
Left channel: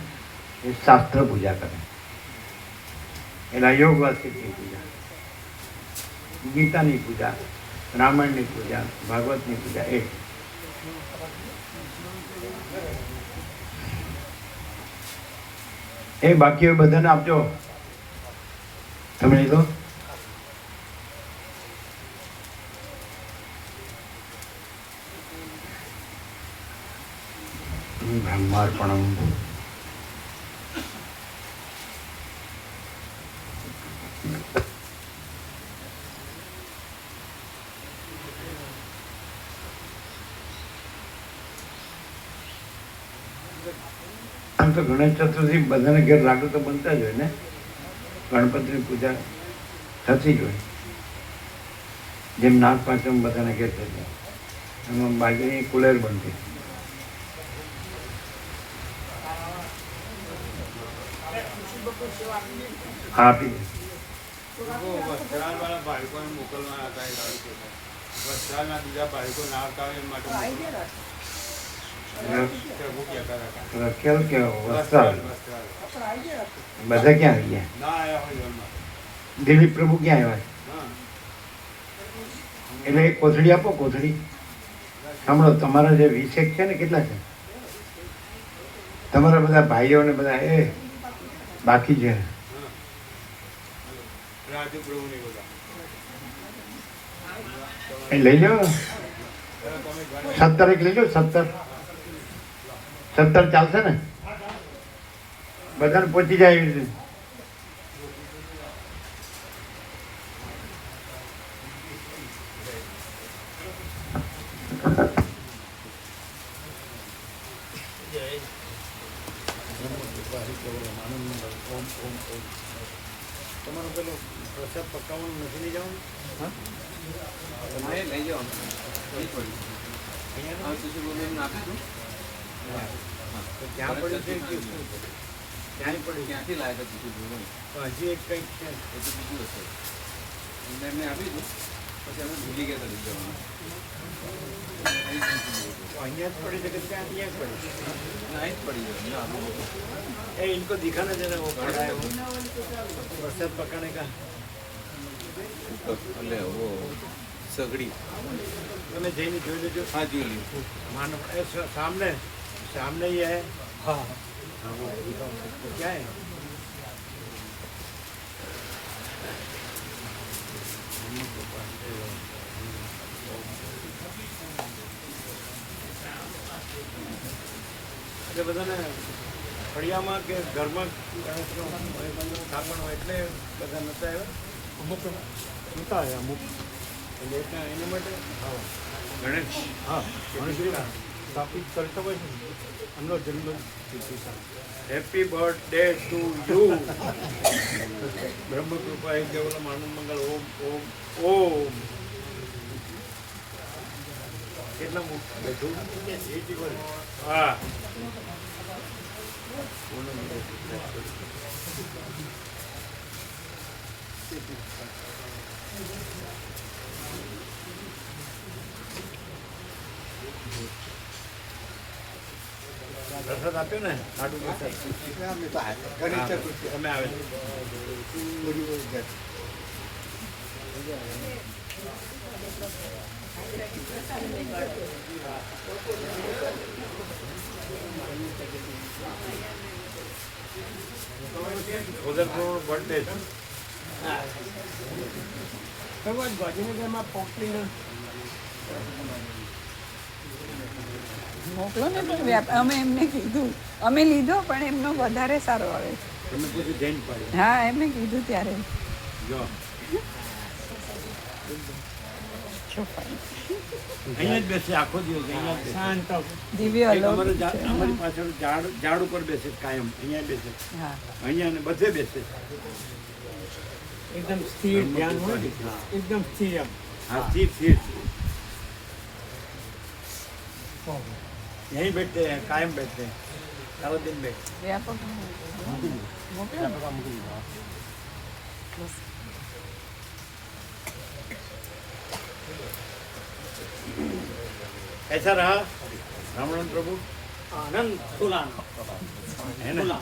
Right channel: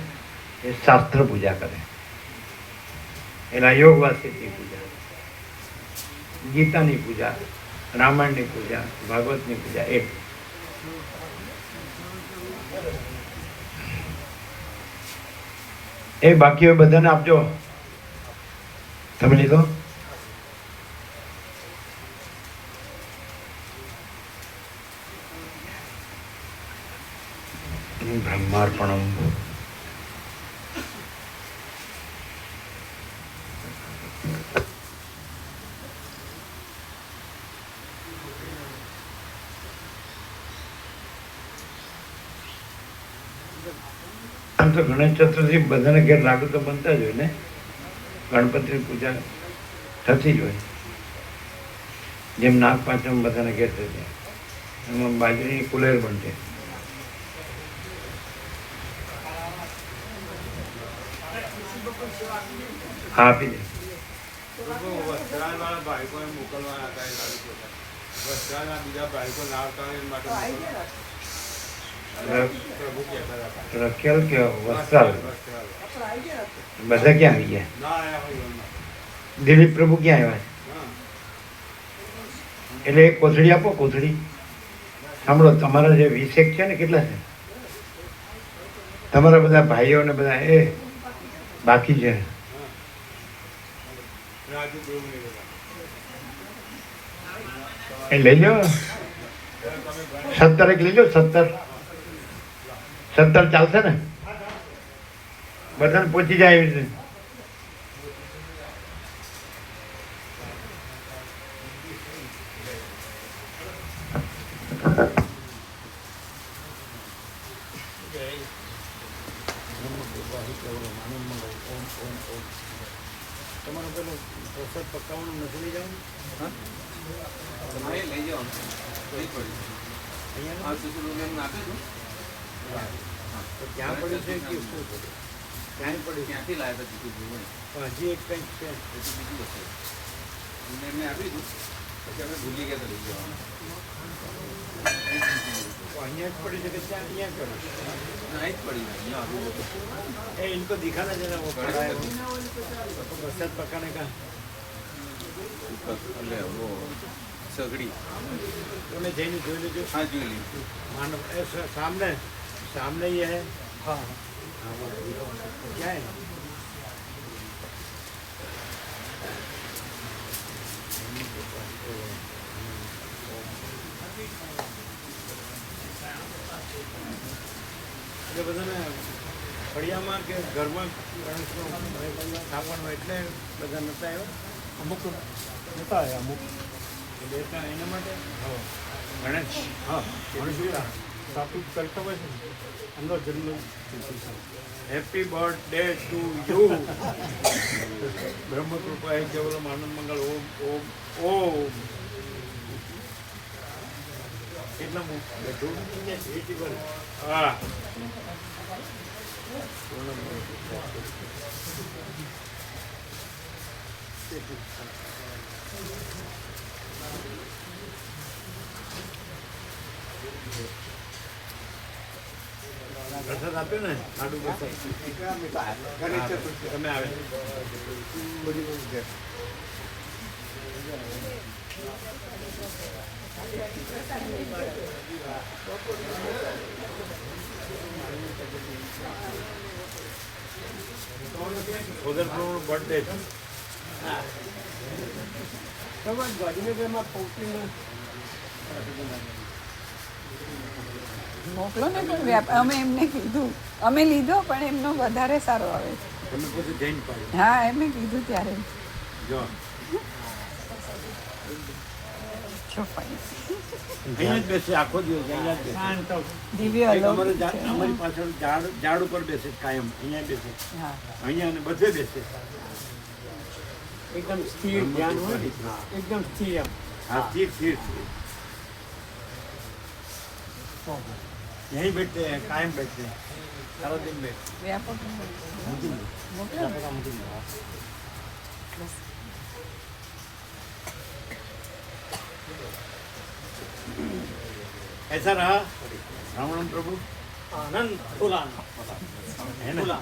એ શાસ્ત્ર પૂજા કરે. એના યોગ વાસિકની પૂજા, ગીતાની પૂજા, રામાયણની પૂજા, ભાગવતની પૂજા. એ બાકી હોય બધાને આપજો. તમે લીધો? બ્રહ્માર્પણમ. આમ તો ગણેશ ચતુર્થી બધાને ઘેર લાડુ તો બનતા જ હોય ને, ગણપતિની પૂજા થતી જ હોય. જેમ નાગ પાંચમ બધાને ઘેર થતા, એમાં બાજરીની કુલેર બનતી. હા, આપી દે. વસ્ત્રાલવાળા ભાઈકોને મોકલવાના હતા એ લાડુ ચોખા. વસ્ત્રાલના બીજા ભાઈકો ના આવતા હોય એ માટે મોકલવાના. પ્રભુ કહેતા હતા. રખેલ કે વસ્ત્રાલ વસ્ત્રાલ. બધા ક્યાં આવી ગયા? ના આવ્યા હોય એમાં. દિલીપ પ્રભુ ક્યાં આવ્યા? હા. એટલે એક કોથળી આપો. કોથળી સાંભળો, તમારા જે 20 છે ને, કેટલા છે તમારા બધા ભાઈઓ ને બધા? એ બાકી છે. રાજુ પ્રભુ ને બધા. એ લઈ લો. 17 લઈ લો. 17 ચાલશે ને? બધાને પહોંચી જાય એવી રીતે. તમારું પેલું પ્રસાદ પકાવવાનું નથી લઈ જવાનું? તમારે લઈ જવાનું નહીં પડ્યું. અહીંયા આ સુધી એમને આપી દઉં. તો ક્યાં પડ્યું છે કે શું પડ્યું? ક્યાંય પડ્યું? ક્યાંથી લાવ્યા હતા ચીકુ બોલે? પણ હજી એક કંઈક છે. એ તો બીજું હશે. અમને એમને આપી દઉં પછી અમે ભૂલી ગયા હતા લઈ જવાનું. તો અહીંયા જ પડી છે કે ત્યાં જ પડી? ના જ પડી હોય અહીંયા આવું. ए इनको दिखाना जरा वो पड़ा है वो बरसात पकाने का. એટલે વો સગડી. તમે જઈને જોઈ લેજો. હા જોઈ લીધું. मानव सामने सामने ही है. हाँ हाँ वो क्या है? એટલે બધાને ફળિયામાં કે ઘરમાં ગણેશનો સ્થાપન હોય એટલે બધા નહોતા આવ્યા. અમુક નહોતા આવ્યા, અમુક એટલે એના માટે ગણેશ ગણેશ સ્થાપિત કરતા હોય છે. એમનો જન્મ હેપી બર્થડે ટુ યુ. બ્રહ્મ કૃપા એક કેવલમ આનંદ મંગળ ઓમ ઓમ ઓમ. કેટલા બેઠું? હા. પ્રસાદ આપ્યો ને, લાડુ પ્રસાદ તમે આવે. ઉધર પ્રભુનો બર્થડે છે. મોકલો ને. પણ અમે એમને કીધું, અમે લીધો પણ એમનો વધારે સારો આવે છે. તમે પૂછ્યું જૈન પાડ્યું. હા, એમને કીધું ત્યારે. જો ચોપાઈ અહીંયા જ બેસે આખો દિવસ, અહીંયા જ બેસે. દિવ્ય એક અમારે અલૌકિક છે. અમારી પાછળ ઝાડ ઉપર બેસે કાયમ. અહીંયા જ બેસે, હા, અહીંયા અને બધે બેસે. एकदम स्थिर ध्यान हो, एकदम स्थिर एम हाँ ठीक ठीक. यहीं बैठते हैं, कायम बैठते हैं, सारा दिन बैठते વ્યાપક મોકલો ને. બસ. हैं. ऐसा रहा राम प्रभु. आनंद पुराण है ना?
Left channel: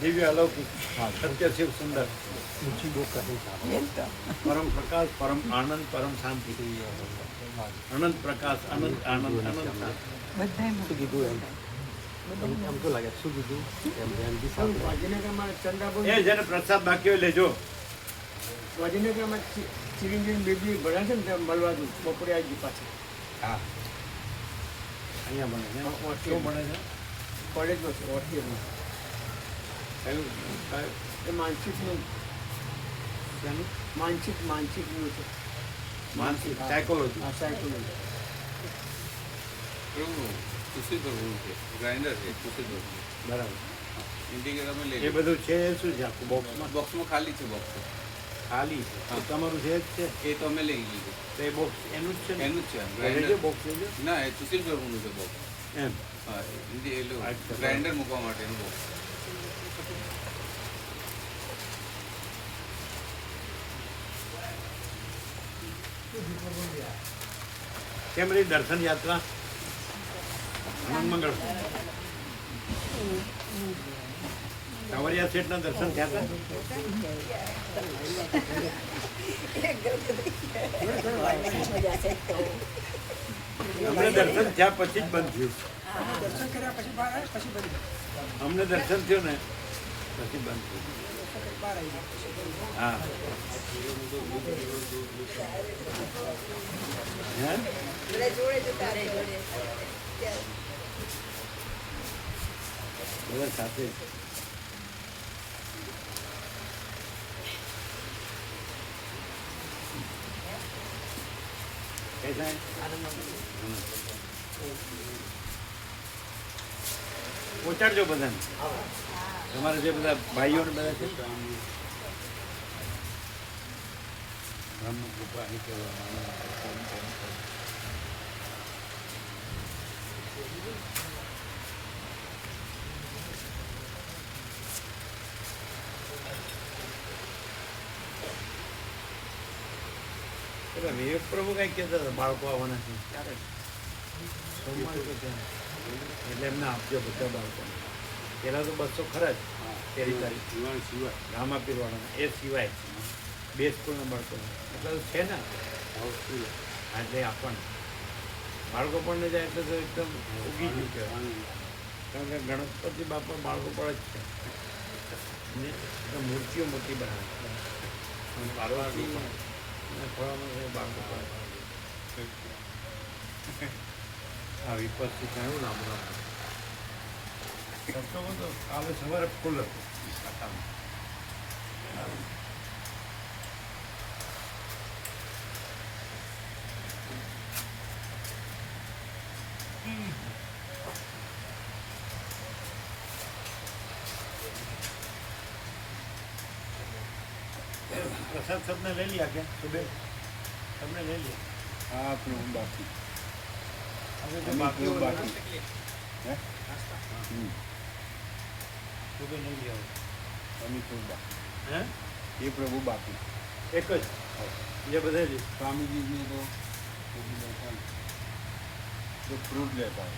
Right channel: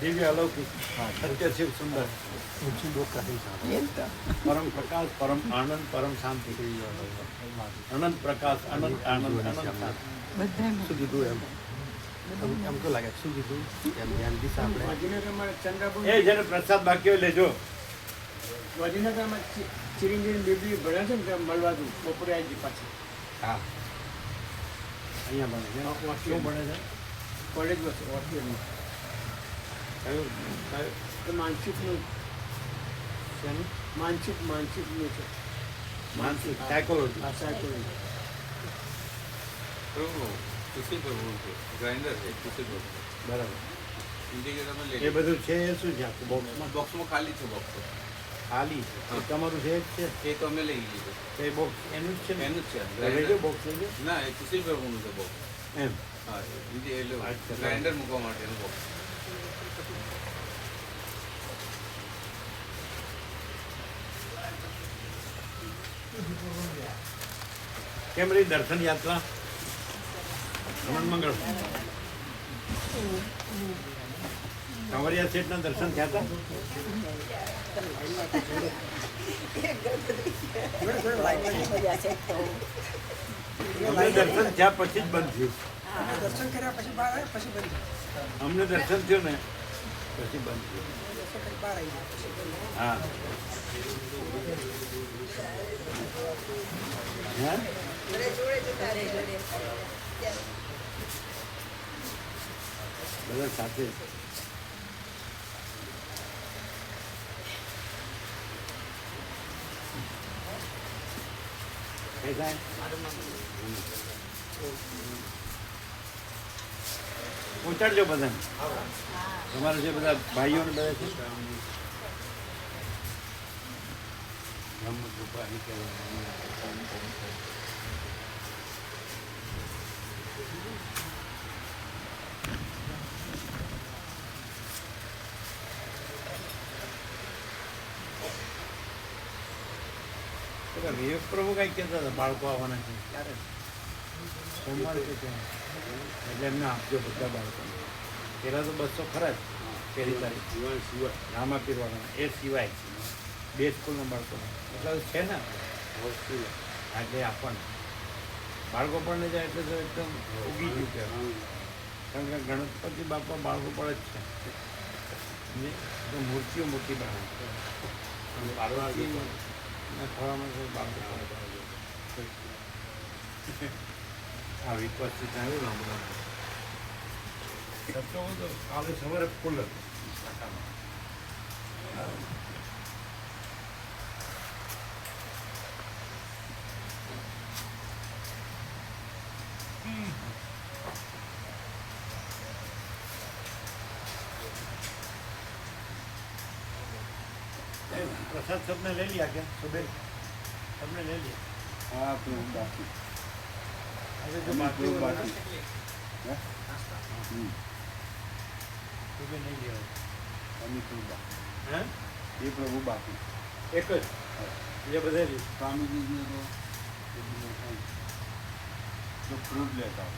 दिव्य अलौकिक सत्य शिव सुंदर એ જ તો. परम प्रकाश परम आनंद परम शांति. अनंत प्रकाश अनंत आनंद अनंत शांति. બધાય ગાંધીનગરમાં ચંદ્રાપુર એ જેને પ્રસાદ બાકી હોય લેજો. ગાંધીનગરમાં ચિરંજીવી બેબી ભણે છે ને ત્યાં મળવા દઉં બપોરે આવી ગઈ પાછી હા અહીંયા બને છે. શું બને છે? પડે જ બસ ઓર્થિયરની કયું કયું એ માનસિકનું શેનું? માનસિકનું છે માનસિક સાયકોલોજી. આ સાયકોલોજી. પ્રભુ સુશીલ પ્રભુ છે ગ્રાઇન્ડર છે સુશીલ પ્રભુ. બરાબર. ઇન્ટિગ્રેટર અમે લઈ એ બધું છે એ શું છે આખું બોક્સમાં? બોક્સમાં ખાલી છે બોક્સ ખાલી એ તમારું છે જ છે. એ તો અમે લઈ લીધું તો એ બોક્સ એનું જ છે ને? એનું જ છે તો લેજો બોક્સ લેજો ના એ સુશીલ પ્રભુનું છે બોક્સ એમ. હા અચ્છા. ગ્રાઇન્ડર મૂકવા માટેનું બોક્સ કેમ રહી દર્શન યાત્રા? હનુમાન મંગળ કાંવરિયા શેઠના દર્શન થયા હતા? અમને દર્શન થયા પછી જ બંધ થયું. દર્શન કર્યા પછી બહાર આવ્યા પછી બંધ અમને દર્શન થયું ને પછી બંધ થયું. બહાર આવી ગયા હા હે બધા સાથે કઈ થાય પહોંચાડજો બધાને. તમારા જે બધા ભાઈઓ ને બધા છે બ્રહ્મકૃપા હિ કેવલમ. ઓમ ઓમ ઓમ. પેલા વિવેક પ્રભુ કઈ કહેતા હતા બાળકો આવવાના છે ક્યારે? સોમવારે કે છે એટલે એમને આપજો બધા બાળકોને. પહેલાં તો 200 ખરા જ પહેલી તારીખ રામા પીરવાળાના એ સિવાય 2 સ્કૂલના બાળકોને એટલા તો છે ને હા, એટલે આપણને બાળકો પણ જાય એટલે તો એકદમ ઉગી ગયું કહેવાય. કારણ કે ગણપતિ બાપા બાળકો પર જ છે ને તો મૂર્તિઓ મોટી બનાવે છે. પાર્વતી ખોળામાં છે બાળકો પડે. આ વિપસ્તી થયું રામ રામ સત્સંગો તો કાલે સવારે ફૂલ હતું શાખામાં. પ્રસાદ सबने ले लिया क्या सुबह? सबने ले लिया? हाँ प्रभु बाकी अरे जो बाकी हो बाकी है सुबह नहीं लिया होगा अभी प्रभु बाकी हैं? ये प्रभु बाकी एक જ ये બધા જ स्वामी जी ने तो जो फ्रूट लेता है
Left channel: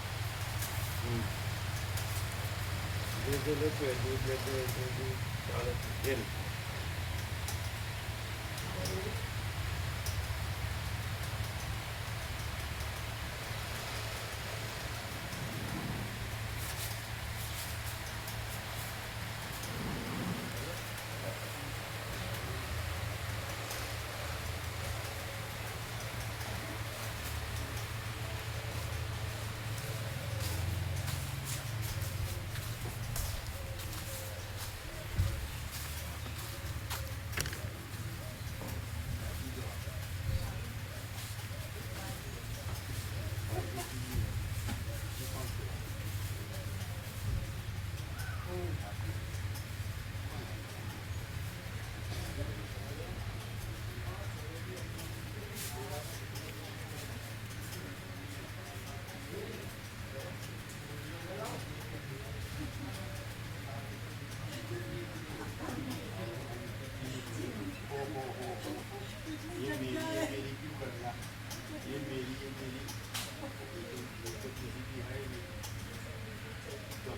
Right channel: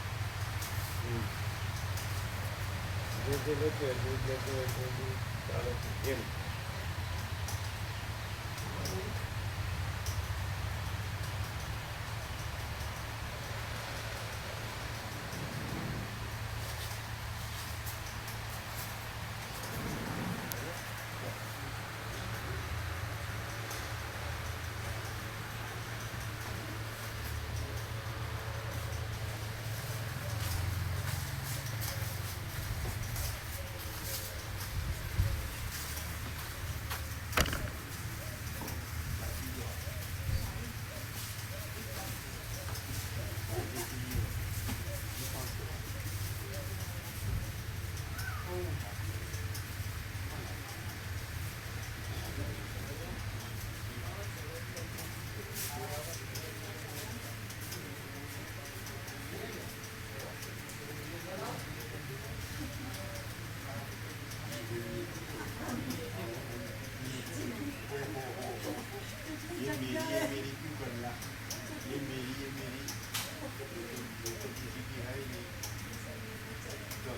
જે લેતો હોય દૂધ લેતો હોય તો દૂધ ચાલે છે જેલ